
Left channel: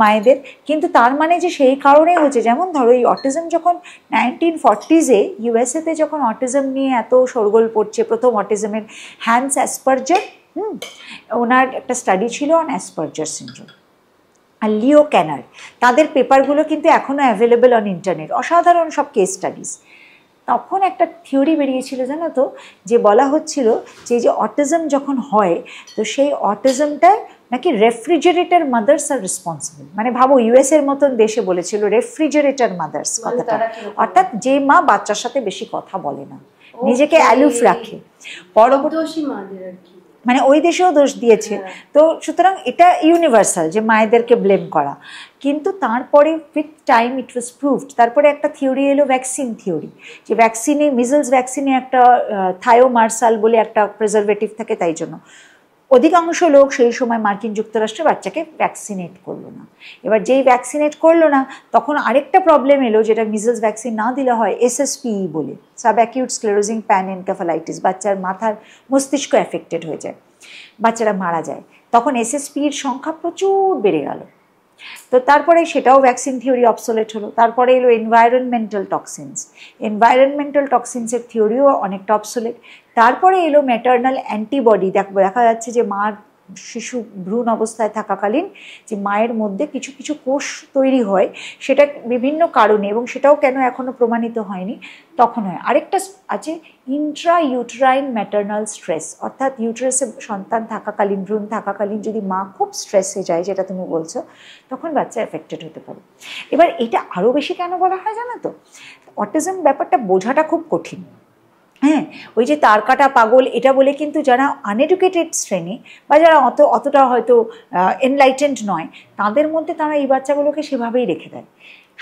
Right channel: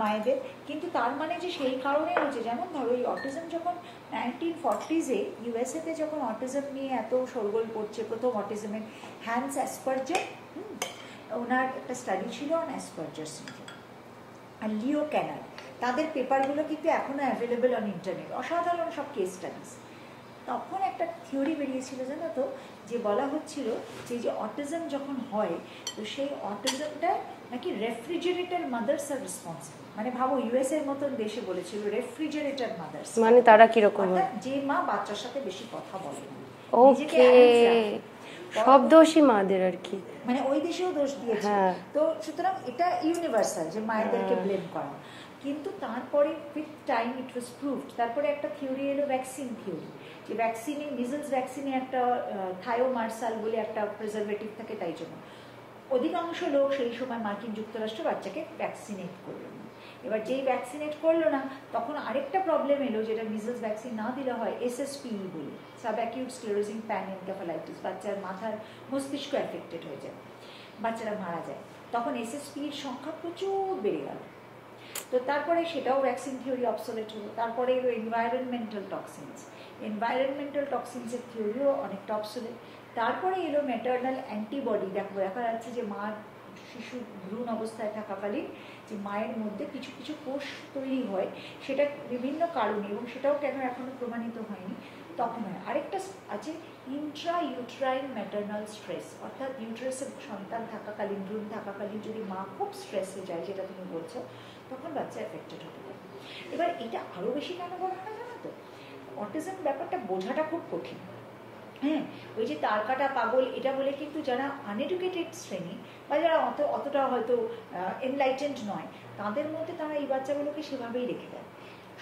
মায়েদের। কিন্তু তার মানে যে সেই কারণেই হচ্ছে, যেমন ধরো এই অটিজম যখন 1940s ইউএসএতে যখন অটিজম নিয়ে এত শোরগোল পড়ছে, প্রথম অটিজমের হ্যান্স অ্যাসপারজার, ওনার একটা স্টাডি ছিল অন অ্যাসপারজার সিনড্রোম, আর লিও ক্যানার, তাদের পেপারগুলো কিন্তু এখনও অ্যাভেলেবল অন ইন্টারনেট, অসাধারণ সব কেস স্টাডিজ। তখন একটা থিওরি বেরিয়েছিল জানো তো, যে বলা হচ্ছিল যে যে অটিজম যখন হয়, তো সেই অটিজমটায় নাকি রেফ্রিজারেটর মাদার্স আর রেসপন্সিবল। মানে ভাবো ইউএসের মতন দেশে বলেছিল রেফ্রিজারেটর মাদার্স, মানে তারা কিরকম, অর্থাৎ যে মা বাচ্চার সাথে বেশি কথা বলে না, নিজেকে অ্যালুফ রাখে, পরদোষী মাদের আর কি, মানে ওই দেশেও দোষ দিয়েছে। তো সুতরাং এটা ইউনিভার্সাল যে মায়েদেরকে ব্লেম করা। কিন্তু তারপরে with time it was proved. তারপরে একটা থিওরি এলো ভ্যাকসিন থিওরি, যে ভ্যাকসিনে, মিজলস ভ্যাকসিনে একটা থায়োমার্সাল বলে একটা প্রিজারভেটিভ থাকে, তাই জন্য অধিকাংশ লোক সেই সময় মার্কিন যুক্তরাষ্ট্রে বাচ্চাকে ভ্যাকসিনেট করলো না। এবার যেই ভ্যাকসিনেট করলো না, তখন আরেকটা প্রবলেম এলো, যেটা মিজলস ভ্যাকসিন না দিলে হয়, SSPE বলে, সাব অ্যাকিউট স্ক্লেরোজিং প্যানএনকেফালাইটিস, বাচ্চার মাথার মস্তিষ্ক অ্যাফেক্টেড হয়ে যায়, বাচ্চারা মারা যায়। তখন SSPEর সংখ্যা প্রচুর বেড়ে গেল। তো তারপরে সেটাও ভ্যাকসিন থিওরি অবসোলেট হলো। তারপরে এলো এনভায়রনমেন্টাল টক্সিনস, এনভায়রনমেন্টাল টক্সিনসের থিওরিও অনেকটা অবসোলেট। তারপরে এলো ম্যাটার্নাল অ্যান্টিবডি, দেখা যাচ্ছে যে মার শিশু ভ্রূণ অবস্থায় থাকাকালীন যে মায়ের মধ্যে কিছু কিছু কোষ তৈরি হয়, সেটা বিভিন্ন কারণে, এবং সেটাও কেন এখনও প্রমাণিত হয়নি, তখন হয়। আরেকটা আছে ইন্ট্রা ইউটেরাইন ম্যাটার্নাল স্ট্রেস, অর্থাৎ ইউটেরাসে সন্তান থাকাকালীন, ভ্রূণ থাকাকালীন যদি মা খুব স্ট্রেসে যায়, যেটা তুমি বলছো, তখন বাচ্চা এফেক্টেড হতে পারে। এবার এটা আরও বেশি কেন বলা হয় জানো তো, অটিজম ব্যাপারটা বোঝাটা খুব কঠিন। হ্যাঁ, ওই যে তার কাটা পাগল এটা বলে কিন্তু যারা আনএডুকেটেড শ্রেণী বা যারা অতটা হয়তো এনলাইটেন্ড নয়, তাদের মধ্যে তারা এই বাচ্চাগুলোকে সেভাবেই রেখে দেয়।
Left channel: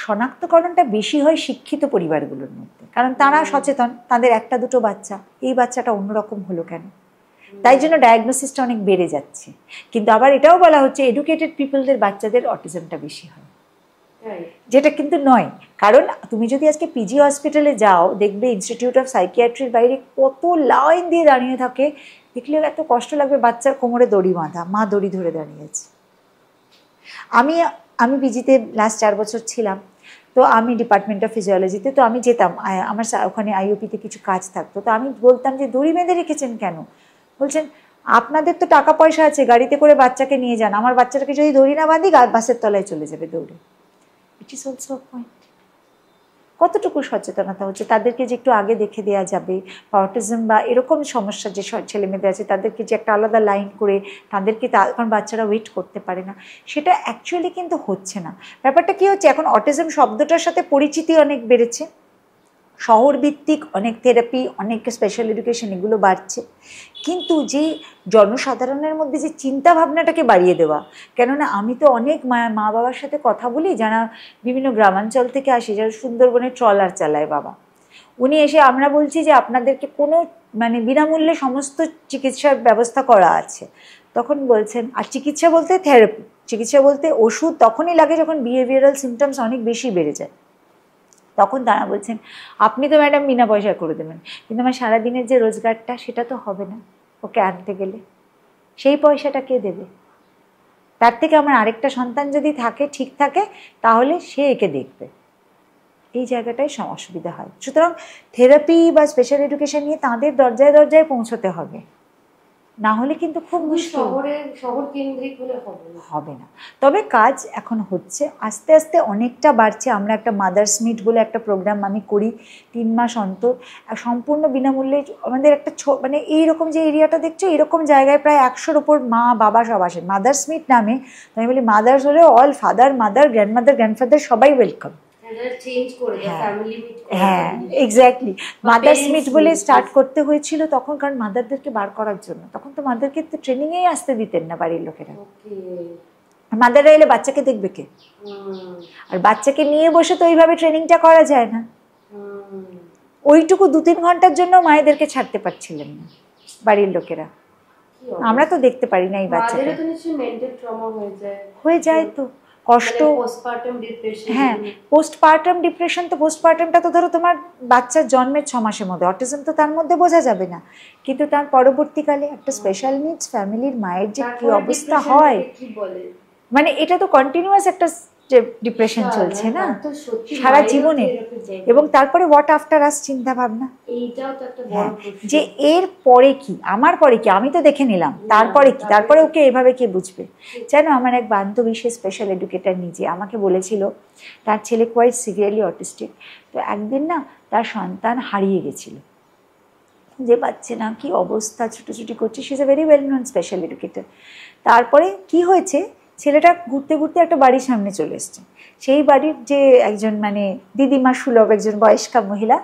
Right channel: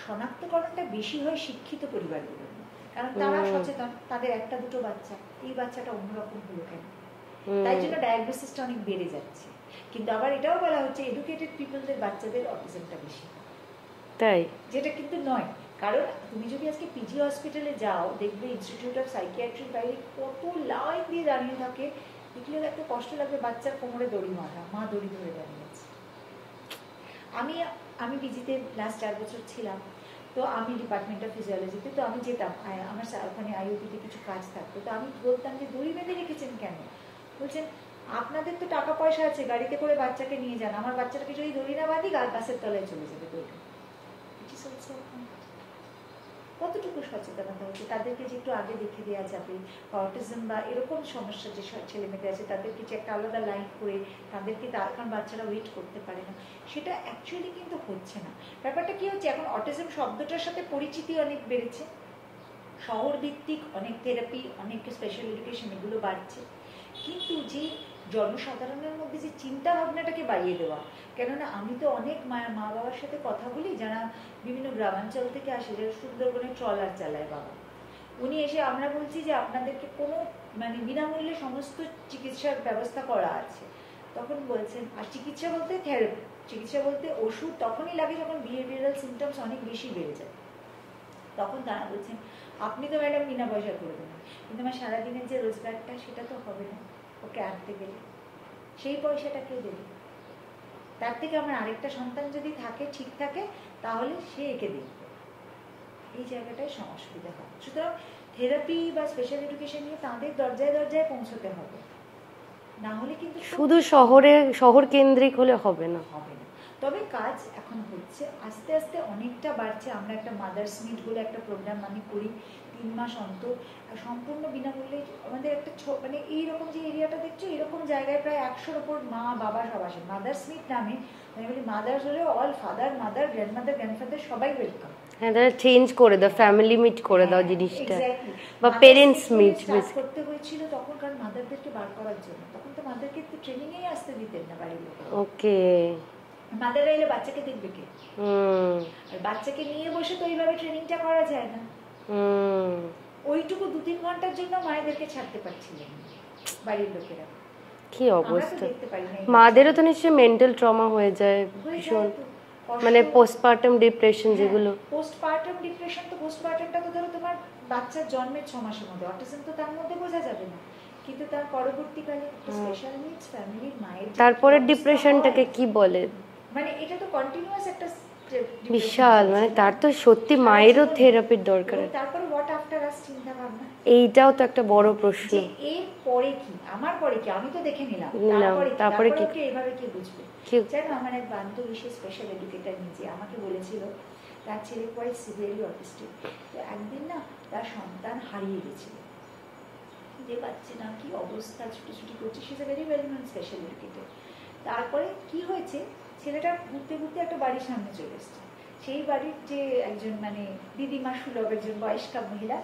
শনাক্তকরণটা বেশি হয় শিক্ষিত পরিবারগুলোর মধ্যে, কারণ তারা সচেতন, তাদের একটা দুটো বাচ্চা, এই বাচ্চাটা অন্যরকম হলো কেন, তাই জন্য ডায়াগনোসিসটা অনেক বেড়ে যাচ্ছে। কিন্তু আবার এটাও বলা হচ্ছে এডুকেটেড পিপলদের বাচ্চাদের অটিজমটা বেশি হয়, তাই, যেটা কিন্তু নয়। কারণ তুমি যদি আজকে পিজি হসপিটালে যাও, দেখবে ইনস্টিটিউট অফ সাইকিয়াট্রির বাইরে কত লাইন দিয়ে দাঁড়িয়ে থাকে, দেখলে এত কষ্ট লাগবে, বাচ্চার কোমরে দড়ি বাঁধা, মা দড়ি ধরে দাঁড়িয়ে আছে। আমি পিজিতে লাস্ট 4 বছর ছিলাম, তো আমি ডিপার্টমেন্ট অফ ফিজিওলজিতে, তো আমি যেতাম, আমার ওখানে আইওপিতে কিছু কাজ থাকতো, তো আমি বলতাম যে দড়ি বেঁধে রেখেছেন কেন? বলছেন আপনাদের তো টাকা পয়সা আছে, গাড়িতে করে বাচ্চাকে নিয়ে যান, আমার বাচ্চাটাকে যদি দড়ি না বাঁধি বাসের তলায় চলে যাবে দৌড়ে। It is also point. কতটুকু সচেতনতা হচ্ছে, তাদেরকে যে একটু আগে দেখে দেওয়া যাবে, অটিজম বা এরকম সমস্যা যে ছেলেমেয়েদের আছে, তাদেরকে যে একটা আলাদা লাইন করে তাদেরকে, কারণ বাচ্চারা ওয়েট করতে পারে না, সেটা অ্যাকচুয়ালি কিন্তু হচ্ছে না। ব্যাপারটা কী হচ্ছে, এখন অটিজম শব্দটার সাথে পরিচিতি অনেক বেড়েছে, শহরভিত্তিক অনেক থেরাপি, অনেক স্পেশাল এডুকেশন এগুলো বাড়ছে, কিন্তু যে জনসাধারণের মধ্যে যে চিন্তা ভাবনাটাকে বাড়িয়ে দেওয়া, কেননা আমি তো অনেক মা বাবার সাথে কথা বলি যারা বিভিন্ন গ্রামাঞ্চল থেকে আসে, যারা সুন্দরবনে ট্রলার চালায় বাবা, উনি এসে, আমরা বলছি যে আপনাদেরকে কোনো মানে বিনামূল্যে সমস্ত চিকিৎসার ব্যবস্থা করা আছে। তখন বলছেন, আর চিকিৎসা বলতে থেরাপি, চিকিৎসা বলতে ওষুধ তখনই লাগে যখন বিহেভিয়ারাল সিমটমস অনেক বেশি বেড়ে যায়। তখন তারা বলছেন আপনি তো ম্যাডাম বিনা পয়সায় করে দেবেন, কিন্তু আমার সারাদিনের যে রোজগারটা সেটা তো হবে না ওকে আনতে গেলে, সেই পয়সাটা কে দেবে? তার থেকে আমার আরেকটা সন্তান যদি থাকে, ঠিক থাকে, তাহলে সে একে দেখবে। এই জায়গাটাই অসুবিধা হয়। সুতরাং থেরাপি বা স্পেশাল এডুকেশন নিয়ে তাদের দরজায় দরজায় পৌঁছতে হবে, না হলে কিন্তু শুধু শহর কেন্দ্রিক হলে হবে না। তবে কাজ এখন হচ্ছে, আস্তে আস্তে অনেকটা বাড়ছে। আমরা একটা মাদার্স মিট বলে একটা প্রোগ্রাম আমি করি 3 মাস অন্তর, সম্পূর্ণ বিনামূল্যে। আমাদের একটা মানে এইরকম যে এরিয়াটা দেখছো, এরকম জায়গায় প্রায় 100-র ওপর মা বাবা সব আসেন মাদার্স মিট নামে। আমি বলি মাদার্স হলে all father mother grandmother grandfather সবাই ওয়েলকাম। চেঞ্জ করে দাও, ফ্যামিলি মিট করে দাও জিনিসটা। এক্স্যাক্টলি, মাদার্স মিট বলে স্টার্ট করতে হয়েছিল তখন, কারণ মাদারদেরকে বার করার জন্য। তখন তো মাদারকে তো ট্রেনিংয়েই আসতে দিতেন না বাড়ির লোকেরা। ওকে, মাদাররা এলে বাচ্চাকে দেখবে কে? আর বাচ্চাকে নিয়ে বসে তো ওইভাবে ট্রেনিংটা করা যায় না। ওইটুকু 2-3 ঘন্টার জন্য মায়েদেরকে ছাড়তে পারছিলেন না বাড়ির লোকেরা। কি আমরা তো দেখতে পারি না। মাদেরও তো নিশ্চয়ই মেন্টাল ট্রমা হয়ে যায় তো, কষ্ট, পোস্টপার্টাম ডিপ্রেশন। হ্যাঁ, পোস্টপার্টাম ডিপ্রেশন তো, পোস্টপার্টামটা তো ধরো তোমার বাচ্চার জন্মের 6 মাসের মধ্যে, অটিজম তো তার মধ্যে বোঝা যাবে না, কিন্তু তার পরবর্তীকালে একটা স্পেশাল নিডস ফ্যামিলির মায়ের যে অবস্থা হয়, কি বলে, মানে এটা তো কন্টিনিউয়াস একটা ডিপ্রেশন চলছে না, তার তো সত্যি সারা জীবন থেরাপির দরকার। এবং তারপরে হোয়াট আফটার আস চিন্তা ভাবনা, এইটাও তো একটা বড় প্রশ্ন, যে এর পরে কি, আমার পরে কি, আমি তো দেখে নিলাম, তারপরে কি, তারপরে ওকে এভাবে কে বুঝবে? জানো, আমার এক বান্ধবী, সে স্পেশাল এডুকেটর নিজে, আমাকে বলেছিল তার ছেলে কোয়াইট সিভিয়ারলি অটিস্টিক। তো একদিন না তার সন্তান হারিয়ে গেছিল, যে পাচ্ছে না, কি অবস্থা, ছুটোছুটি করছে। She is a very well known special educator. তারপরে কি হয়েছে, ছেলেটা ঘুরতে ঘুরতে একটা বাড়ির সামনে চলে এসছে। সেই বাড়ির যে একজন মানে দিদিমা সুলভ একজন বয়স্কা মহিলা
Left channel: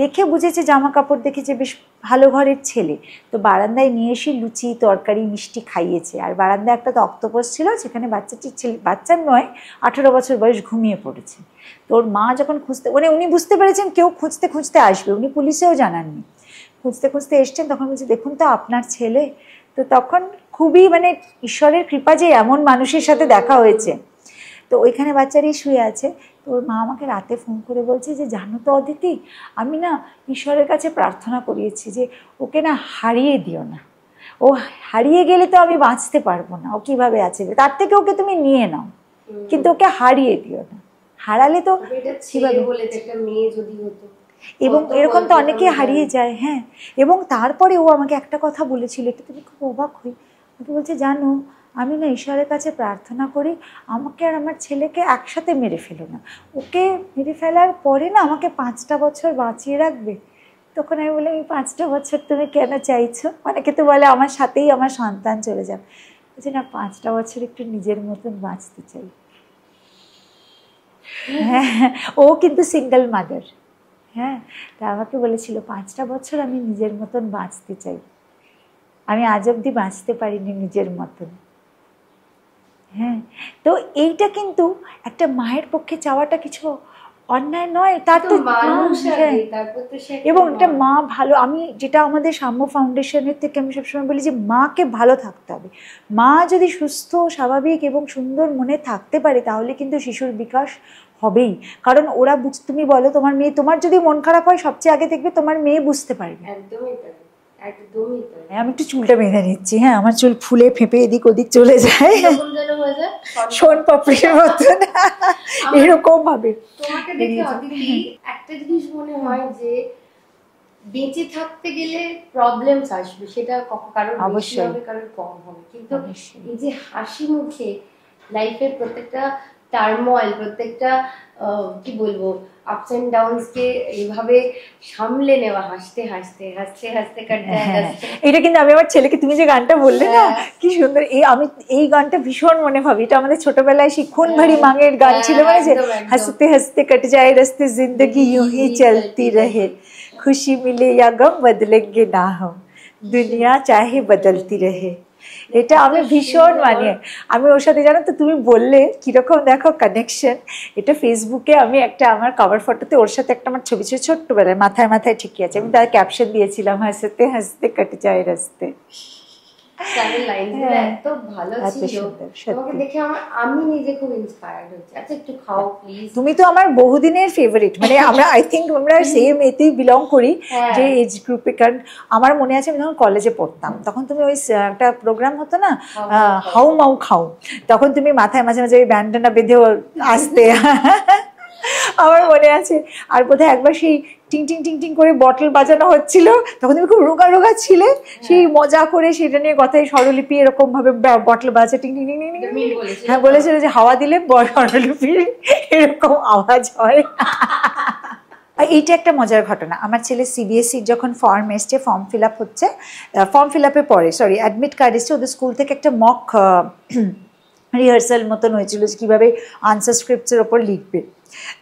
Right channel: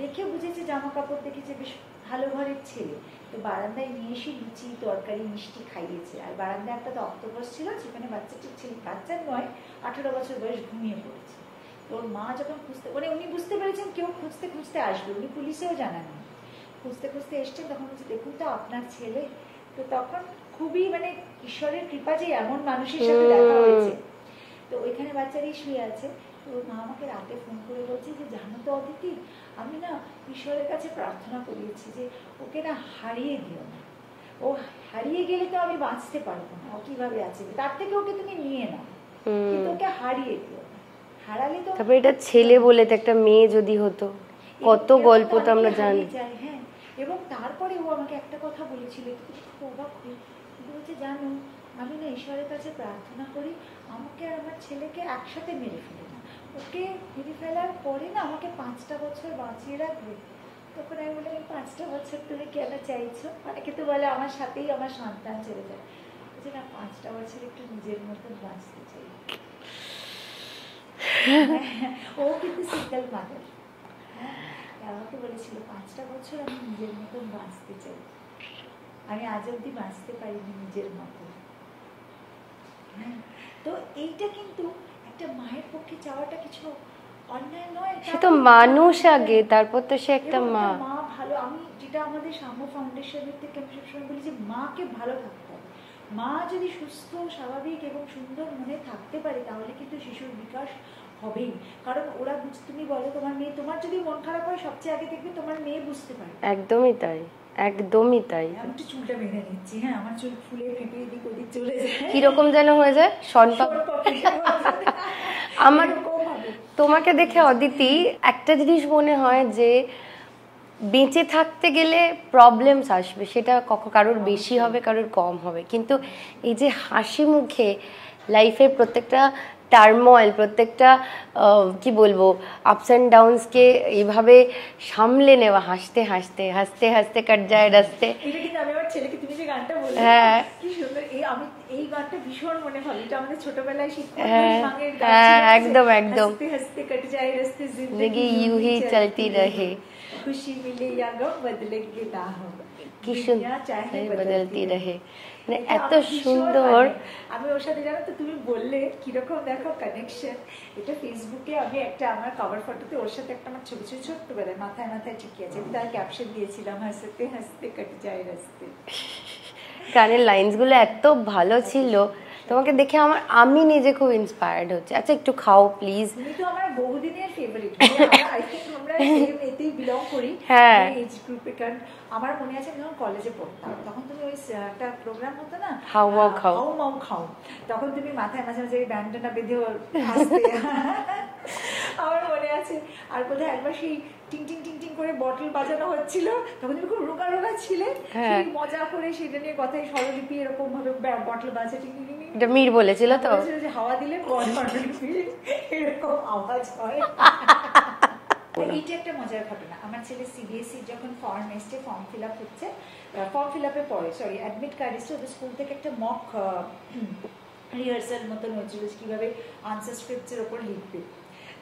দেখে বুঝেছে, জামা কাপড় দেখেছে বেশ ভালো ঘরের ছেলে, তো বারান্দায় নিয়ে এসে লুচি তরকারি মিষ্টি খাইয়েছে। আর বারান্দায় একটা অক্টোপাস ছিল, সেখানে বাচ্চাটির ছেলে, বাচ্চার নয় 18 বছর বয়স, ঘুমিয়ে পড়েছে। তোর মা যখন খুঁজতে, মানে উনি বুঝতে পেরেছেন কেউ খুঁজতে খুঁজতে আসবে, উনি পুলিশেও জানাননি, খুঁজতে খুঁজতে এসছেন, তখন বলছে দেখুন তো আপনার ছেলে। তো তখন খুবই মানে ঈশ্বরের কৃপা যে এমন মানুষের সাথে দেখা হয়েছে। তো ওইখানে বাচ্চারই শুয়ে আছে। তো ওর মা আমাকে রাতে ফোন করে বলছে যে জানো তো অদিতি, আমি না ঈশ্বরের কাছে প্রার্থনা করিয়েছি যে ওকে না হারিয়ে দিও না, ও হারিয়ে গেলে তো আমি বাঁচতে পারবো না, ও কিভাবে আছে, তার থেকে ওকে তুমি নিয়ে নাও, কিন্তু ওকে হারিয়ে দিও না, হারালে তো। এটা ছেলে বলে, একটা মেয়ে যদি হতো, এবং এরকম তো অনেকে হারিয়ে যায়। হ্যাঁ, এবং তারপরে ও আমাকে একটা কথা বলেছিল, এটা তুমি খুব অবাক হই, বলছে জানো আমি না ঈশ্বরের কাছে প্রার্থনা করি আমাকে আর আমার ছেলেকে একসাথে মেরে ফেলো না, ওকে মেরে ফেলার পরে না আমাকে 5টা বছর বাঁচিয়ে রাখবে। তখন আমি বললাম এই 5টা বছর তুমি কেন চাইছো? অনেকে তো বলে আমার সাথেই আমার সন্তান চলে যাবে, বলছে না 5টা বছর একটু নিজের মতন বাঁচতে চাই। হ্যাঁ, ও কিন্তু সিঙ্গেল মাদার। হ্যাঁ, তা আমাকে বলেছিল 5টা বছর আমি নিজের মতন বাঁচতে চাই, আমি আজ অবধি বাঁচতে পারিনি নিজের মতন। হ্যাঁ, তো এইটা কিন্তু একটা মায়ের পক্ষে চাওয়াটা কিছু অন্যায় নয়, তার তো মানুষ আগে, তারপর তো সে, এবং একটা মা ভালো, আমি যেটা আমাদের সাম্য ফাউন্ডেশনের থেকে আমি সবসময় বলি যে মাকে ভালো থাকতে হবে। মা যদি সুস্থ স্বাভাবিক এবং সুন্দর মনে থাকতে পারে তাহলে কিন্তু শিশুর বিকাশ হবেই। কারণ ওরা তুমি বলো তোমার মেয়ে, তোমার যদি মন খারাপ হয় সবচেয়ে আগে দেখবে তোমার মেয়ে বুঝতে পারবে। একদমই তাই, একদমই তাই। আমি একটু চুলটা বেঁধে নিচ্ছি। হ্যাঁ, আমার চুল ফুলে ফেঁপে এদিক ওদিক চলে যায়, এরকম যেন হয়ে যায় শোন পাপড়ির মতন এরকম ভাবে। তোমাকে দেখে অদিতি একটা জিনিস মনে হয় যে বেঁচে থাকতে গেলে প্রবলেমস আসবে, সেটা কারোর বেশি হবে কারোর কম হবে, কিন্তু এই যে হাসি মুখে লাইফের প্রত্যেকটা টার্মোয়েল, প্রত্যেকটা কি বলবো আপস অ্যান্ড ডাউনসকে এইভাবে সামলে নেওয়া, হাসতে হাসতে হাসতে হাসতে কাট যায় রাস্তে। এটা কিন্তু আমি আমার ছেলেকে, তুমি যে গানটা বললে না কি সুন্দর, আমি এই গানটা ভীষণ মনে ভাবি, এটা আমাদের ছোটবেলায় শিক্ষণ ভারী মাঙের গান ছিল, হাসতে হাসতে কাট যায় রাস্তে জিন্দগি यूं ही चलती रहे, खुशी मिले या गम बदलेंगे ना हम, दुनिया चाहे बदलती रहे। এটা এত আমি ভীষণ সুন্দর। মানে আমি ওর সাথে জানো তো তুমি বললে কিরকম দেখো কানেকশন। এটা ফেসবুকে আমি একটা আমার কভার ফটোতে ওর সাথে একটা আমার ছবি ছিল ছোট্টবেলায়, মাথায় মাথায় ঠিকই আছে, আমি তার ক্যাপশন দিয়েছিলাম হাসতে হাসতে কেটে যায় রাস্তে। গানের লাইনস গুলো হ্যাঁ, এত ভালো এত ছিল, সুন্দর, সত্যি। তোমাকে দেখে আমি নিজে খুব ইন্সপায়ার্ড হচ্ছে। আচ্ছা একটু খাও প্লিজ। তুমি তো আমার বহুদিনের ফেভারিট, মানে আমরা আই থিঙ্ক আমরা সেম এতেই বিলং করি, হ্যাঁ। যে এজ গ্রুপে। কারণ আমার মনে আছে আমি যখন কলেজে পড়তাম তখন তুমি ওই একটা প্রোগ্রাম হতো না হাউ মাউ খাও। হাউ মাউ খাও, তখন তুমি মাথায় মাঝে মাঝে ওই ব্যান্ডানা বেঁধে আসতে আমার মনে আছে। আর বোধহয় একবার সেই টিং টিং টিং টিং করে বটল বাজানো হচ্ছিল, তখন তুমি খুব রোগা রোগা ছিলে, সেই মজা করে সেটা নিয়ে কথায় স্বরলিপি এরকম ভাবে বটল বাজে টিং টিং টিং টিং। এটা মীর বলেছিল হ্যাঁ তো? বলেছিল যে হাওয়া দিলে স্বরলিপির এরকম আওয়াজ হয়। আর এইটা একটা মজার ঘটনা, আমার ছেলে সিবিএসসির যখন ফর্ম এসছে, ফর্ম ফিল আপ হচ্ছে, ফর্ম ফিল আপে পরে অ্যাডমিট কার্ড এসছে, ওদের স্কুল থেকে একটা মক রিহার্সাল মতন হয়েছিল যে কীভাবে আনসার স্ক্রিপ্টসের ওপর লিখবে।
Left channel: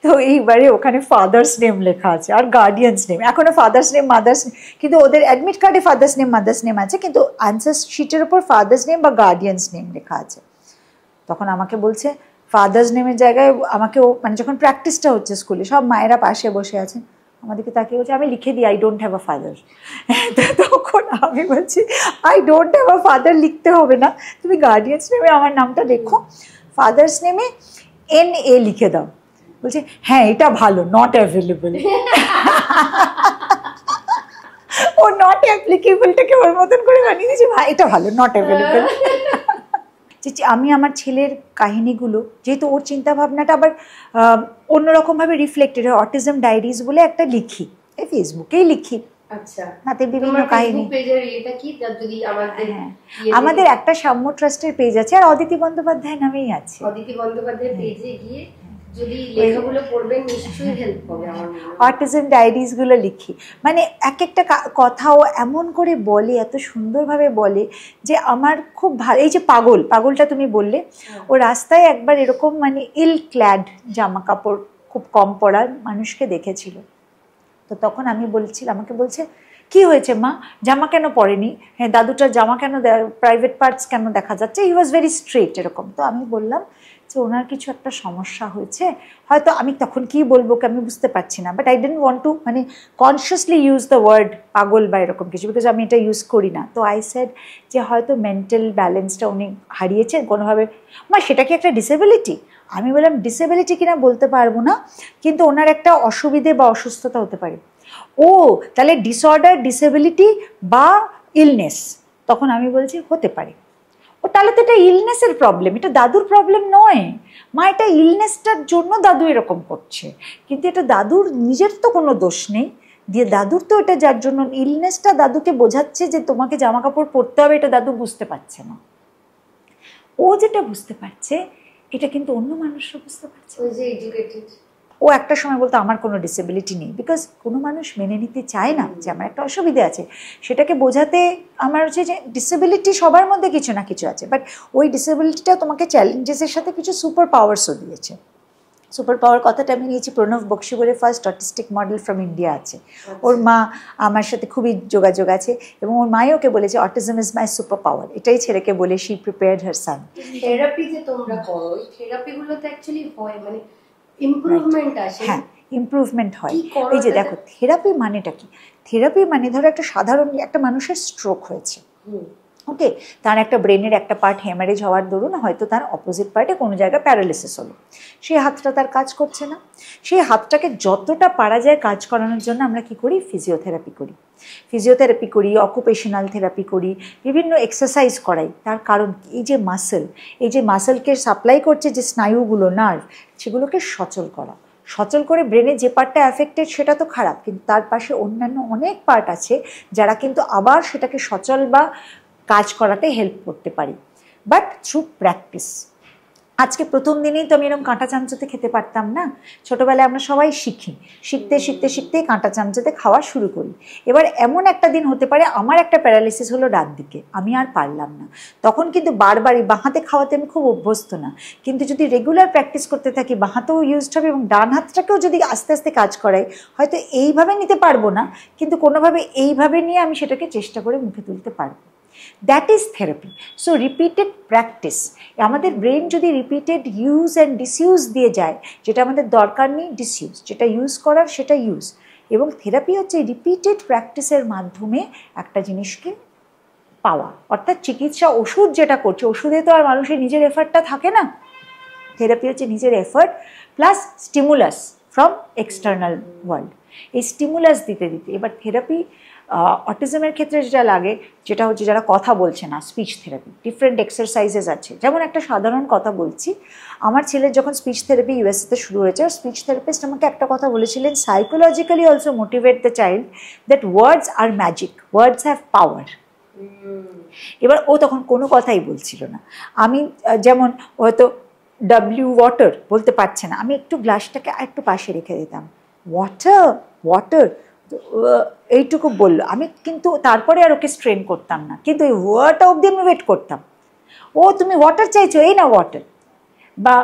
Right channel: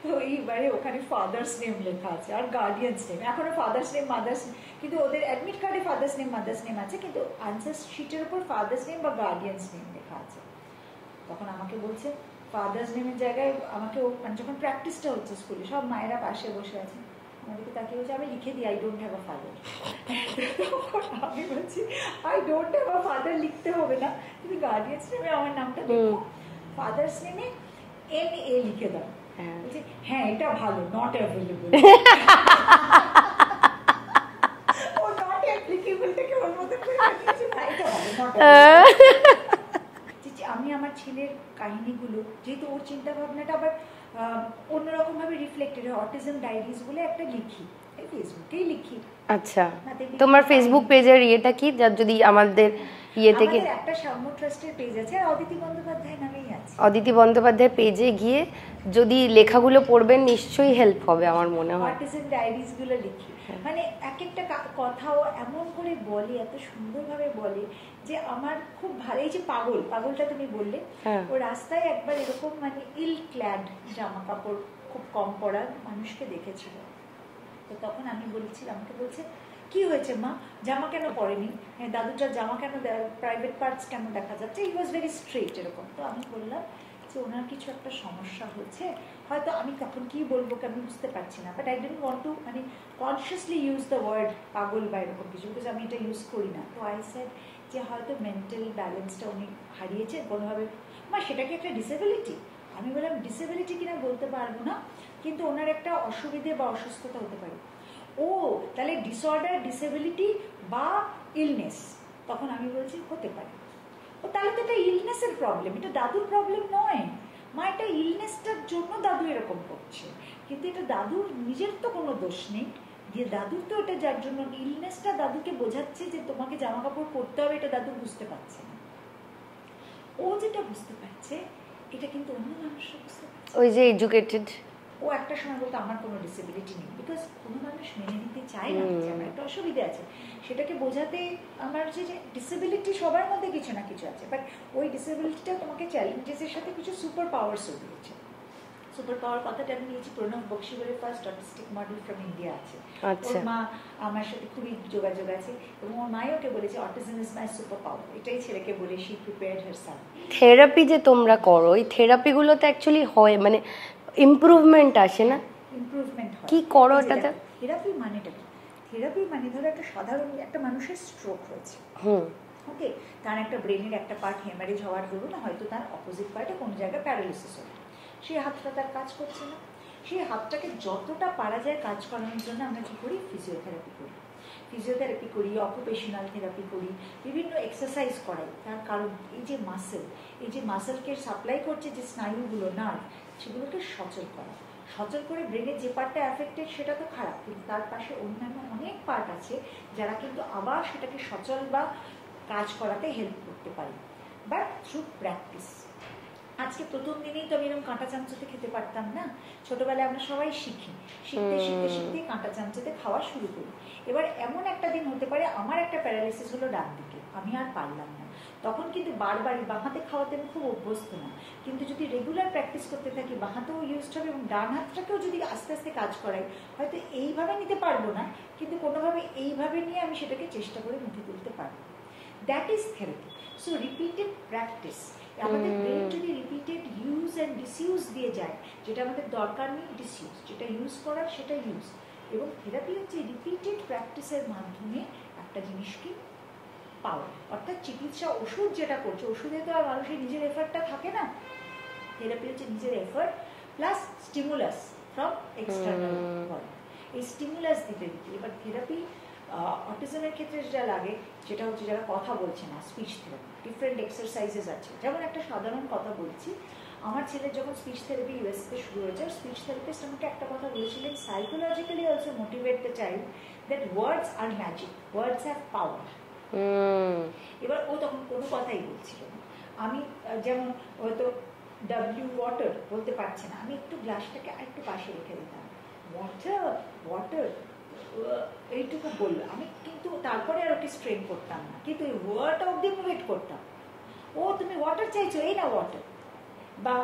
তো এইবারে ওখানে ফাদার্স নেম লেখা আছে আর গার্ডিয়ানস নেম, এখনও ফাদার্স নেম মাদার্স নেম, কিন্তু ওদের অ্যাডমিট কার্ডে ফাদার্স নেম মাদার্স নেম আছে, কিন্তু আনসার শিটের ওপর ফাদার্স নেম বা গার্ডিয়ানস নেম লেখা আছে। তখন আমাকে বলছে ফাদার্স নেমের জায়গায় আমাকে মানে যখন প্র্যাকটিসটা হচ্ছে স্কুলে, সব মায়েরা পাশে বসে আছেন, আমাদেরকে তাকিয়ে বলছে আমি লিখে দিই I don't have a father. তখন আমি বলছি I don't have a father লিখতে হবে না, তুমি গার্ডিয়ানস নেমে আমার নামটা দেখো, ফাদার্স নেমে NA লিখে দাও। বলছে হ্যাঁ এটা ভালো, নট অ্যাভেলেবল। ও নট অ্যাপ্লিকেবলটাকে ওর মতন করে বানিয়ে দিয়েছে, ভাই এটা ভালো, নট অ্যাভেলেবল। আমি আমার ছেলের কাহিনীগুলো, যেহেতু ওর চিন্তাভাবনাটা আবার অন্যরকমভাবে রিফ্লেক্টেড হয়, অটিজম ডায়েরিজ বলে একটা লিখি, এই ফেসবুকেই লিখি। আচ্ছা, তাতে তোমার ফেসবুক পেজের ইয়েটা কি, যদি আমাদের আমাদের একটা সাম্য ট্রাস্টের পেজ আছে আর অদিতি বন্দ্যোপাধ্যায় নামেই আছে। অদিতি বন্দ্যোপাধ্যায় পেজে গিয়ে যদি লেখাগুলো পড়বেন নিশ্চয়ই হেল্প হবে আমার মনে হয়। অটিজম ডায়েরিজগুলো লিখি, মানে এক একটা কথাও এমন করে বলে, এত সুন্দরভাবে বলে যে আমার খুব ভালো। এই যে পাগলটা তুমি বললে, ও রাস্তায় একবার এরকম মানে ইল ক্ল্যাড জামা কাপড় খুব কম পরা মানুষকে দেখেছিল, তো তখন আমি বলছিলাম, আমাকে বলছে কি হয়েছে মা, জামা কেন পরেনি, হ্যাঁ দাদুটার জামা কেন, প্রাইভেট পার্টস কেন দেখা যাচ্ছে, হি ওয়াজ ভেরি স্ট্রেট এরকম। তো আমি বললাম যে ওনার কিছু একটা সমস্যা হয়েছে, হয়তো আমি তখন কি বলবো আমি বুঝতে পারছি না, but I don't want two মানে কনসিয়াসলি ইউজ দ্য ওয়ার্ড পাগল বা এরকম কিছু, বিকজ আমি এটা ইউজ করি না। তো আই সেড যে হয়তো মেন্টাল ব্যালেন্সটা উনি হারিয়েছেন কোনোভাবে। মা সেটা কি একটা ডিসেবিলিটি? আমি বললাম ডিসেবিলিটি কিনা বলতে পারবো না, কিন্তু ওনার একটা অসুবিধে বা অসুস্থতা হতে পারে। ও তাহলে ডিসঅর্ডার, ডিসেবিলিটি বা ইলনেস? তখন আমি বলছি হতে পারে। ও তাহলে তো এটা ইলনেসের প্রবলেম, এটা দাদুর প্রবলেম নয় মা, এটা ইলনেসটার জন্য দাদু এরকম করছে, কিন্তু এটা দাদুর নিজের তো কোনো দোষ নেই, দিয়ে দাদুর তো এটা যার জন্য ইলনেসটা দাদুকে বোঝাচ্ছে যে তোমাকে জামা কাপড় পরতে হবে, এটা দাদু বুঝতে পারছে না। ও যেটা বুঝতে পারছে এটা কিন্তু অন্য মানুষরা বুঝতে পারছে। ওই যে এডুকেটেড, ও একটা সময় বলতো আমার কোনো ডিসেবিলিটি নেই, বিকজ কোনো মানুষ মেনে নিতে চায় না যে আমার একটা অসুবিধা আছে। সেটাকে বোঝাতে আমার হচ্ছে যে ডিসেবিলিটি সবার মধ্যে কিছু না কিছু আছে, বাট ওই ডিসেবিলিটিটা তোমাকে চ্যালেঞ্জেসের সাথে কিছু সুপার পাওয়ার্সও দিয়েছে। সুপার পাওয়ার কথাটা আমি নিয়েছি প্রণব বক্সি বলে first autistic model from India আছে, ওর মা আমার সাথে খুবই যোগাযোগ আছে, এবং ওর মাই ওকে বলেছে autism is my super power, এটাই ছেলেকে বলে she prepared her son. Therapy যে তোমরা করো, ওই থেরাপিগুলোতে অ্যাকচুয়ালি হয় মানে ইমপ্রুভমেন্ট আসে? হ্যাঁ ইমপ্রুভমেন্ট হয়। কি করো এই যে দেখো থেরাপি মানেটা কি, থেরাপি মানে ধরো একটা সাধারণ একটা মানুষের স্ট্রোক হয়েছে, ওকে, তার একটা ব্রেনের একটা পার্ট হ্যামারেজ হওয়ার দরুন হয়তো তার অপোজিট পার্টে কোনো জায়গায় প্যারালিসিস হলো, সেই হাতটা তার কাজ করছে না, সেই হাতটাকে যতটা পারা যায় কাজ করানোর জন্য আমরা কি করি, ফিজিওথেরাপি করি, অকুপেশনাল থেরাপি করি, বিভিন্ন এক্সারসাইজ করাই। তার কারণ এই যে মাসেলকে সাপ্লাই করছে যে স্নায়ুগুলো, নার্ভ, সেগুলোকে সচল করে ব্রেনে যে পার্টটা অ্যাফেক্টেড সেটা তো খারাপ, কিন্তু তার পাশে অন্যান্য অনেক পার্ট আছে যারা কিন্তু আবার সেটাকে সচল বা কাজ করাতে হেল্প করতে পারি, বাট থ্রু প্র্যাকটিস। আজকে প্রথম দিনেই তো আমি এরকম কাঁটা চামচতে খেতে পারতাম না, ছোটোবেলায় আমরা সবাই শিখতে কাঁটা চামচতে খাওয়া শুরু করি। এবার এমন একটা দিন হতে পারে আমার একটা প্যারালিসিস হলো ডান দিকে, আমি আর পারলাম না, তখন কিন্তু বারবারই বাঁ হাতে খাওয়াতে আমি খুব অভ্যস্ত না, কিন্তু যদি রেগুলার প্র্যাকটিস করতে থাকি বাঁ হাতেও ইউজড হবে এবং ডান হাতটাকেও যদি আস্তে আস্তে কাজ করাই, হয়তো এইভাবে নিতে পারবো না, কিন্তু কোনোভাবে এইভাবে নিয়ে আমি সেটাকে চেষ্টা করে মুখে তুলতে পারবো। That is therapy. So repeated practice, আমাদের ব্রেন যদি রিপিটেড ইউজ অ্যান্ড ডিসইউজ দিয়ে যায়, যেটা আমাদের দরকার নেই ডিসইউজ, যেটা ইউজ করার সেটা ইউজ, এবং থেরাপি হচ্ছে রিপিটেড প্র্যাকটিসের মাধ্যমে একটা জিনিসকে পাওয়া। অর্থাৎ চিকিৎসা ওষুধ যেটা করছে, ওষুধে তো আর মানুষের নিজের এফার্টটা থাকে না, থেরাপি হচ্ছে নিজের effort plus stimulus from external world. এই স্টিমুলাস দিতে দিতে এবার থেরাপি অটিজমের ক্ষেত্রে যেটা লাগে, যেটা হচ্ছে যারা কথা বলছে না, স্পিচ থেরাপি, ডিফারেন্ট এক্সারসাইজেস আছে। যেমন একটা সাধারণ কথা বলছি, আমার ছেলের যখন স্পিচ থেরাপি ইউএসএতে শুরু হয়েছে, স্পিচ থেরাপিস্ট আমাকে একটা কথা বলেছিলেন, psychologically also motivate the child that words are magic, words have power. এবার ও তখন কোনো কথাই বলছিল না। আমি যেমন হয়তো ডাব্লিউ ওয়াটার বলতে পারছে না, আমি একটু গ্লাসটাকে আর একটু পাশে রেখে দিতাম, ওয়াটার ওয়াটার, এইটুকু বললো। আমি কিন্তু তারপরে আর ওকে স্ট্রেন করতাম না, কিন্তু ওই ওয়াটার অবধি আমি ওয়েট করতাম। ও তুমি ওয়াটার চাইছো, এই না ওয়াটার। বা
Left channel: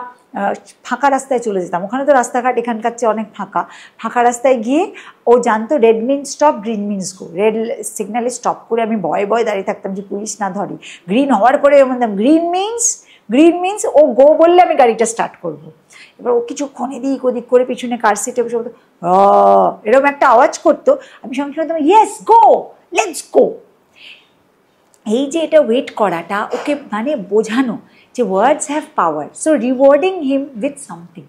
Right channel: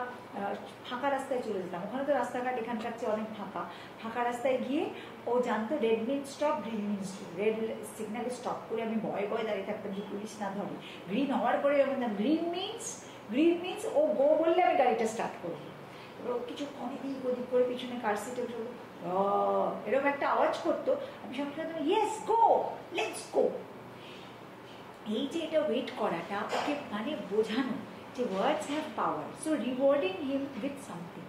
ফাঁকা রাস্তায় চলে যেতাম, ওখানে তো রাস্তাঘাট এখানকার চেয়ে অনেক ফাঁকা, ফাঁকা রাস্তায় গিয়ে ও জানতো red means stop, green means go. Red সিগনালে স্টপ করে আমি ভয়ে ভয়ে দাঁড়িয়ে থাকতাম যে পুলিশ না ধরে। গ্রিন হওয়ার পরে বলতাম গ্রিন মিন্স ও গো বললে আমি গাড়িটা স্টার্ট করবো। এবার ও কিছুক্ষণ এদিক ওদিক করে পিছনে কার সিটে বসে বলতো এরকম একটা আওয়াজ করতো, আমি সঙ্গে সঙ্গে বলতাম ইয়েস গো, লেটস গো। এই যে এটা ওয়েট করাটা, ওকে মানে বোঝানো যে words have power, so rewarding him with something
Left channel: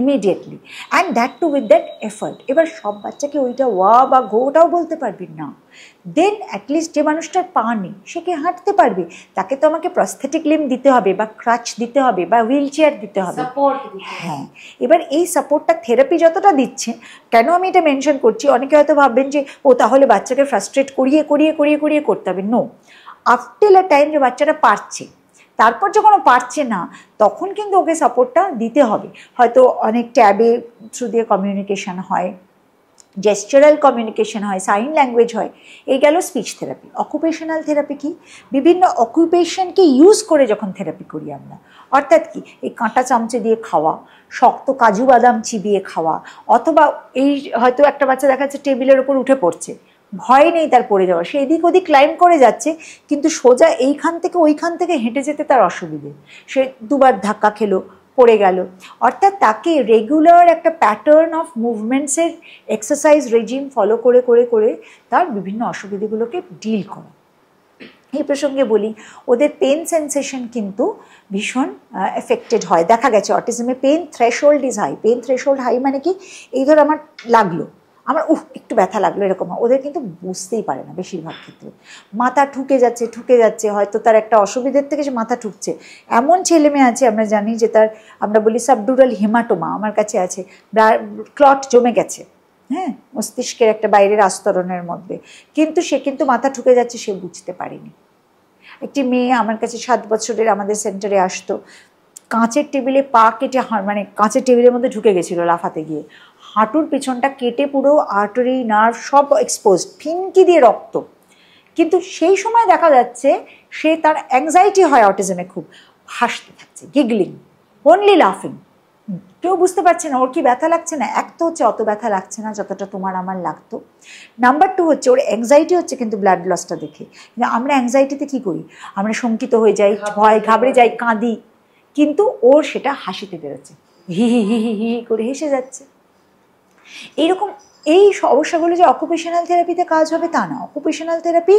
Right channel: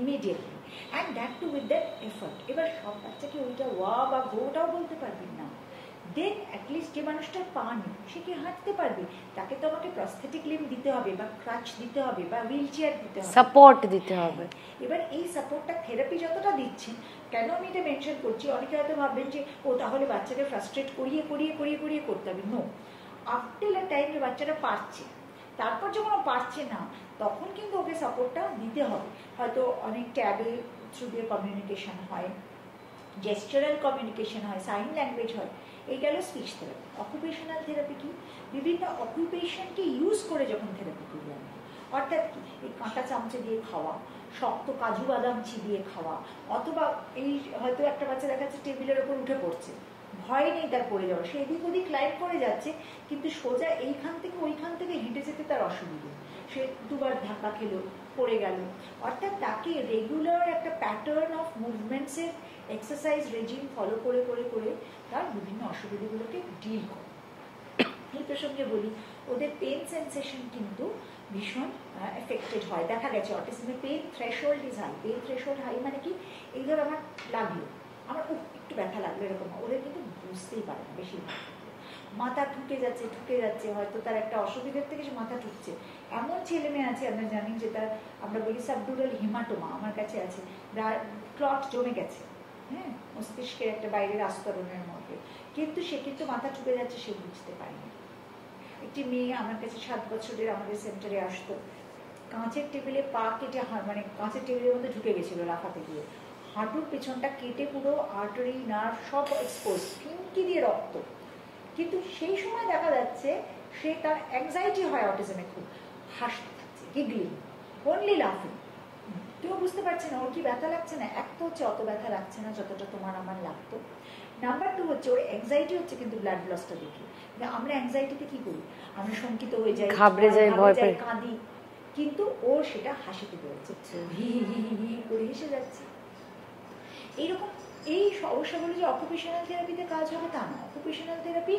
immediately and that too with that effort. এবার সব বাচ্চাকে ওইটা ওয়া বা গোটাও বলতে পারবি না, দেন অ্যাটলিস্ট যে মানুষটার পা নেই সে কি হাঁটতে পারবে, তাকে তো আমাকে প্রস্থেটিক লিম দিতে হবে বা ক্রাচ দিতে হবে বা হুইল চেয়ার দিতে হবে, সাপোর্ট দিতে হবে। হ্যাঁ, এবার এই সাপোর্টটা থেরাপি যতটা দিচ্ছে, কেন আমি এটা মেনশন করছি, অনেকে হয়তো ভাববেন যে ও তাহলে বাচ্চাকে ফ্রাস্ট্রেট করিয়ে করিয়ে করিয়ে করিয়ে করতে হবে। নো, আফটার আ টাইম যে বাচ্চাটা পারছে, তারপর যখন ও পারছে না তখন কিন্তু ওকে সাপোর্টটা দিতে হবে। হয়তো অনেক ট্যাবে থ্রু দিয়ে কমিউনিকেশান হয়, জেস্চারাল কমিউনিকেশন হয়, সাইন ল্যাঙ্গুয়েজ হয়। এই গেল স্পিচ থেরাপি। অকুপেশনাল থেরাপি কি, বিভিন্ন অকুপেশনকে ইউজ করে যখন থেরাপি করি আমরা, অর্থাৎ কি এই কাঁটা চামচে দিয়ে খাওয়া, শক্ত কাজু বাদাম চিবিয়ে খাওয়া, অথবা এই হয়তো একটা বাচ্চা দেখা যাচ্ছে টেবিলের ওপর উঠে পড়ছে, ভয় নেই তার পড়ে যাওয়া, সে এদিক ওদিক ক্লাইম করে যাচ্ছে, কিন্তু সোজা এইখান থেকে ওইখান থেকে হেঁটে যেতে তার অসুবিধে, সে দুবার ধাক্কা খেলো, পড়ে গেল। অর্থাৎ তাকে রেগুলার একটা প্যাটার্ন অফ মুভমেন্টসের এক্সারসাইজ রেজিম ফলো করে করে করে তার বিভিন্ন অসুবিধাগুলোকে ডিল করে। এই প্রসঙ্গে বলি, ওদের পেন সেন্সেশন কিন্তু ভীষণ এফেক্টেড হয়। দেখা গেছে অটিজমে pain threshold is high. Pain threshold high মানে কি, এই ধর আমার লাগলো, আমার একটু ব্যথা লাগলো, এরকম ওদের কিন্তু বুঝতেই পারে না বেশিরভাগ ক্ষেত্রে। মাথা ঠুকে যাচ্ছে, হয়তো তার একটা অসুবিধার থেকে সে মাথা ঠুকছে। এমন ছেলে মেয়ে আছে আমরা জানি যে তার, আমরা বলি সাবডুরাল হেমাটোমা, আমার কাছে আছে, ক্লট জমে গেছে, হ্যাঁ, মস্তিষ্কের একটা বাইরের আস্তরণের মধ্যে, কিন্তু সে কিন্তু মাথা ঠুকে যাচ্ছে, সে বুঝতে পারেনি। একটি মেয়ে আমার কাছে 7 বছরের আমাদের সেন্টারে আসতো, কাঁচের টেবিলে পা কেটে, মানে কাঁচের টেবিলের মধ্যে ঢুকে গেছিলো লাফাতে গিয়ে, হাঁটুর পেছনটা কেটে পুরো আর্টারি নার্ভ সব এক্সপোজ, ফিনকি দিয়ে রক্ত। কিন্তু সেই সময় দেখা যাচ্ছে সে, তার অ্যাংজাইটি হয় অটিজমে, খুব হাসতে থাকছে, গিগলিং, অনলি লাফিং, কেউ বুঝতে পারছে না ওর কি ব্যথা লাগছে না। এক তো হচ্ছে অত ব্যথা লাগছে না যতটা তোমার আমার লাগতো। নাম্বার 2 হচ্ছে ওর অ্যাংজাইটি হচ্ছে কিন্তু ব্লাড লসটা দেখে। আমরা অ্যাংজাইটিতে কী করি, আমরা শঙ্কিত হয়ে যাই, ভয় ঘাবড়ে যাই, কাঁদি, কিন্তু ওর সেটা হাসিতে বেরোচ্ছে, হি হি হি হি হি করে হেসে যাচ্ছে। এইরকম এই সমস্যাগুলো যে অকুপেশনাল থেরাপিতে কাজ হবে তা না। অকুপেশনাল থেরাপি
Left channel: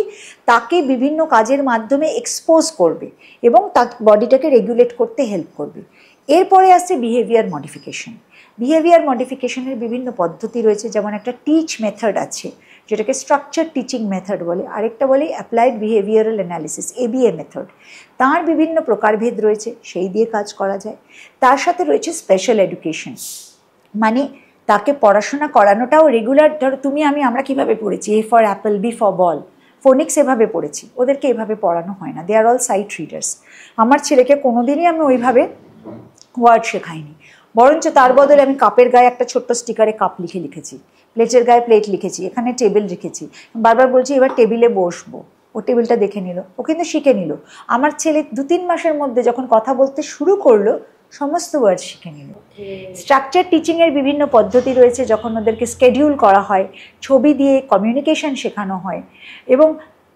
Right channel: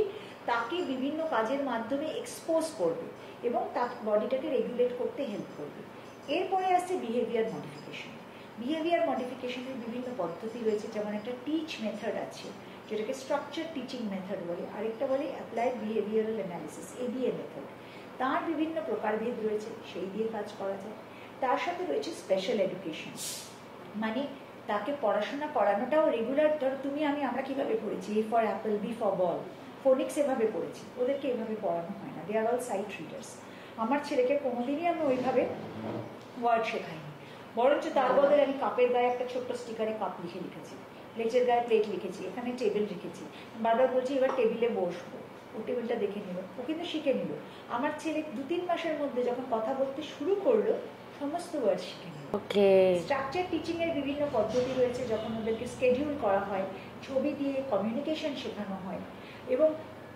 তাকে বিভিন্ন কাজের মাধ্যমে এক্সপোজ করবে এবং তার বডিটাকে রেগুলেট করতে হেল্প করবে। এরপরে আসছে বিহেভিয়ার মডিফিকেশন। বিহেভিয়ার মডিফিকেশনের বিভিন্ন পদ্ধতি রয়েছে, যেমন একটা টিচ মেথড আছে যেটাকে স্ট্রাকচার টিচিং মেথড বলে, আরেকটা বলে applied behavioural analysis, ABA method. তার বিভিন্ন প্রকারভেদ রয়েছে, সেই দিয়ে কাজ করা যায়। তার সাথে রয়েছে স্পেশাল এডুকেশন, মানে তাকে পড়াশোনা করানোটাও রেগুলার। ধরো তুমি আমরা কীভাবে পড়েছি, A for apple, B for ball, phonics এভাবে পড়েছি, ওদেরকে এভাবে পড়ানো হয় না, they are all sight readers. আমার ছেলেকে কোনোদিনই আমি ওইভাবে ওয়ার্ড শেখাইনি, বরঞ্চ তার বদলে আমি কাপের গায়ে একটা ছোট্ট স্টিকারে কাপ লিখেছি, প্লেটের গায়ে প্লেট লিখেছি, এখানে টেবিল রেখেছি, বারবার বলছি এবার টেবিলে বসবো, ও টেবিলটা দেখে নিল, ও কিন্তু শিখে নিল। আমার ছেলে 2-3 মাসের মধ্যে যখন কথা বলতে শুরু করলো, সমস্ত ওয়ার্ড শিখে নিল। স্ট্রাকচার টিচিংয়ের বিভিন্ন পদ্ধতি রয়েছে, যখন ওদেরকে স্কেডিউল করা হয়, ছবি দিয়ে কমিউনিকেশন শেখানো হয়, এবং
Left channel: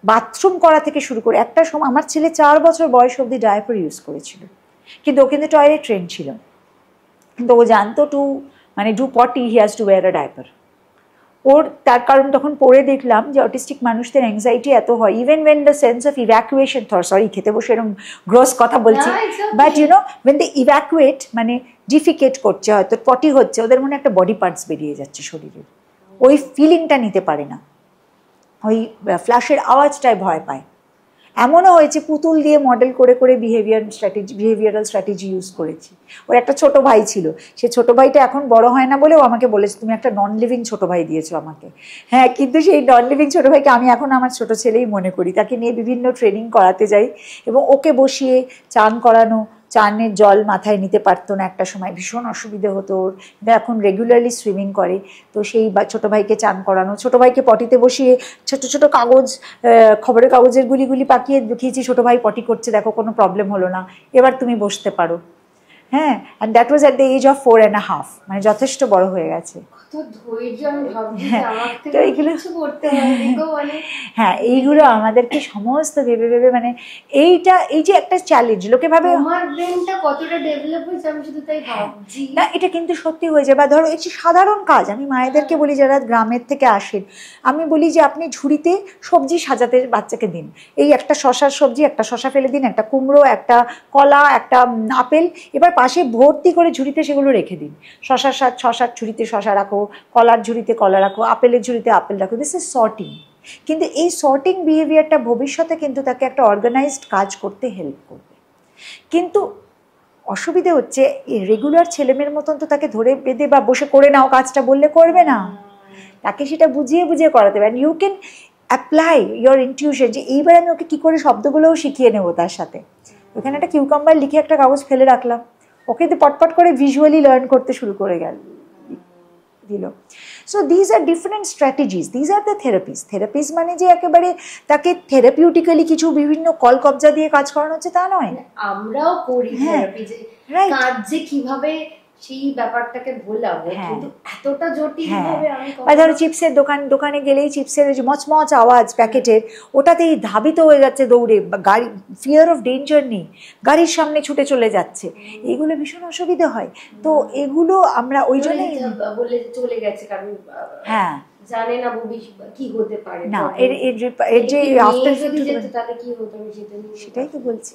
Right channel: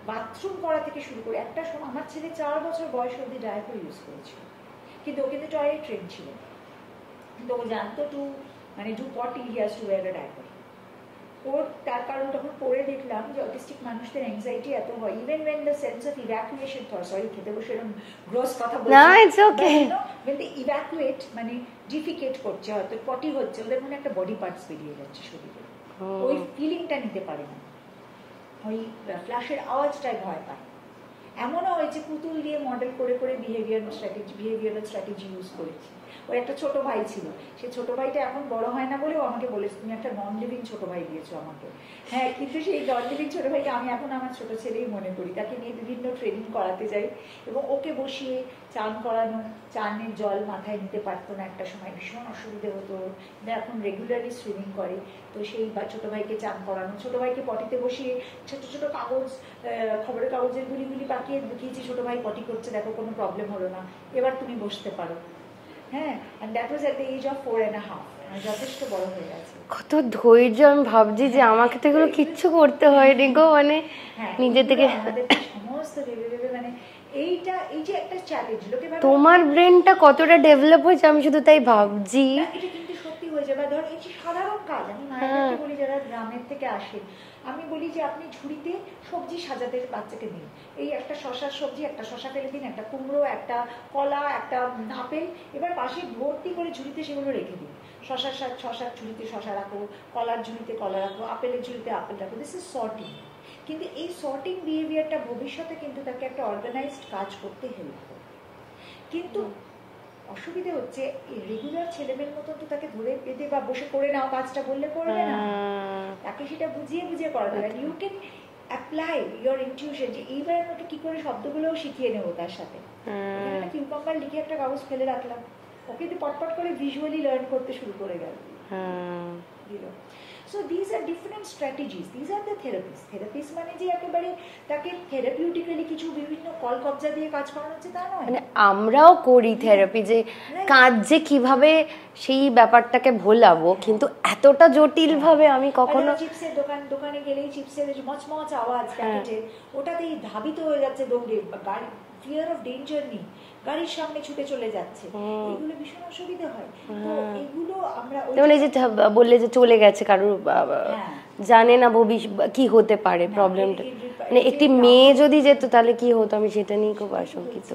বাথরুম করা থেকে শুরু করে, একটা সময় আমার ছেলে 4 বছর বয়স অবধি ডায়াপার ইউজ করেছিল, কিন্তু ও কিন্তু টয়লেট ট্রেন ছিল, কিন্তু ও জানতো do potty he has to wear a diaper. ওর তার কারণ তখন পড়ে দেখলাম যে অটিস্টিক মানুষদের অ্যাংজাইটি এত হয়, even when the sense of evacuation, sorry খেতে বসে এরকম গ্রস কথা বলছি, বাট ওয়েন দে ইভ্যাকুয়েট মানে ডিফিকেট করছে, হয়তো পটি হচ্ছে, ওদের মনে একটা বডি পার্টস বেরিয়ে যাচ্ছে শরীরে, ওই ফিলিংটা নিতে পারে না, ওই ফ্ল্যাশের আওয়াজটায় ভয় পায়। এমনও হয়েছে পুতুল দিয়ে মডেল করে করে বিহেভিয়ারাল স্ট্র্যাটেজি ইউজ করেছি। ওর একটা ছোট ভাই ছিল, সে ছোট ভাইটা এখন বড় হয় না বলেও আমাকে বলেছে তুমি একটা নন লিভিং ছোট ভাই দিয়েছো আমাকে। হ্যাঁ, কিন্তু সেই নন লিভিং ছোট ভাইকে আমি এখন আমার ছোট ছেলেই মনে করি। তাকে নিয়ে বিভিন্ন ট্রেনিং করাতে যাই এবং ওকে বসিয়ে চান করানো, চানের জল মাথায় নিতে পারতো না একটা সময়, ভীষণ অসুবিধে হতো ওর, এখন রেগুলারলি সুইমিং করে। তো সেই ছোটো ভাইকে চান করানো, ছোটো ভাইকে পটিতে বসিয়ে ছোট ছোট কাগজ, খবরের কাগজের গুলি পাকিয়ে দেখিয়েছি ছোটো ভাই পটি করছে, দেখো কোনো প্রবলেম হলো না, এবার তুমি বসতে পারো। হ্যাঁ, and that was at the age of 4.5, মানে যথেষ্ট বড় হয়ে গেছে। কত ধৈর্য, আমি ভাবছি যে আমাকে তো কিছু করতে হয় দেখো, মানে হ্যাঁ, এইগুলো আমাদেরকে সমস্ত ভেবে ভেবে, মানে এই যে একটা চ্যালেঞ্জ, লোকে ভাবে তোমার ব্রেনটা কতটা ডেভেলপ হয়েছে আমি শুধু তাই ভাবছি। না, এটা কিন্তু সত্যি হয়েছে। বা ধরো এই যে সাধারণ কাজ, আমি মায়েদেরকে বলি যারা গ্রামের থেকে আসেন, আমি বলি যে আপনি ঝুড়িতে সবজি সাজাতে বাচ্চাকে দিন, এই একটা শশার সবজি, একটা শশা ফেলে দিন, একটা কুমড়ো, একটা কলা, একটা আপেল, এবার পাশে ভর্তি করে ঝুড়িতে সেগুলো রেখে দিন। শশার ঝুড়িতে শশা রাখো, কলার ঝুড়িতে কলা রাখো, আপেলের ঝুড়িতে আপেল রাখো, দিস ইজ সর্টিং। কিন্তু এই সর্টিং বিহেভিয়ারটা ভবিষ্যতে কিন্তু তাকে একটা অর্গানাইজড কাজ করতে হেল্প করবে। কিন্তু অসুবিধে হচ্ছে রেগুলার ছেলেমেয়ের মতন তো তাকে ধরে বেঁধে বা বসে করে নাও কাজটা বললে করবে না, তাকে সেটা বুঝিয়ে বুঝিয়ে করাতে হবে। You can apply your intuition, যে এইবার আমি ওকে কী করে শব্দগুলোও শিখিয়ে নেবো তার সাথে। এখানে একটা কিউকাম্বার লিখে একটা কাগজ ফেলে রাখলাম, ওকে তো পটপট করে ভিজুয়ালি লার্ন করতে শুরু করে দিল। So these are different strategies, these are the three piece মানে যে একেবারে তাকে থেরাপিউটিক্যালি কিছু বিভিন্ন কল কবজা দিয়ে কাজ করানো হচ্ছে তা নয়। আমরাও করি থেরাপি, যে কাজ যে কিভাবে সেই ব্যাপারটাকে ভোলাবো, কিন্তু এতটা জটিল ভাবে আমি কখনো, ধরো চিপসের দোকানে গেলেই চিপসের যে মচমচ আওয়াজ প্যাকেটের, ওটাতেই ধাবিত হয়ে যাচ্ছে দৌড়ে, গাড়ি ফিয়ার অফ ডেঞ্জার নেই, গাড়ির সামনে ছুটে চলে যাচ্ছে, এগুলো ভীষণ অসুবিধে হয়। তো এগুলো আমরা ওই জন্য বললে যে চলে গেছে কারোর, হ্যাঁ জানে না ভবিষ্যৎ কি হতে পারে, মেয়ে যদি যেত তাহলে কি হতো, আমি সেটা নিয়ে খুব বলছি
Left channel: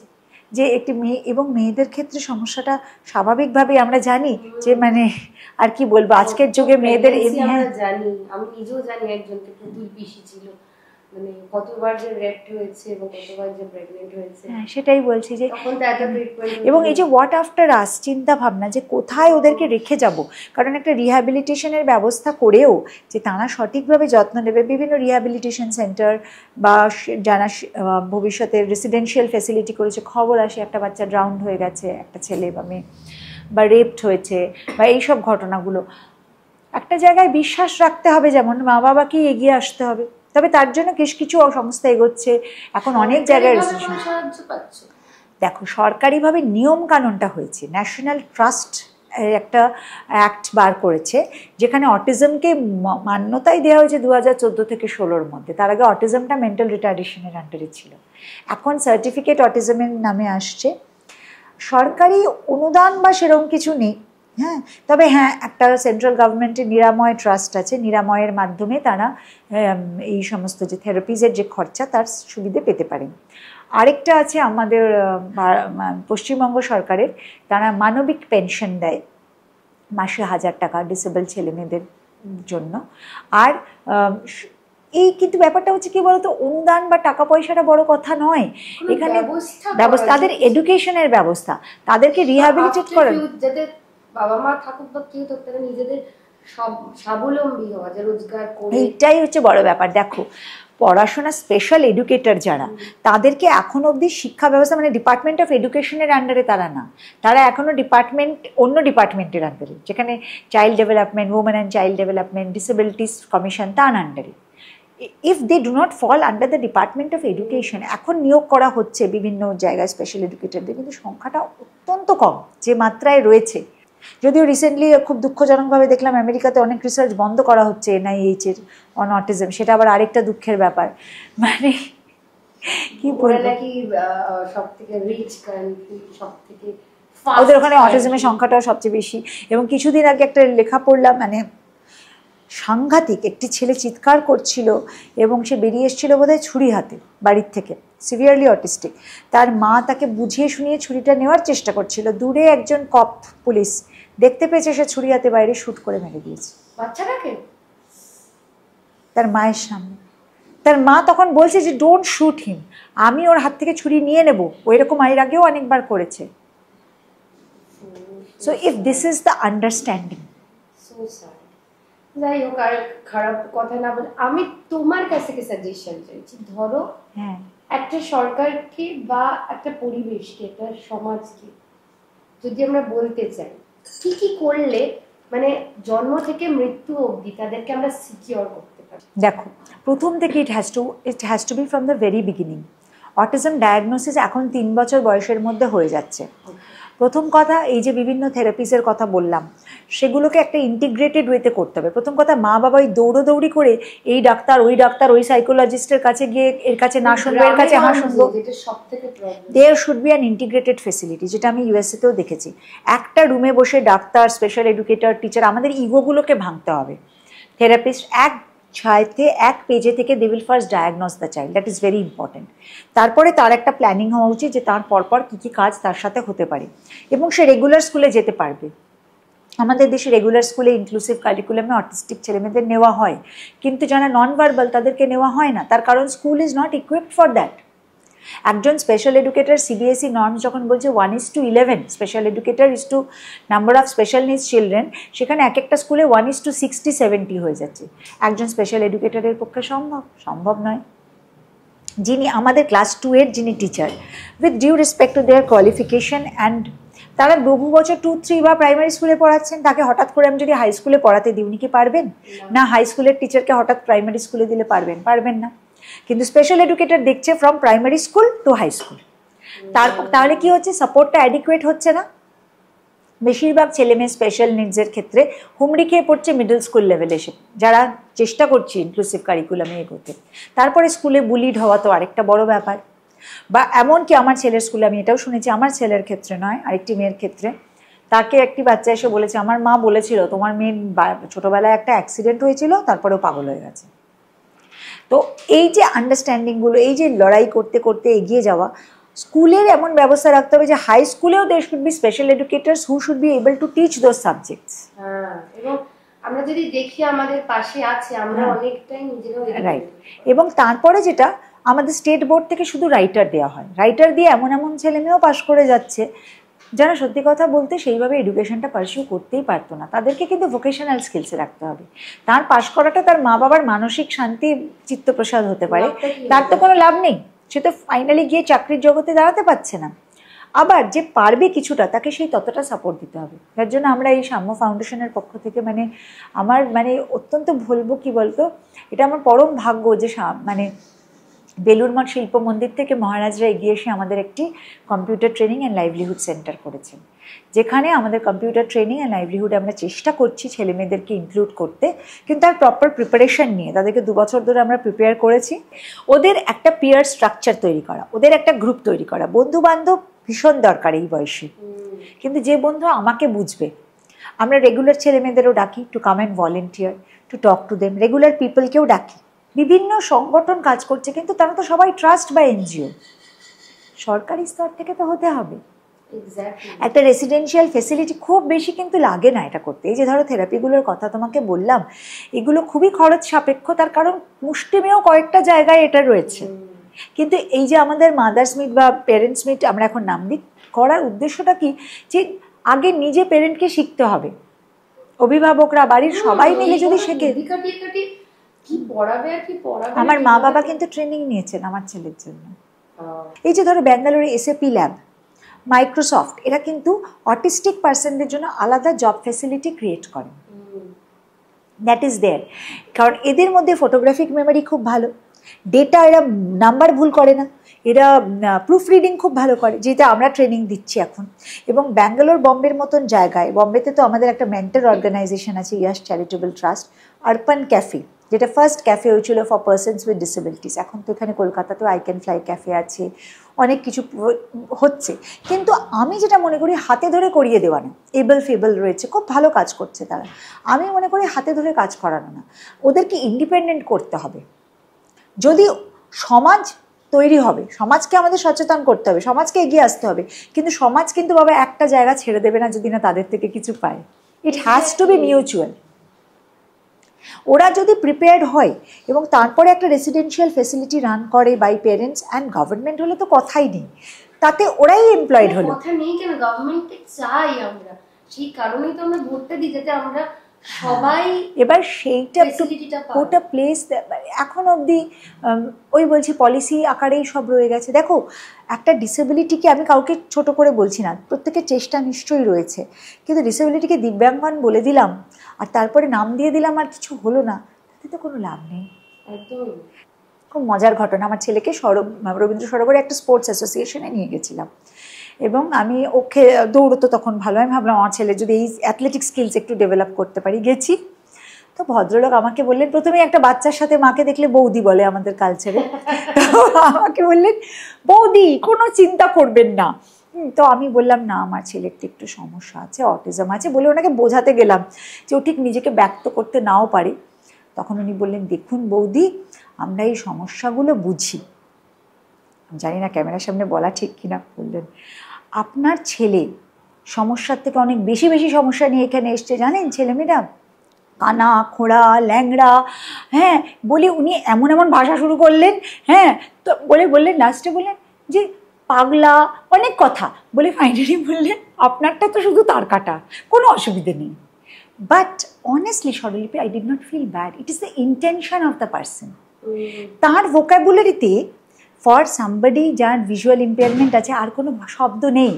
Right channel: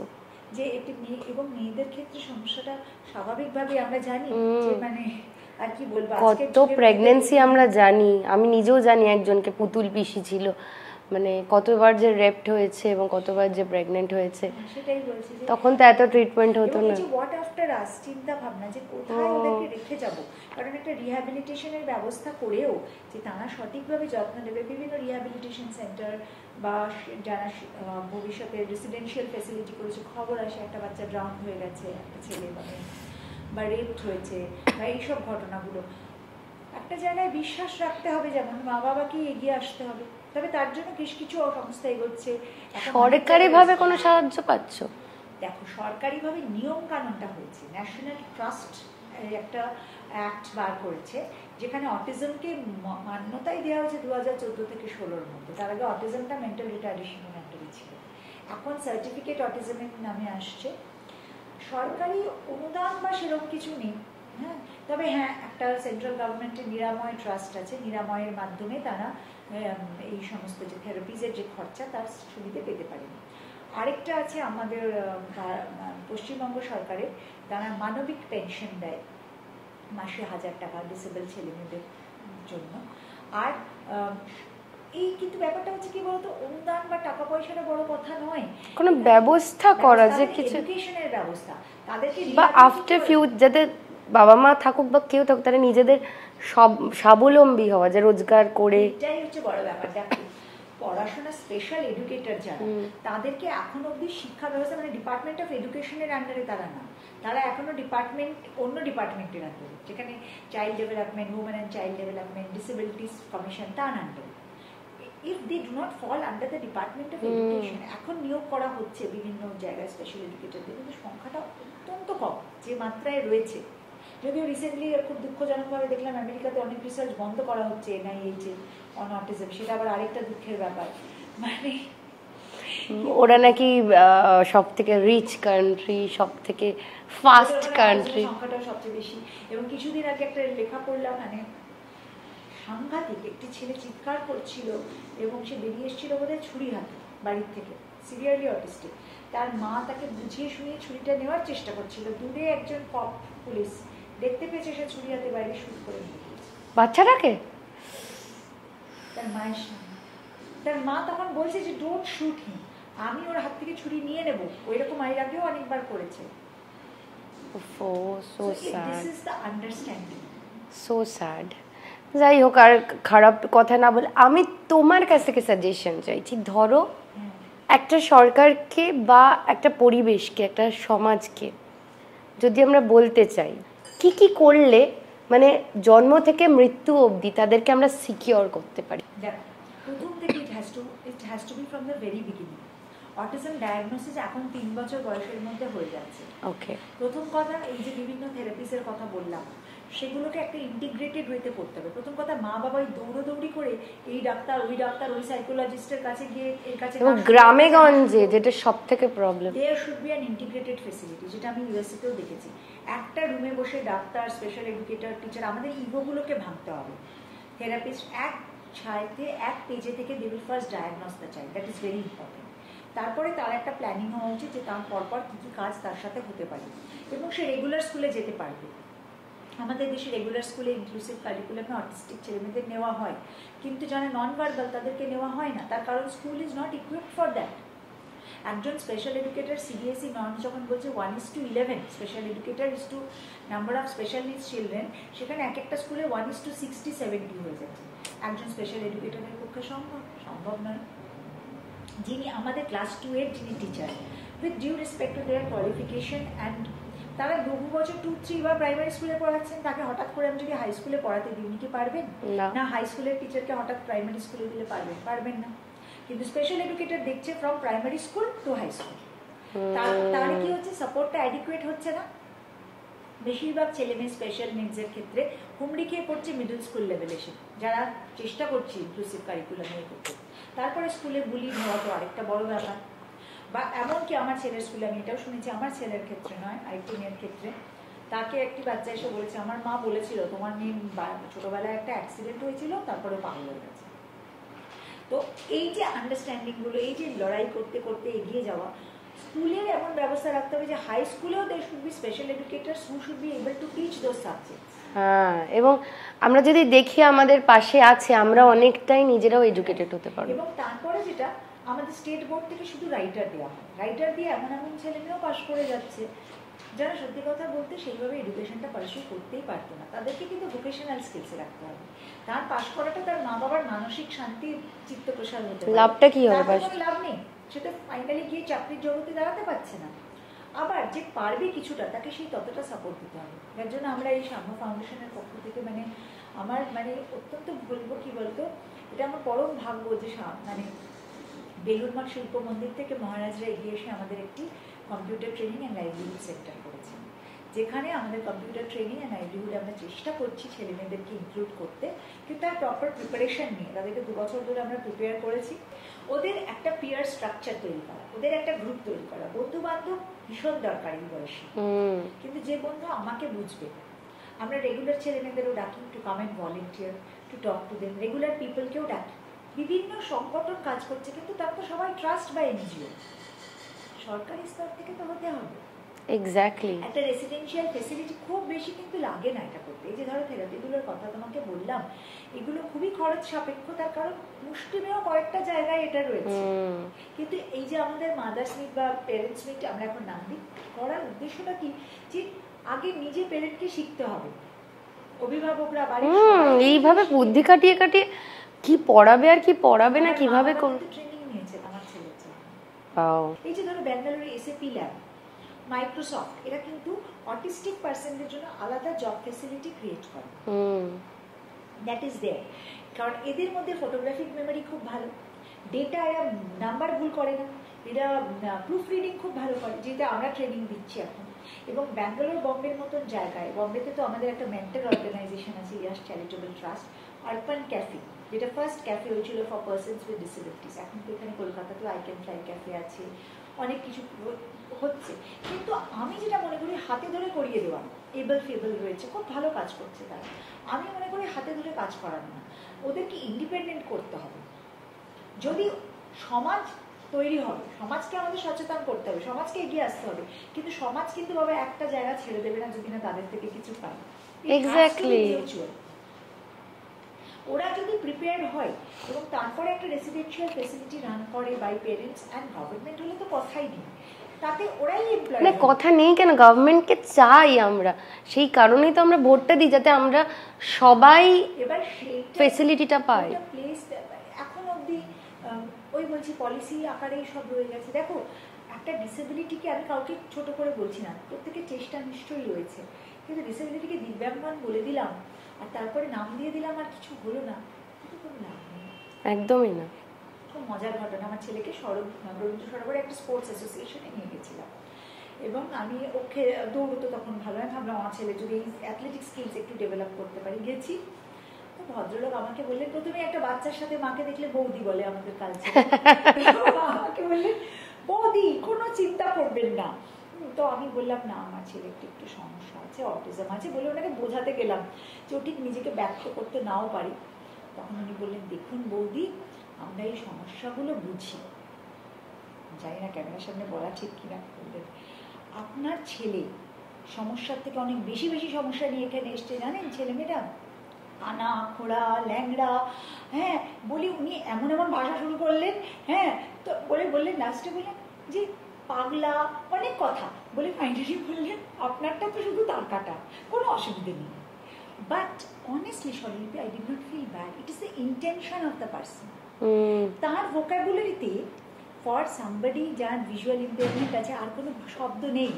যে একটি মেয়ে এবং মেয়েদের ক্ষেত্রে সমস্যাটা স্বাভাবিকভাবে আমরা জানি যে মানে আর কি বলবো, আজকের যুগে মেয়েদের আমরা জানি, আমি নিজেও জানি একজনকে পুতুল পিসি ছিল, মানে কতবার যে রেপড হয়েছে এবং কতবার যে প্রেগনেন্ট হয়েছে, সেটাই বলছি যে তখন তো এত ট্রিটমেন্ট হতো। এবং এই যে হোয়াট আফটার আস চিন্তা ভাবনা, যে কোথায় ওদেরকে রেখে যাব, কারণ একটা রিহ্যাবিলিটেশনের ব্যবস্থা করেও যে তারা সঠিকভাবে যত্ন নেবে, বিভিন্ন রিহ্যাবিলিটেশন সেন্টার বা যারা ভবিষ্যতে রেসিডেন্সিয়াল ফ্যাসিলিটি করেছে, খবর আসে একটা বাচ্চা ড্রাউন্ড হয়ে গেছে, একটা ছেলে বা মেয়ে, বা রেপড হয়েছে, বা এইসব ঘটনাগুলো একটা জায়গায় বিশ্বাস রাখতে হবে, যেমন মা বাবাকেই এগিয়ে আসতে হবে। তবে তার জন্য কিছু সংস্থা এগোচ্ছে এখন অনেক জায়গায়। কোনো সাহায্য পাচ্ছ? দেখো, সরকারিভাবে নিয়ম কানুনটা হয়েছে, ন্যাশনাল ট্রাস্ট একটা অ্যাক্ট বার করেছে, যেখানে অটিজমকে মান্যতাই দেওয়া হয়েছে 2014 থেকে 16-র মধ্যে। তার আগে অটিজমটা মেন্টাল রিটার্ডেশনের আন্ডারে ছিল, এখন সার্টিফিকেট অটিজমের নামে আসছে। সরকারি অনুদান বা সেরকম কিছু নেই, হ্যাঁ, তবে হ্যাঁ একটা সেন্ট্রাল গভর্নমেন্টের নিরাময় ট্রাস্ট আছে, নিরাময়ের মাধ্যমে তারা এই সমস্ত যে থেরাপিজের যে খরচা তার সুবিধে পেতে পারেন। আরেকটা আছে আমাদের পশ্চিমবঙ্গ সরকারের, তারা মানবিক পেনশন দেয় মাসে 1000 টাকা ডিসেবল ছেলেমেয়েদের জন্য। আর এই কিন্তু ব্যাপারটা হচ্ছে কি বলতো, অনুদান বা টাকা পয়সাটা বড় কথা নয়, ব্যবস্থা তাদের এডুকেশনের ব্যবস্থা, তাদেরকে রিহ্যাবিলিটেট করা, যাতে বাবা মা থাকুক বা কেউ থাকুক, তারা নিজেদের স্বাবলম্বী হওয়া, যে রোজগার করে, এটাই হচ্ছে বড় ব্যাপার। দেখো, পড়াশোনা স্পেশাল এডুকেটর যারা, তাদেরকে এখন অবধি শিক্ষা ব্যবস্থা মানে ডিপার্টমেন্ট অফ এডুকেশনের আন্ডারে তারা না, তারা এখনও অন্য ডিপার্টমেন্টের আন্ডারে, যেখানে child development, women and child development, disabilities commission, তার আন্ডারে। If they do not fall under the department of education, এখন নিয়োগ করা হচ্ছে বিভিন্ন জায়গায় স্পেশাল এডুকেটরদের, কিন্তু সংখ্যাটা অত্যন্ত কম যে মাত্রায় রয়েছে। যদিও রিসেন্টলি খুব দুঃখজনকভাবে দেখলাম আমেরিকাতে অনেক রিসার্চ বন্ধ করা হচ্ছে NIH-এর অন অটিজম, সেটা আবার আরেকটা দুঃখের ব্যাপার। মানে ওরা নাকি সব থেকে রিচ কান্ট্রি, সব থেকে ওদের ওখানে অটিজমের সংখ্যাটাও সবচেয়ে বেশি। এবং কিছুদিন আগে একটা লেখা পড়লাম, মানে সাংঘাতিক, একটি ছেলে চিৎকার করছিল এবং সে বেরিয়ে এসেছিল বোধহয় ছুরি হাতে বাড়ির থেকে, সিভিয়ারলি অটিস্টিক। তার মা তাকে বুঝিয়ে শুনিয়ে ছুরিটা নেওয়ার চেষ্টা করছিল, দূরে একজন কপ পুলিশ দেখতে পেয়েছে, সে ছুরি হাতে বাইরে শ্যুট করে মেরে দিয়েছে বাচ্চাটাকে তার মায়ের সামনে। তার মা তখন বলছে যে ডোন্ট শুট হিম, আমি ওর হাত থেকে ছুরি নিয়ে নেব, ওই রকম এর আগেও অনেকবার করেছে। So if this is the understanding, so sad. যাই হোক, আর খারাপ কথা না বলে আমি তোমার কাছ থেকে সাজেশন চাইছি। ধরো একটা সরকারকে বা একটা পরিবেশকে, একটা সমাজকে যদি আমরা বলতে চাই কি কি করলে মানে জন্ম থেকে মৃত্যু অবধি তাদেরকে আমরা সিকিওর করতে পারি। দেখো, প্রথম থেকে it has to be from the very beginning. Autism diagnosis এখন 3 বছর বয়সের মধ্যে হয়ে যাচ্ছে। ওকে, প্রথম কথা, এই যে বিভিন্ন থেরাপিসের কথা বললাম, সেগুলোকে একটা ইন্টিগ্রেটেড ওয়েতে করতে হবে। প্রথম কথা, মা বাবা ওই দৌড়োদৌড়ি করে এই ডাক্তার ওই সাইকোলজিস্টের কাছে গিয়ে এর কাছে না শুনবে, এর কাছে হ্যাঁ শুনবে, যেটা সব থেকে problem. There should be an integrated facility, যেটা আমি ইউএসএতেও দেখেছি। একটা রুমে বসে ডাক্তার, স্পেশাল এডুকেটর, টিচার, আমাদের ইগোগুলোকে ভাঙতে হবে। থেরাপিস্ট এক পেজে থেকে they will first diagnose the child, that is very important. তারপরে তার একটা প্ল্যানিং হওয়া উচিত যে তার পরপর কী কী কাজ তার সাথে হতে পারে, এবং সে রেগুলার স্কুলে যেতে পারবে। আমাদের দেশে রেগুলার স্কুলে ইনক্লুসিভ কারিকুলামে অটিস্টিক ছেলেমেয়েদের নেওয়া হয়, কিন্তু যারা নন ভার্বাল তাদেরকে নেওয়া হয় না, তার কারণ school is not equipped for that. একজন স্পেশাল এডুকেটর, সিবিএসই নর্মস যখন বলছে 1:11 special educator is to number of special needs children, সেখানে এক একটা স্কুলে 1:60-70 হয়ে যাচ্ছে। একজন স্পেশাল এডুকেটরের পক্ষে সম্ভব নয়। যিনি আমাদের ক্লাস 2-এর যিনি teacher, with due respect to their qualification and তারা বহু বছর 2-3 বা প্রাইমারি স্কুলে পড়াচ্ছেন, তাকে হঠাৎ করে আমি যদি হাই স্কুলে পড়াতে দিই, উনি কি পারবেন? না। হাই স্কুলের টিচারকে হঠাৎ প্রাইমারি স্কুলে দিলে পারবেন না। কিন্তু স্পেশাল এডুকেটর দেখছে from primary school to high school. তাহলে কি হচ্ছে, সাপোর্টটা অ্যাডিকুয়েট হচ্ছে না। বেশিরভাগ ছেলেমেয়ে স্পেশাল নিডসের ক্ষেত্রে হুমড়ি খেয়ে পড়ছে মিডল স্কুল লেভেলে এসে, যারা চেষ্টা করছি ইনক্লুসিভ কারিকুলামে এগোতে। তারপরে স্কুলে বুলিড হওয়া তো আরেকটা বড় ব্যাপার। বা এমনকি আমার ছেলের স্কুলে আমি এটাও শুনেছি, আমার ছেলের ক্ষেত্রে নয়, আরেকটি মেয়ের ক্ষেত্রে, তাকে একটি বাচ্চা এসে বলেছে, আমার মা বলেছিল তোমার মেয়ের ছোটোবেলায় একটা অ্যাক্সিডেন্ট হয়েছিল, তারপরেও পাগল হয়ে গেছে। তো এই যে আন্ডারস্ট্যান্ডিংগুলো, এই যে লড়াই করতে করতে এগিয়ে যাওয়া, স্কুলের এমন ব্যবস্থা রাখতে হবে যে হাই স্কুলেও there should be special educators who should be able to teach those subjects. হ্যাঁ, এবং আমরা যদি দেখি আমাদের পাশে আছে, আমরা অনেকটাই নিজেরাও এডুকেটেড হতে পারবো। এবং তারপরে যেটা, আমাদের স্টেট বোর্ড থেকে শুধু রাইটার দেওয়া হয়, রাইটার দিয়ে এমন ছেলেমেয়েও পাশ করে যাচ্ছে যারা সত্যি কথা বলতে সেইভাবে এডুকেশনটা পারসিউ করতেই পারতো না। তাদেরকে কিন্তু ভোকেশনাল স্কিলসে রাখতে হবে। তার পাশ করাটা তার মা বাবার মানসিক শান্তি, চিত্তপ্রসাদ হতে পারে, তার তো কোনো লাভ নেই, সে তো ফাইনালি গিয়ে চাকরির জগতে দাঁড়াতে পারছে না। আবার যে পারবে কিছুটা, তাকে সেই ততটা সাপোর্ট দিতে হবে। তার জন্য আমরা এই সাম্য ফাউন্ডেশনের পক্ষ থেকে আমার অত্যন্ত বলবো, কি বলতো, এটা আমার পরম ভাগ্য যে বেলুড় মঠ শিল্প মন্দির থেকে মহারাজরা এগিয়ে এসে আমাদের একটি computer training and livelihood centre করেছেন, যেখানে আমাদের কম্পিউটার ট্রেনিং অ্যান্ড লাইভলিহুডে আমরা চেষ্টা করছি ছেলেমেয়েদেরকে ইনক্লুড করতে, কিন্তু তার প্রপার প্রিপারেশন নিয়ে তাদেরকে 2 বছর ধরে আমরা প্রিপেয়ার করেছি। ওদের একটা পিয়ার স্ট্রাকচার তৈরি করা, ওদের একটা গ্রুপ তৈরি করা। বন্ধু বান্ধব ভীষণ দরকার এই বয়সে, কিন্তু যে বন্ধু আমাকে বুঝবে। আমরা রেগুলার ছেলেমেয়েদেরও ডাকি to come and volunteer, to talk to them. Regular পিপলকেও ডাকি, বিভিন্ন সংগঠন কাজ করছে, কিন্তু তারা তো সবাই ট্রাস্ট বা এনজিও, সরকারি স্তর থেকে তো হতে হবে। এক্স্যাক্টলি, একটা রেসিডেন্সিয়াল ফেসিলিটি খুব বেশি কিন্তু লাগে না এটা করতে। এই যে ধরো থেরাপিগুলোর কথা তোমাকে বললাম, এগুলো খুবই খরচ সাপেক্ষ, তার কারণ মুষ্টিমেয় কয়েকটা জায়গায় এটা রয়েছে। কিন্তু এই যে আমাদের মাদার্স মিট বা পেরেন্টস মিট আমরা এখন নাম দিই, করার উদ্দেশ্যটা কি, যে আগে নিজে পেরেন্টকে শিখতে হবে, অভিভাবকরা বাড়ির সবাই মিলে যদি বুদ্ধি কাটিয়ে কাটিয়ে কি পড়াবে আর কি পড়াবে। আমার মা বাবা কিন্তু ট্রেনিং নিয়েছেন আমার ছেলের জন্য। এই যে ধরো ব্যাঙ্গালোরে এসএপি ল্যাব, মাইক্রোসফট, এরা কিন্তু অটিস্টিক পার্সনদের জন্য আলাদা জব ফ্যাসিলিটি ক্রিয়েট করে। দ্যাট ইজ দেয়ার, কারণ এদের মধ্যে ফটোগ্রাফিক মেমোরি খুব ভালো, ডেটা, এরা নাম্বার ভুল করে না, এরা প্রুফ রিডিং খুব ভালো করে, যেটা আমরা ট্রেনিং দিচ্ছি এখন। এবং ব্যাঙ্গালোর, বম্বের মতন জায়গায়, বম্বেতে তো আমাদের একটা মেন্টর অর্গানাইজেশন আছে, ইয়াস চ্যারিটেবল ট্রাস্ট, আরবান ক্যাফে, যেটা ফার্স্ট ক্যাফে হয়েছিল ফর পার্সনস উইথ ডিসেবিলিটিস। এখন তো এখানে কলকাতাতেও আই ক্যান ফ্লাই ক্যাফে আছে, অনেক কিছু হচ্ছে। কিন্তু আমি যেটা মনে করি হাতে ধরে করিয়ে দেওয়া না, এবল ফেবল রয়েছে, খুব ভালো কাজ করছে তারা, আমি মনে করি হাতে ধরে কাজ করানো না, ওদেরকে ইন্ডিপেন্ডেন্ট করতে হবে। যদি সমাজ তৈরি হবে, সমাজকে আমাদের সচেতন করতে হবে, সমাজকে এগিয়ে আসতে হবে, কিন্তু সমাজ কিন্তু বাবা একটা জায়গা ছেড়ে দেবে না যদি না তাদের থেকে কিছু পায়। It has to be mutual. ওরা যদি প্রিপেয়ার্ড হয় এবং তারপরে একটা রেসিডেন্সিয়াল ফেসিলিটি রান করে বাই পেরেন্টস অ্যান্ড গভর্নমেন্ট হলে তো কথাই নেই, তাতে ওরাই এমপ্লয়েড হলো। কথা নেই কেন, গভর্নমেন্টকে চাই আমরা, সেই কারণেই তো আমরা ভোটটা দিই, যাতে আমরা সবাই এবার সেইটা ফেসিলিটিটা পাই। ওটা প্লেস এখন অবধি ওই বলছি পলিসি আকারেই সব রয়ে গেছে। দেখো একটা ডিসেবিলিটিকে, আমি কাউকে ছোট করে বলছি না, প্রত্যেকের চেষ্টা নিশ্চয়ই রয়েছে, কিন্তু ডিসেবিলিটিকে দিব্যাঙ্গন বলে দিলাম আর তারপরে নাম দিয়ে দিলাম আর কিছু হলো না, তাতে তো কোনো লাভ নেই। একদমই না। খুব মজার ঘটনা, আমার ছেলেকে রবীন্দ্র সরোবরে একটা স্পোর্টস অ্যাসোসিয়েশনে নিয়ে গেছিলাম এবং আমি ওকে, দৌড়তো তখন ভালো, আমি ভাবলাম আমার ছেলে যদি এই অ্যাথলেটিক স্কিলস একটু ডেভেলপ করতে পারি। গেছি তো ভদ্রলোক আমাকে বললেন, প্রথমেই একটা বাচ্চার সাথে মাকে দেখলে বৌদি বলে আমাদের কালচারে, আমাকে বললেন বৌদি কোনো চিন্তা করবেন না। তো আমি বললাম না আমার ছেলের একটু সমস্যা আছে, অটিজম আছে, বলে ওনাকে বোঝাতে গেলাম যে ও ঠিক নিজেকে ব্যক্ত করতে নাও পারে। তখন উনি বললেন, দেখুন বৌদি আমরা এই সমস্যাগুলো বুঝি, জানি না ক্যামেরার সামনে বলা ঠিক কিনা, বললেন আপনার ছেলে সমস্যার থেকে অনেক বেশি বেশি সমস্যা নিয়ে এখানে এসছে, জানেন ছেলেমেয়েরা কানা খোঁড়া ল্যাংড়া, হ্যাঁ বলি উনি এমন এমন ভাষা শুরু করলেন, হ্যাঁ তো বললেন লাস্টে বললেন যে পাগলা, অনেক কথা বলে ফাইনালি বললেন আপনারটা তো শুধু তার কাটা, কোনো অসুবিধে নেই। But honestly Swaralipi, I did not feel bad, it is the intention of the person. তার ভোকাবুলারিতে ফর সামবডি যার ভিজুয়াল ইম্পেয়ারমেন্ট আছে আর কোনো শব্দ নেই,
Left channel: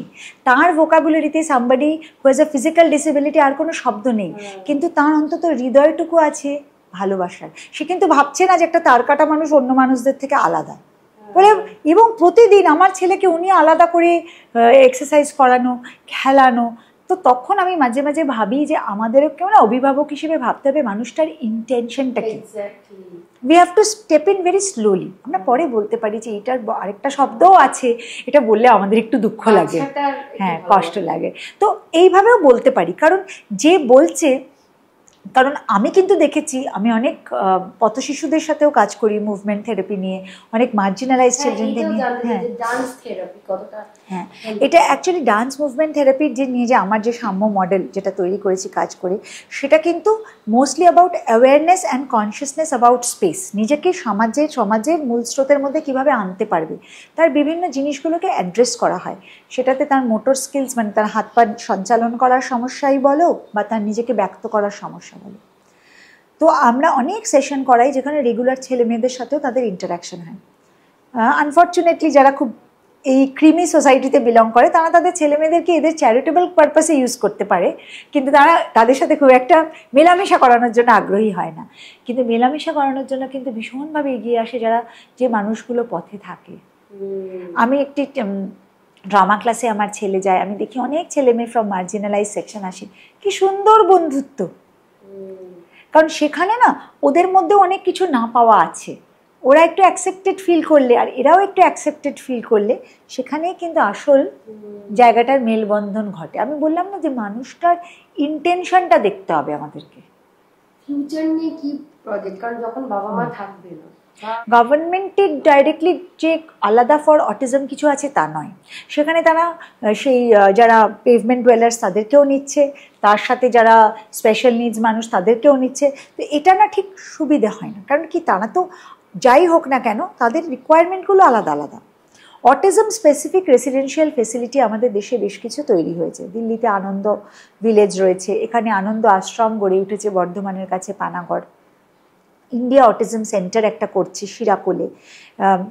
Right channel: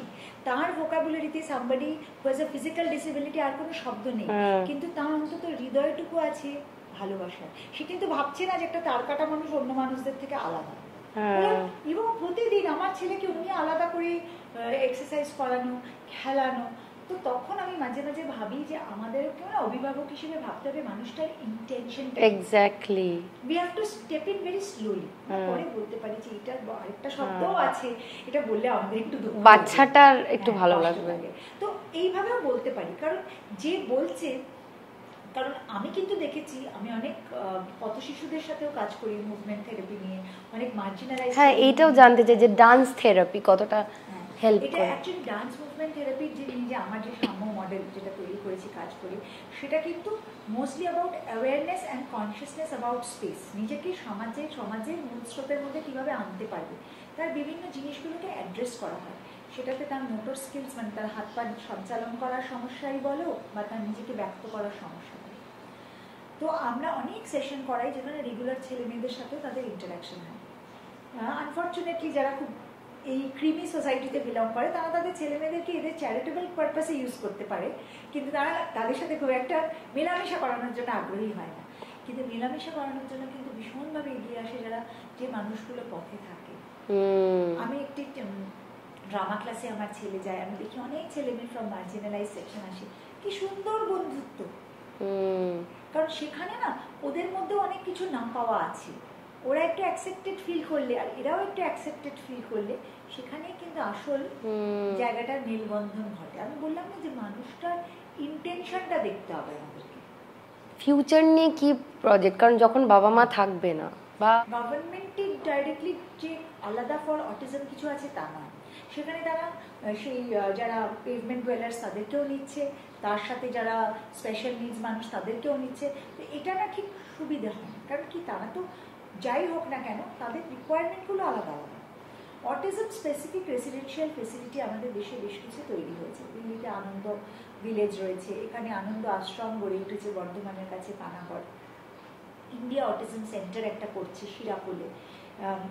তার ভোকাবুলারিতে somebody who has a physical disability আর কোনো শব্দ নেই, কিন্তু তার অন্তত হৃদয়টুকু আছে ভালোবাসার। সে কিন্তু ভাবছে না যে একটা তার কাটা মানুষ অন্য মানুষদের থেকে আলাদা বলে। এবং প্রতিদিন আমার ছেলেকে উনি আলাদা করে এক্সারসাইজ করানো, খেলানো। তো তখন আমি মাঝে মাঝে ভাবি যে আমাদেরও কেউ না অভিভাবক হিসেবে ভাবতে হবে মানুষটার ইন্টেনশনটা কি। Exactly, we have to step in very slowly. আমরা পরে বলতে পারি যে এটার আরেকটা শব্দও আছে, এটা বললে আমাদের একটু দুঃখ লাগে, হ্যাঁ কষ্ট লাগে, তো এইভাবেও বলতে পারি। কারণ যে বলছে, কারণ আমি কিন্তু দেখেছি, আমি অনেক পথশিশুদের সাথেও কাজ করি মুভমেন্ট থেরাপি নিয়ে, অনেক মার্জিনালাইজড এটাও জানতে চাই যে ডান্স থেরাপি কতটা। হ্যাঁ এটা অ্যাকচুয়ালি ডান্স মুভমেন্ট থেরাপির যে নিয়ে যে আমার যে সাম্য মডেল যেটা তৈরি করেছি কাজ করে, সেটা কিন্তু mostly about awareness and consciousness about space. নিজেকে সমাজের মূল স্রোতের মধ্যে কীভাবে আনতে পারবে তার বিভিন্ন জিনিসগুলোকে অ্যাড্রেস করা হয়। সেটাতে তার মোটর স্কিলস, মানে তার হাত পা সঞ্চালন করার সমস্যাই বলো বা তার নিজেকে ব্যক্ত করার সমস্যা বলো। তো আমরা অনেক সেশন করাই যেখানে রেগুলার ছেলে মেয়েদের সাথেও তাদের ইন্টারাকশন হয়। আনফর্চুনেটলি যারা খুব এই ক্রিমি সোসাইটিতে বিলং করে তারা তাদের ছেলে মেয়েদেরকে এদের চ্যারিটেবল পারপাসে ইউজ করতে পারে, কিন্তু তারা তাদের সাথে খুব একটা মেলামেশা করানোর জন্য আগ্রহী হয় না। কিন্তু মেলামেশা করানোর জন্য কিন্তু ভীষণভাবে এগিয়ে আসে যারা, যে মানুষগুলো পথে থাকে। আমি একটি ড্রামা ক্লাসে আমার ছেলে যায়, আমি দেখি অনেক ছেলে মেয়ে ফ্রম মার্জিনালাইজ সেকশন আসে, কি সুন্দর বন্ধুত্ব। কারণ সেখানে না ওদের মধ্যে অনেক কিছু না পাওয়া আছে, ওরা একটু অ্যাকসেপ্টেড ফিল করলে আর এরাও একটু অ্যাকসেপ্টেড ফিল করলে সেখানেই কিন্তু আসল জায়গাটার মেলবন্ধন ঘটে। আমি বললাম না যে মানুষটার ইন্টেনশনটা দেখতে হবে আমাদেরকে। ফিউচার নিয়ে কি প্রজেক্ট, কারণ যখন বাবা মা থাকবে না, গভর্নমেন্টের ডাইরেক্টলি যে আলাদা ফর অটিজম কিছু আছে তা নয়, সেখানে তারা সেই যারা পেভমেন্ট ডুয়েলার্স তাদেরকেও নিচ্ছে, তার সাথে যারা স্পেশাল নিডস মানুষ তাদেরকেও নিচ্ছে। তো এটা না ঠিক সুবিধে হয় না, কারণ কি তারা তো যাই হোক না কেন তাদের রিকোয়ারমেন্টগুলো আলাদা আলাদা। অটিজম স্পেসিফিক রেসিডেন্সিয়াল ফেসিলিটি আমাদের দেশে বেশ কিছু তৈরি হয়েছে। দিল্লিতে আনন্দ ভিলেজ রয়েছে, এখানে আনন্দ আশ্রম গড়ে উঠেছে বর্ধমানের কাছে পানাগড়। ইন্ডিয়া অটিজম সেন্টার একটা করছে শিরাকোলে,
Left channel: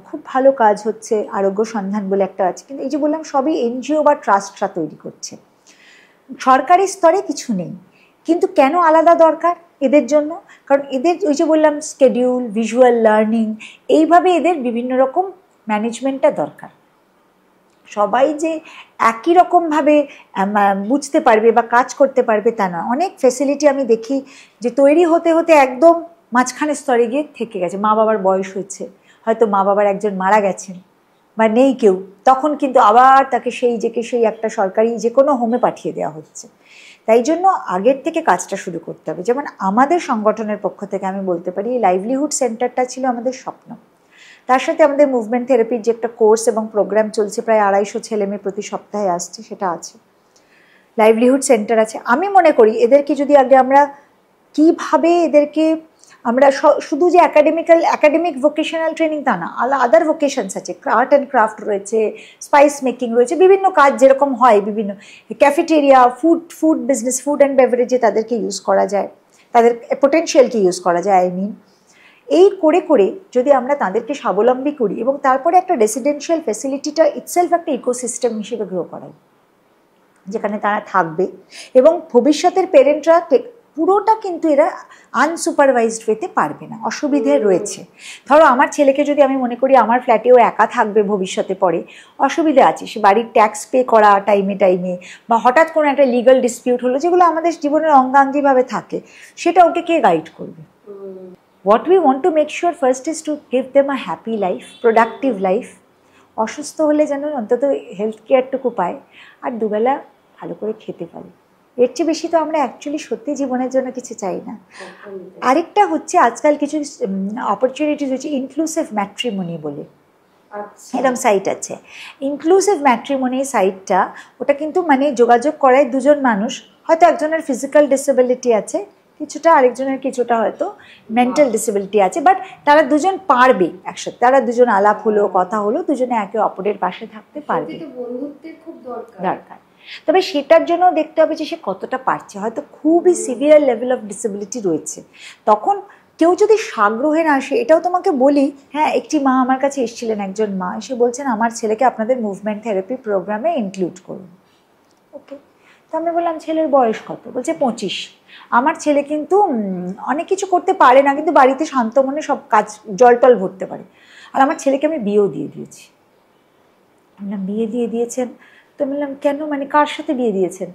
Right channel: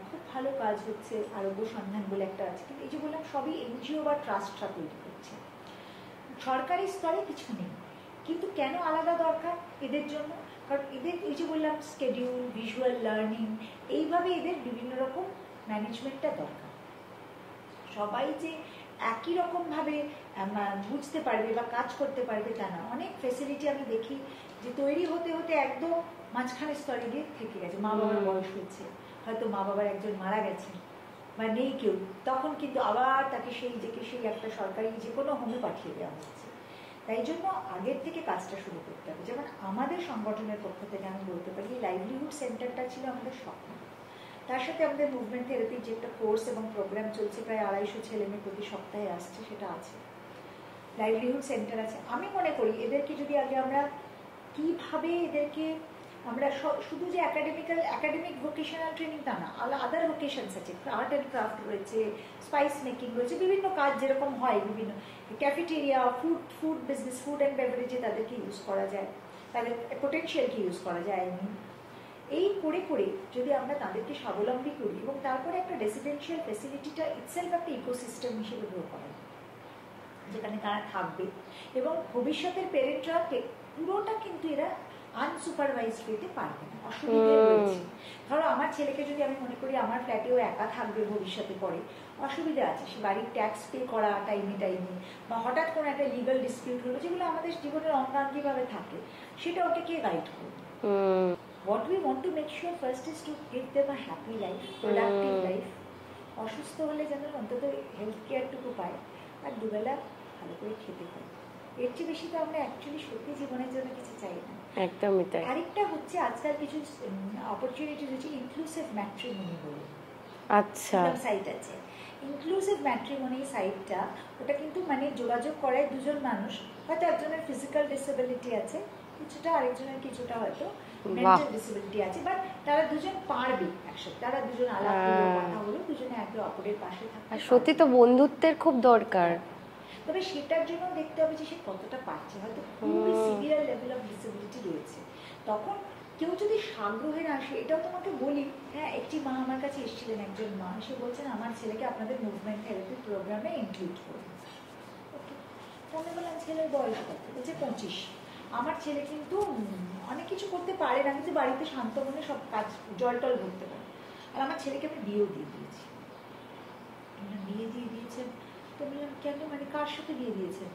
খুব ভালো কাজ হচ্ছে। আরোগ্য সন্ধান বলে একটা আছে, কিন্তু এই যে বললাম সবই এনজিও বা ট্রাস্টরা তৈরি করছে, সরকারি স্তরে কিছু নেই। কিন্তু কেন আলাদা দরকার এদের জন্য? কারণ এদের ওই যে বললাম স্কেডিউল, ভিজুয়াল লার্নিং, এইভাবে এদের বিভিন্ন রকম ম্যানেজমেন্টটা দরকার। সবাই যে একই রকমভাবে বুঝতে পারবে বা কাজ করতে পারবে তা নয়। অনেক ফেসিলিটি আমি দেখি যে তৈরি হতে হতে একদম মাঝখানের স্তরে গিয়ে থেকে গেছে, মা বাবার বয়স হয়েছে, হয়তো মা বাবার একজন মারা গেছেন বা নেই কেউ, তখন কিন্তু আবার তাকে সেই একটা সরকারি যে কোনো হোমে পাঠিয়ে দেওয়া হচ্ছে। তাই জন্য আগের থেকে কাজটা শুরু করতে হবে। যেমন আমাদের সংগঠনের পক্ষ থেকে আমি বলতে পারি এই লাইভলিহুড সেন্টারটা ছিল আমাদের স্বপ্ন। তার সাথে আমাদের মুভমেন্ট থেরাপির যে একটা কোর্স এবং প্রোগ্রাম চলছে, প্রায় 250 ছেলেমেয়ে প্রতি সপ্তাহে আসছে, সেটা আছে। লাইভলিহুড সেন্টার আছে। আমি মনে করি এদেরকে যদি আগে আমরা কীভাবে এদেরকে আমরা শুধু যে একাডেমিক ভোকেশনাল ট্রেনিং তা না, আদার ভোকেশনস আছে, আর্ট অ্যান্ড ক্রাফট রয়েছে, স্পাইস মেকিং রয়েছে, বিভিন্ন কাজ যেরকম হয়, বিভিন্ন cafeteria, food business, food and বেভারেজে তাদেরকে ইউজ করা যায়, তাদের পোটেনশিয়ালকে ইউজ করা যায়। এই করে করে যদি আমরা তাদেরকে স্বাবলম্বী করি এবং তারপরে একটা রেসিডেন্সিয়াল ফ্যাসিলিটিটা ইটসেলফ একটা ইকোসিস্টেম হিসেবে গ্রো করাই, যেখানে তারা থাকবে এবং ভবিষ্যতের পেরেন্টরা পুরোটা কিন্তু এরা আনসুপারভাইজড ওয়েতে পারবে না, অসুবিধে রয়েছে। ধরো আমার ছেলেকে যদি আমি মনে করি আমার ফ্ল্যাটেও একা থাকবে ভবিষ্যতে, পরে অসুবিধে আছে, সে বাড়ির ট্যাক্স পে করা টাইমে বা হঠাৎ কোনো একটা লিগাল ডিসপিউট হলো, যেগুলো আমাদের জীবনের অঙ্গাঙ্গিভাবে থাকে, সেটা ওকে কে গাইড করবে? What we want to make sure first is to give them a happy life, productive life. অসুস্থ হলে যেন অন্তত হেলথ কেয়ারটুকু পায় আর দুবেলা ভালো করে খেতে পারে। এর চেয়ে বেশি তো আমরা অ্যাকচুয়ালি সত্যি জীবনের জন্য কিছু চাই না। আরেকটা হচ্ছে আজকাল কিছু অপরচুনিটিস হচ্ছে ইনক্লুসিভ ম্যাট্রিমনি বলে, আচ্ছা, এরকম সাইট আছে। ইনক্লুসিভ ম্যাট্রিমনি সাইটটা, ওটা কিন্তু মানে যোগাযোগ করায় দুজন মানুষ, হয়তো একজনের ফিজিক্যাল ডিসেবিলিটি আছে কিছুটা, আরেকজনের কিছুটা হয়তো মেন্টাল ডিসেবিলিটি আছে, বাট তারা দুজন পারবে একসাথে, তারা দুজন আলাপ হলো, কথা হলো, দুজনে একে অপরের পাশে থাকতে পারবে। তো বন্ধুত্বের খুব দরকার। তবে সেটার জন্য দেখতে হবে যে সে কতটা পারছে। হয়তো খুবই সিভিয়ার লেভেল অফ ডিসেবিলিটি রয়েছে, তখন কেউ যদি সাগ্রহে না আসে, এটাও তোমাকে বলি, হ্যাঁ, একটি মা আমার কাছে এসেছিলেন, একজন মা এসে বলছেন আমার ছেলেকে আপনাদের মুভমেন্ট থেরাপি প্রোগ্রামে ইনক্লুড করুন। ওকে, তো আমি বললাম ছেলের বয়স কত? বলছে 25। আমার ছেলে কিন্তু অনেক কিছু করতে পারে না, কিন্তু বাড়িতে শান্ত মনে সব কাজ জলটল ভরতে পারে, আর আমার ছেলেকে আমি বিয়েও দিয়ে দিয়েছি। বললাম বিয়ে দিয়ে দিয়েছেন? তো বললাম কেন, মানে কার সাথে বিয়ে দিয়েছেন?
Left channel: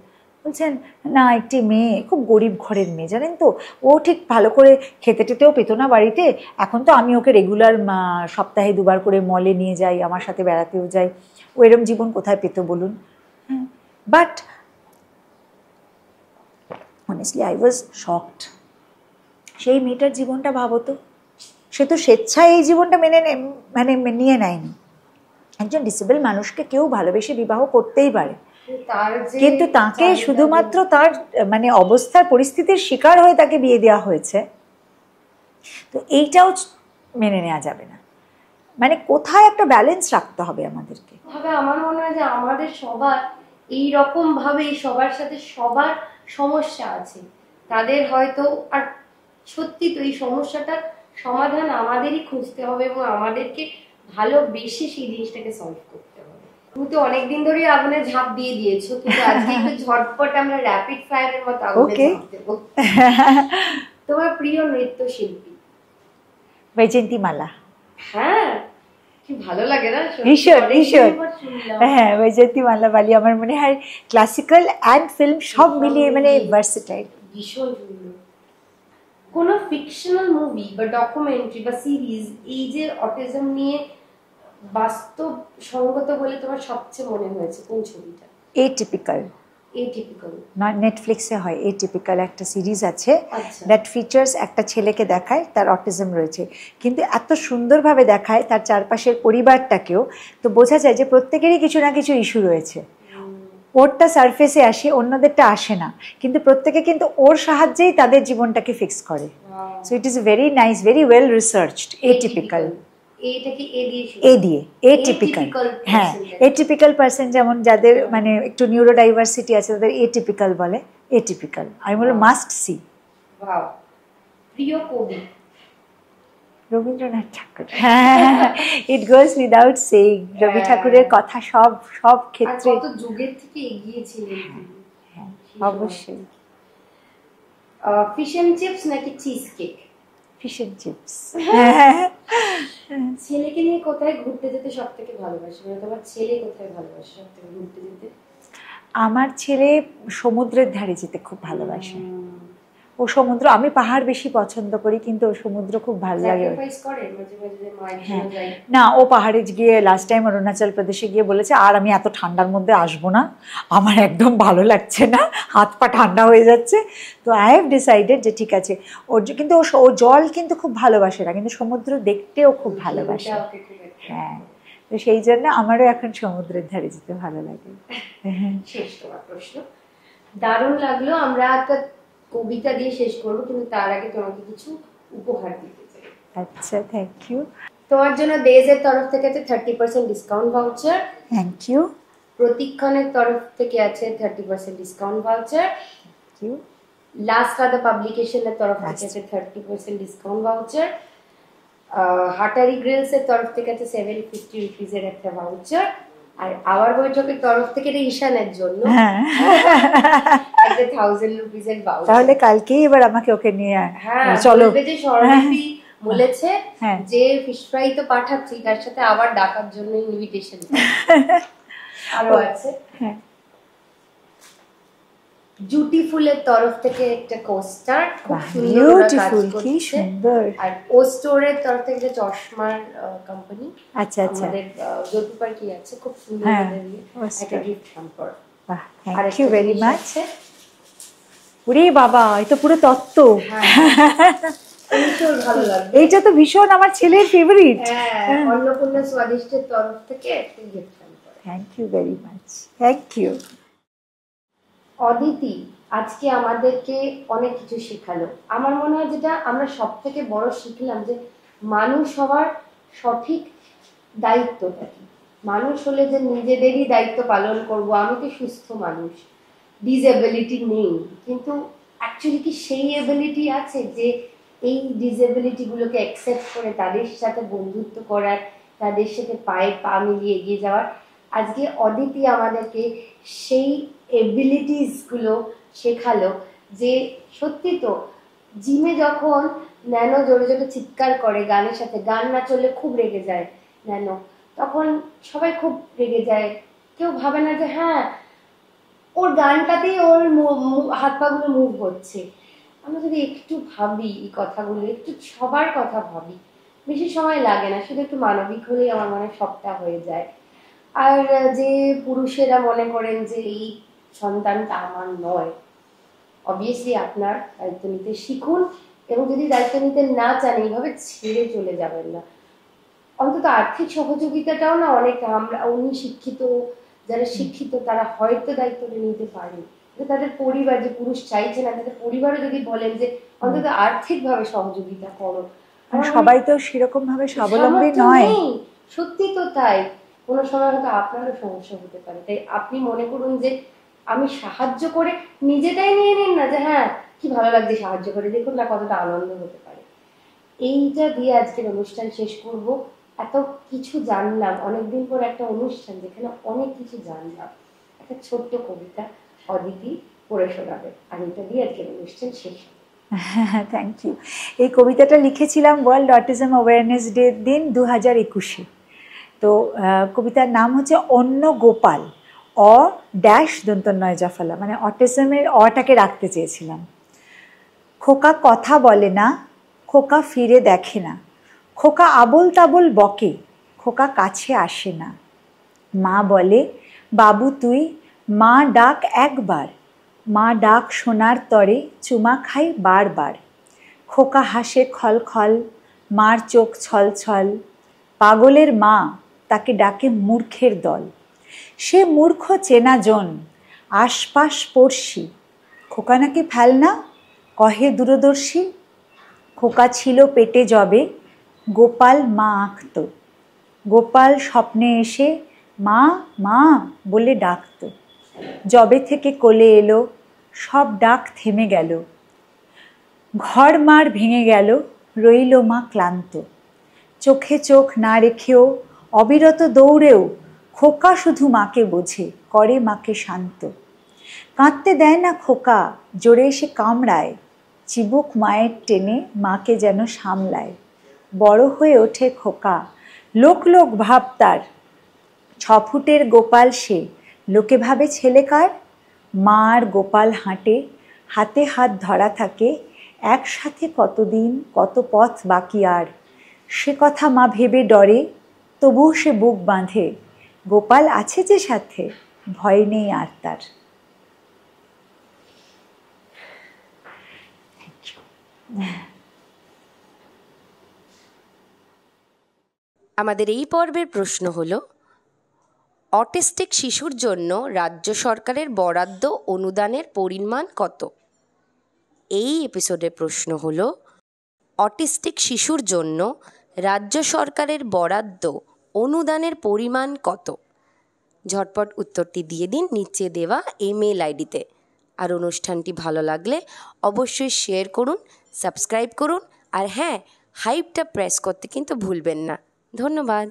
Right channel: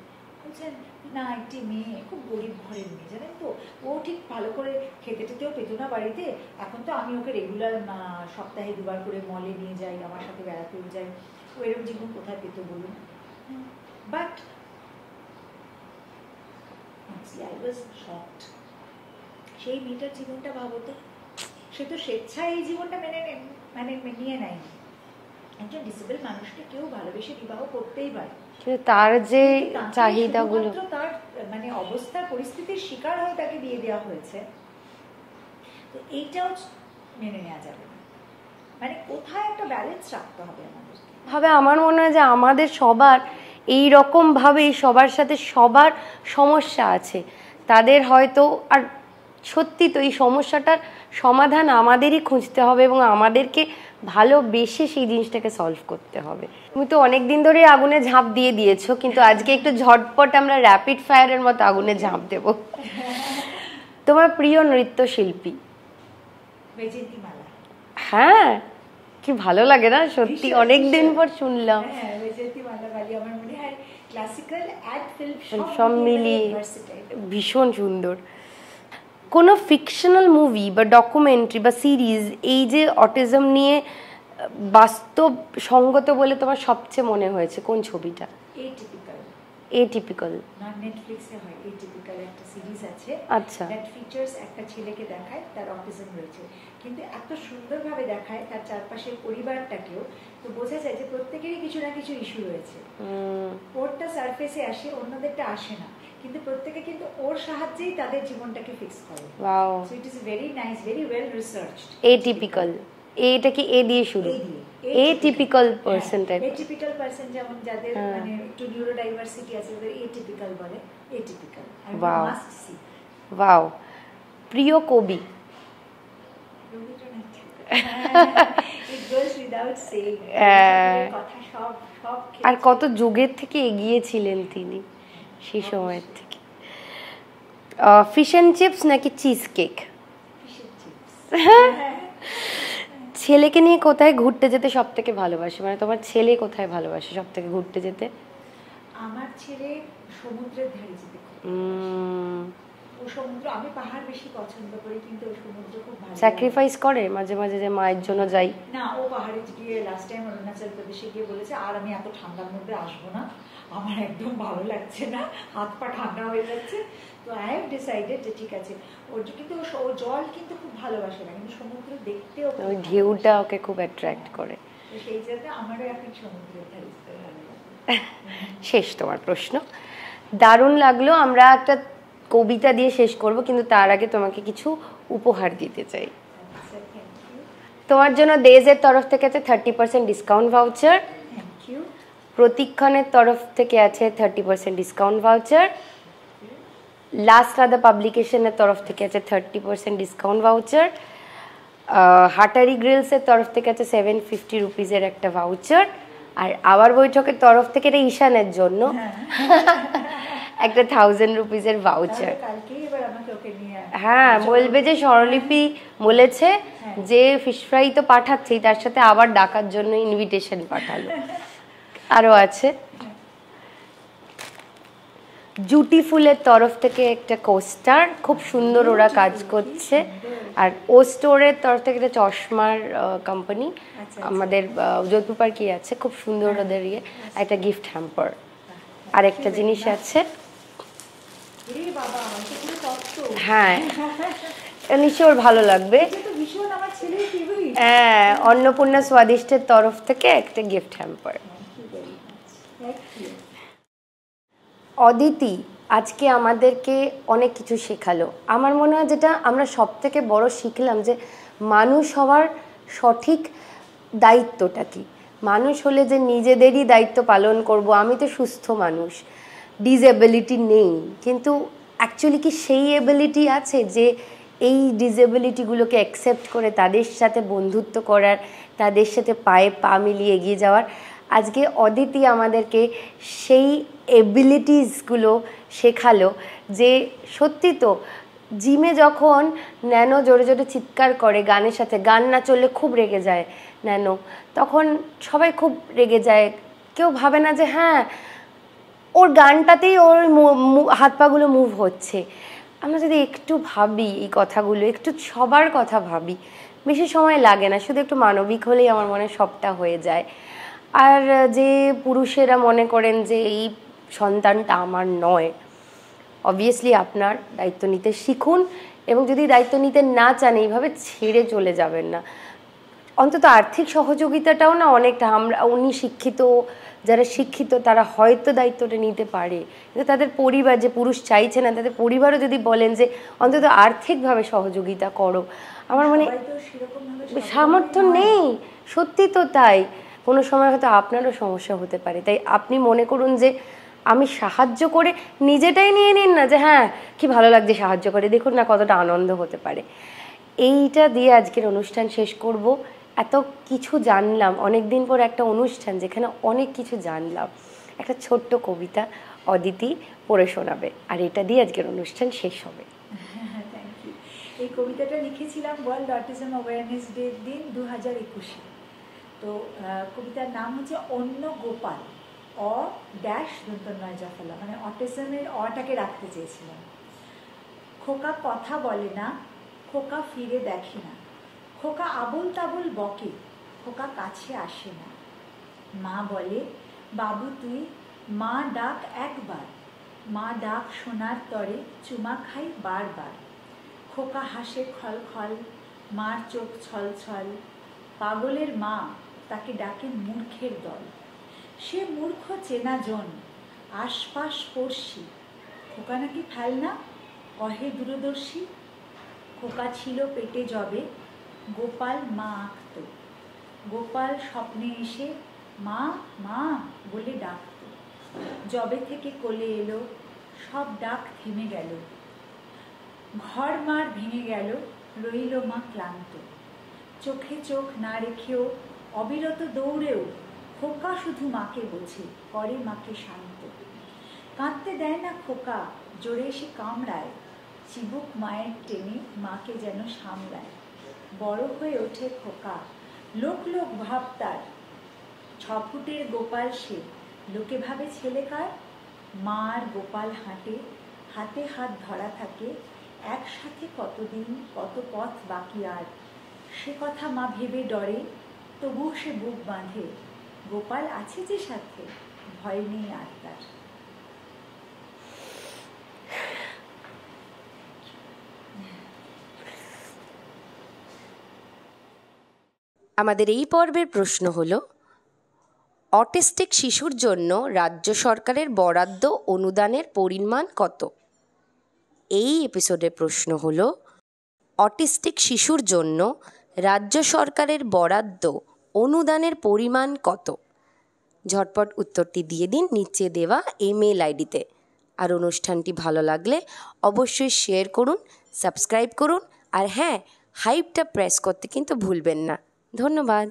বলছেন না, একটি মেয়ে, খুব গরিব ঘরের মেয়ে, জানেন তো, ও ঠিক ভালো করে খেতে টেতেও পেতো না বাড়িতে, এখন তো আমি ওকে রেগুলার সপ্তাহে 2বার করে মলে নিয়ে যাই, আমার সাথে বেড়াতেও যাই, ও এরম জীবন কোথায় পেতো বলুন? হ্যাঁ, but honestly I was shocked. সেই মেয়েটার জীবনটা ভাবো তো, সে তো স্বেচ্ছায় এই জীবনটা নিয়ে নেয়নি। একজন ডিসেবল মানুষকে কেউ ভালোবেসে বিবাহ করতেই পারে, কিন্তু তাকে শুধুমাত্র তার মানে অবস্থার পরিস্থিতির শিকার হয়ে তাকে বিয়ে দেওয়া হয়েছে। তো এইটাও মেনে নেওয়া যাবে না। মানে কোথায় একটা ব্যালেন্স রাখতে হবে আমাদেরকে। আমার মনে হয় যে আমাদের সবার এইরকমভাবে সবার সাথে সবার সমস্যা আছে, তাদের হয়তো, আর সত্যি তো এই সমস্যাটার সমাধান আমাদেরই খুঁজতে হবে এবং আমাদেরকে ভালোবেসে সেই জিনিসটাকে সলভ করতে হবে। তুমি তো অনেকদিন ধরে আগুনে ঝাঁপ দিয়ে দিয়েছো, কিন্তু আজকে একটু ঝটপট আমরা র্যাপিড ফায়ারের মতো আগুনে ঝাঁপ দেব। তোমার প্রিয় নৃত্যশিল্পী? বৈজয়ন্তীমালা। হ্যাঁ, কি ভালো লাগে না সত্যি, অনেকদিন পর শুনলাম। হ্যাঁ, বৈজয়ন্তীমালা বালি আমার মনে হয় ক্লাসিক্যাল অ্যান্ড ফিল্ম সব মিলিয়ে মানে ভার্সেটাইল, ভীষণ সুন্দর। কোনো ফিকশনাল মুভি বা ডকুমেন্টারি বা সিরিজ এই যে অটিজম নিয়ে বাস্তব সঙ্গত বলে তোমার সবচেয়ে মনে হয়েছে কোন ছবিটা? এটিপিক্যাল। নেটফ্লিক্সে হয় এটিপিক্যাল, একটা সিরিজ আছে, দ্যাট ফিচার্স একটা ছেলেকে দেখায় তার অটিজম রয়েছে, কিন্তু এত সুন্দরভাবে দেখায় তার চারপাশের পরিবারটাকেও, তো বোঝা যায় যে প্রত্যেকেরই কিছু না কিছু ইস্যু রয়েছে। ওরটা সারফেসে আসে, অন্যদেরটা আসে না, কিন্তু প্রত্যেকে কিন্তু ওর সাহায্যেই তাদের জীবনটাকে ফিক্স করে। So it is very nice, very well researched. Atypical, এইটা কি এ দিয়ে শুরু? এ দিয়ে, এটিপিক্যাল। হ্যাঁ, এটিপিক্যাল পারসন, যেমন যাদের মানে একটু নিউরো ডাইভার্সিটি আছে তাদের এটিপিক্যাল বলে। এটিপিক্যাল আমি বলি মাস্ট সি। ওয়াও। প্রিয় কবি? রবীন্দ্রনাথ ঠাকুর। ইট গোজ উইদাউট সেইং, রবি ঠাকুরের কথা সব ক্ষেত্রে। কত যুগের থেকে এগিয়ে ছিলেন তিনি সেই সময় থেকে। ফিশ এন্ড চিপস নাকি cheesecake? Fish and chips. ছেলেকে নিয়ে কোথায় ঘুরতে যেতে সব থেকে ভালোবাসে? মানে তোমার ছেলে কোথায় ভালোবাসে সব থেকে ঘুরতে যেতে? আমার ছেলে সমুদ্রের ধারে যেতে খুব ভালোবাসে। ও সমুদ্র, আমি পাহাড় বেশি পছন্দ করি কিন্তু ও সমুদ্র খুব ভালো লাগে। স্যাক্রিফাইস করে মাঝে মাঝে যে মায়ের জন্য যাই? না, ও পাহাড়ে গিয়ে লাস্ট টাইম অরুণাচল প্রদেশে গিয়ে বলেছে আর আমি এত ঠান্ডার মধ্যে আসবো না, আমার একদম ভালো লাগছে না, হাত পা ঠান্ডা হয়ে যাচ্ছে। তো আই হ্যাভ ডিসাইডেড যে ঠিক আছে, কিন্তু ও জল কিন্তু খুব ভালোবাসে না, কিন্তু সমুদ্র দেখতেও খুব ভালোবাসে, ওকে খুব অ্যাট্রাক্ট করে। তো সেই জন্য আমারও এখন সমুদ্রের ধারে যেতে ভালো লাগে। শেষ তোমার প্রশ্ন। দারুণ লাগলো। আমরা একটা কবিতা দিয়ে শেষ করব, কিন্তু তার আগে তোমাকে কিছু উপহার দিতে চাই। আচ্ছা, থ্যাংক ইউ। তোমার জন্য ডেজের তরফ থেকে আছে 30% ডিসকাউন্ট ভাউচার। Thank you. প্রতীক্ষণের তরফ থেকে আছে 30% ডিসকাউন্ট ভাউচার। লাস্ট ফাদার পাবলিকেশনের তরফ থেকে আছে 30% ডিসকাউন্ট ভাউচার। হাটারি গ্রিলসের তরফ থেকে আছে 750 রুপিজের একটা ভাউচার। আর আবার বৈঠকের তরফ থেকে এটা ঈশানের জন্য একটা 1000 রুপিজের ভাউচার। তাহলে কালকেই এবার আমাকে ওকে নিয়ে বলবে যে স্বরলিপি বলেছে যে ফিশ ফ্রাই তো পাঠাচ্ছি, তার সাথে আবার ডাকার জন্য ইনভিটেশন পাঠাবে। আরো আছে জুটিফুলের তরফ থেকে একটা কোস্টার, খুব সুন্দর ওরা কাজ করছে। আর ও স্টোরের তরফ থেকে একটা চশমার কোম্পানি আমাদের যোধপুর পার্কে আছে, খুব সুন্দর ওদের একটা গিফট হ্যাম্পার। আর একটা জিনিস আছে, ওরে বাবা, এটা পুরো তত্ত্ব। হ্যাঁ নিশ্চয় ভালো লাগবে, এটা তো ভীষণ আমার ছেলের ফেভারিট। হ্যাঁ, অন্নপূর্ণা স্বাদিষ্টের তরফ থেকে একটা gift hamper. Thank you very much. Thank you. Aditi আজকে আমাদেরকে অনেক কিছু শেখালো। আমার মনে হয় যেটা আমরা সব থেকে বড় শিখলাম যে মানুষ হওয়ার সঠিক দায়িত্বটা কি। মানুষ হলে যে নিজেদেরই দায়িত্ব পালন করব, আমি তো সুস্থ মানুষ, ডিসএবিলিটি নেই, কিন্তু অ্যাকচুয়ালি কি সেই এবিলিটি আছে যে এই ডিসএবিলিটিগুলোকে অ্যাকসেপ্ট করে তাদের সাথে বন্ধুত্ব করার, তাদের সাথে পায়ে পা মিলিয়ে এগিয়ে যাওয়ার। আজকে অদিতি আমাদেরকে সেই এবিলিটিসগুলো শেখালো যে সত্যি তো জিমে যখন ন্যানো জোরে জোরে চিৎকার করে গানের সাথে, গান না চললে খুব রেগে যায় ন্যানো, তখন সবাই খুব রেগে যায়, কেউ ভাবে না যে হ্যাঁ ওর গানটাতেই ওর হাত পাগুলো মুভ হচ্ছে। আমরা যদি একটু ভাবি এই কথাগুলো, একটু সবার কথা ভাবি, বেশি সময় লাগে না, শুধু একটু মানবিক হলেই আমার মনে সবটা হয়ে যায়। আর যে পুরুষেরা মনে করেন যে এই সন্তানটা আমার নয়, অবভিয়াসলি আপনার দায়িত্ব নিতে শিখুন, এবং যদি দায়িত্ব নিতে না চান এইভাবে ছেড়ে চলে যাবেন না। অন্তত আর্থিক সহযোগিতাটাও না অনেকটা, উনি শিক্ষিত, যারা শিক্ষিত তারা হয়তো দায়িত্বটা নিতে পারে, কিন্তু তাদের পরিবার, যে পুরুষ চাইছে না তাদের পরিবারও যদি বলেন যে অন্তত আর্থিকভাবে সহযোগিতা করো। সবাই তো সেরকম ভাবে স্বাবলম্বী নয়। সত্যি তো তাই, কোনো সময় হয়তো আপনারও সমস্যা হতে পারে। তাই আপনি মনে করুন যে আমি সাহায্য করে নিজেটাই নিয়ে নিন না যে হ্যাঁ কি ভালো লাগছে সাহায্য করে, দেখুন না কতটা আনন্দ হতে পারে। এইটা দিয়ে আজকের অনুষ্ঠান শেষ করব। এত কিছু জানলাম, অনেকদিন পর একটা অনুষ্ঠান যেখানে অনেক কিছু জানলাম। একটা ছোট্ট কবিতা অদিতি পড়ে শোনাবে, আর এটা দিয়ে আজকের অনুষ্ঠান শেষ হবে। Thank you. এই কবিতাটা লিখেছিলাম ওয়ার্ল্ড অটিজম অ্যাওয়ারনেস ডে দিন 2021-এ। তো কবিতার নাম হচ্ছে অন্য গোপাল, দন্তন্বয় জাফলা, মানে অটিজমের অটাকে রাখতে চেয়েছিলাম। খোকা কথা বলে না, খোকা ফিরে দেখে না, খোকা আবোল তাবোল বকে, খোকা কাছে আসে না। মা বলে বাবু তুই, মা ডাক একবার, মা ডাক শোনার তরে চুমা খাই বারবার। খোকা হাসে খল খল, মার চোখ ছল ছল, পাগলের মা তাকে ডাকে মূর্খের দল। সে মূর্খ চেনা জন, আশপাশ পড়শি, খোকা নাকি ফেলনা কহে দূরদর্শী। খোকা ছিল পেটে যবে, গোপাল মা আঁকত, গোপাল স্বপ্নে এসে মা মা বলে ডাকত। যবে থেকে কোলে এলো সব ডাক থেমে গেল, ঘর মার ভেঙে গেল, রইল মা ক্লান্ত। চোখে চোখ না রেখেও অবিরত দৌড়েও খোকা শুধু মাকে বোঝে, করে মাকে শান্ত। কাঁদতে দেয় না খোকা, জোরে এসে কামড়ায়, চিবুক মায়ের টেনে মাকে যেন সামলায়। বড় হয়ে ওঠে খোকা, লোক লোক ভাব তার, 6 ফুটের গোপাল সে, লোকে ভাবে ছেলে কার। মা আর গোপাল হাঁটে, হাতে হাত ধরা থাকে, একসাথে কতদিন কত পথ বাকি আর, সে কথা মা ভেবে ডরে, তবুও সে বুক বাঁধে, গোপাল আছে যে সাথে, ভয় নেই আর তার। আমাদের এই পর্বের প্রশ্ন হলো, অটিস্টিক শিশুর জন্য রাজ্য সরকারের বরাদ্দ অনুদানের পরিমাণ কত? এই এপিসোডের প্রশ্ন হলো, অটিস্টিক শিশুর জন্য রাজ্য সরকারের বরাদ্দ অনুদানের পরিমাণ কত? ঝটপট উত্তরটি দিয়ে দিন নিচে দেওয়া ইমেল আইডিতে। আর অনুষ্ঠানটি ভালো লাগলে অবশ্যই শেয়ার করুন, সাবস্ক্রাইব করুন, আর হ্যাঁ, হাইপটা প্রেস করতে কিন্তু ভুলবেন না। ধন্যবাদ।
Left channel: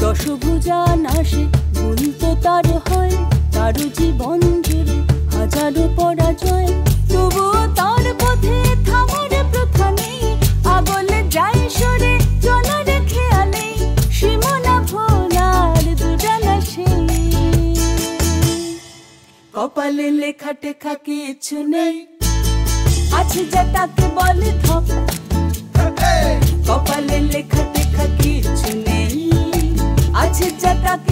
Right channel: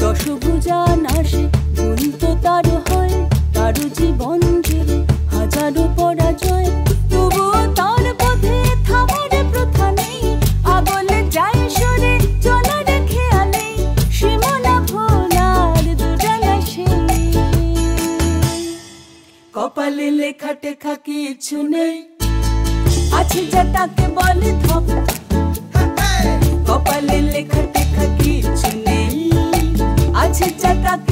দশভুজা নাশে ভুল তো তার হয়, তার জীবন জুড়ে হাজারো পরাজয়, তবুও তার পথে থামার প্রথা নেই, আগলে যায় সরে চলার খেয়ালে, সীমানা ভোলার দুরানা সেই, কপালে লেখা টেখা কিছু নেই, আছে যা তাকে বলে ধপ, কপালে লেখা টেখা কিছু নেই, আছে যা তাকে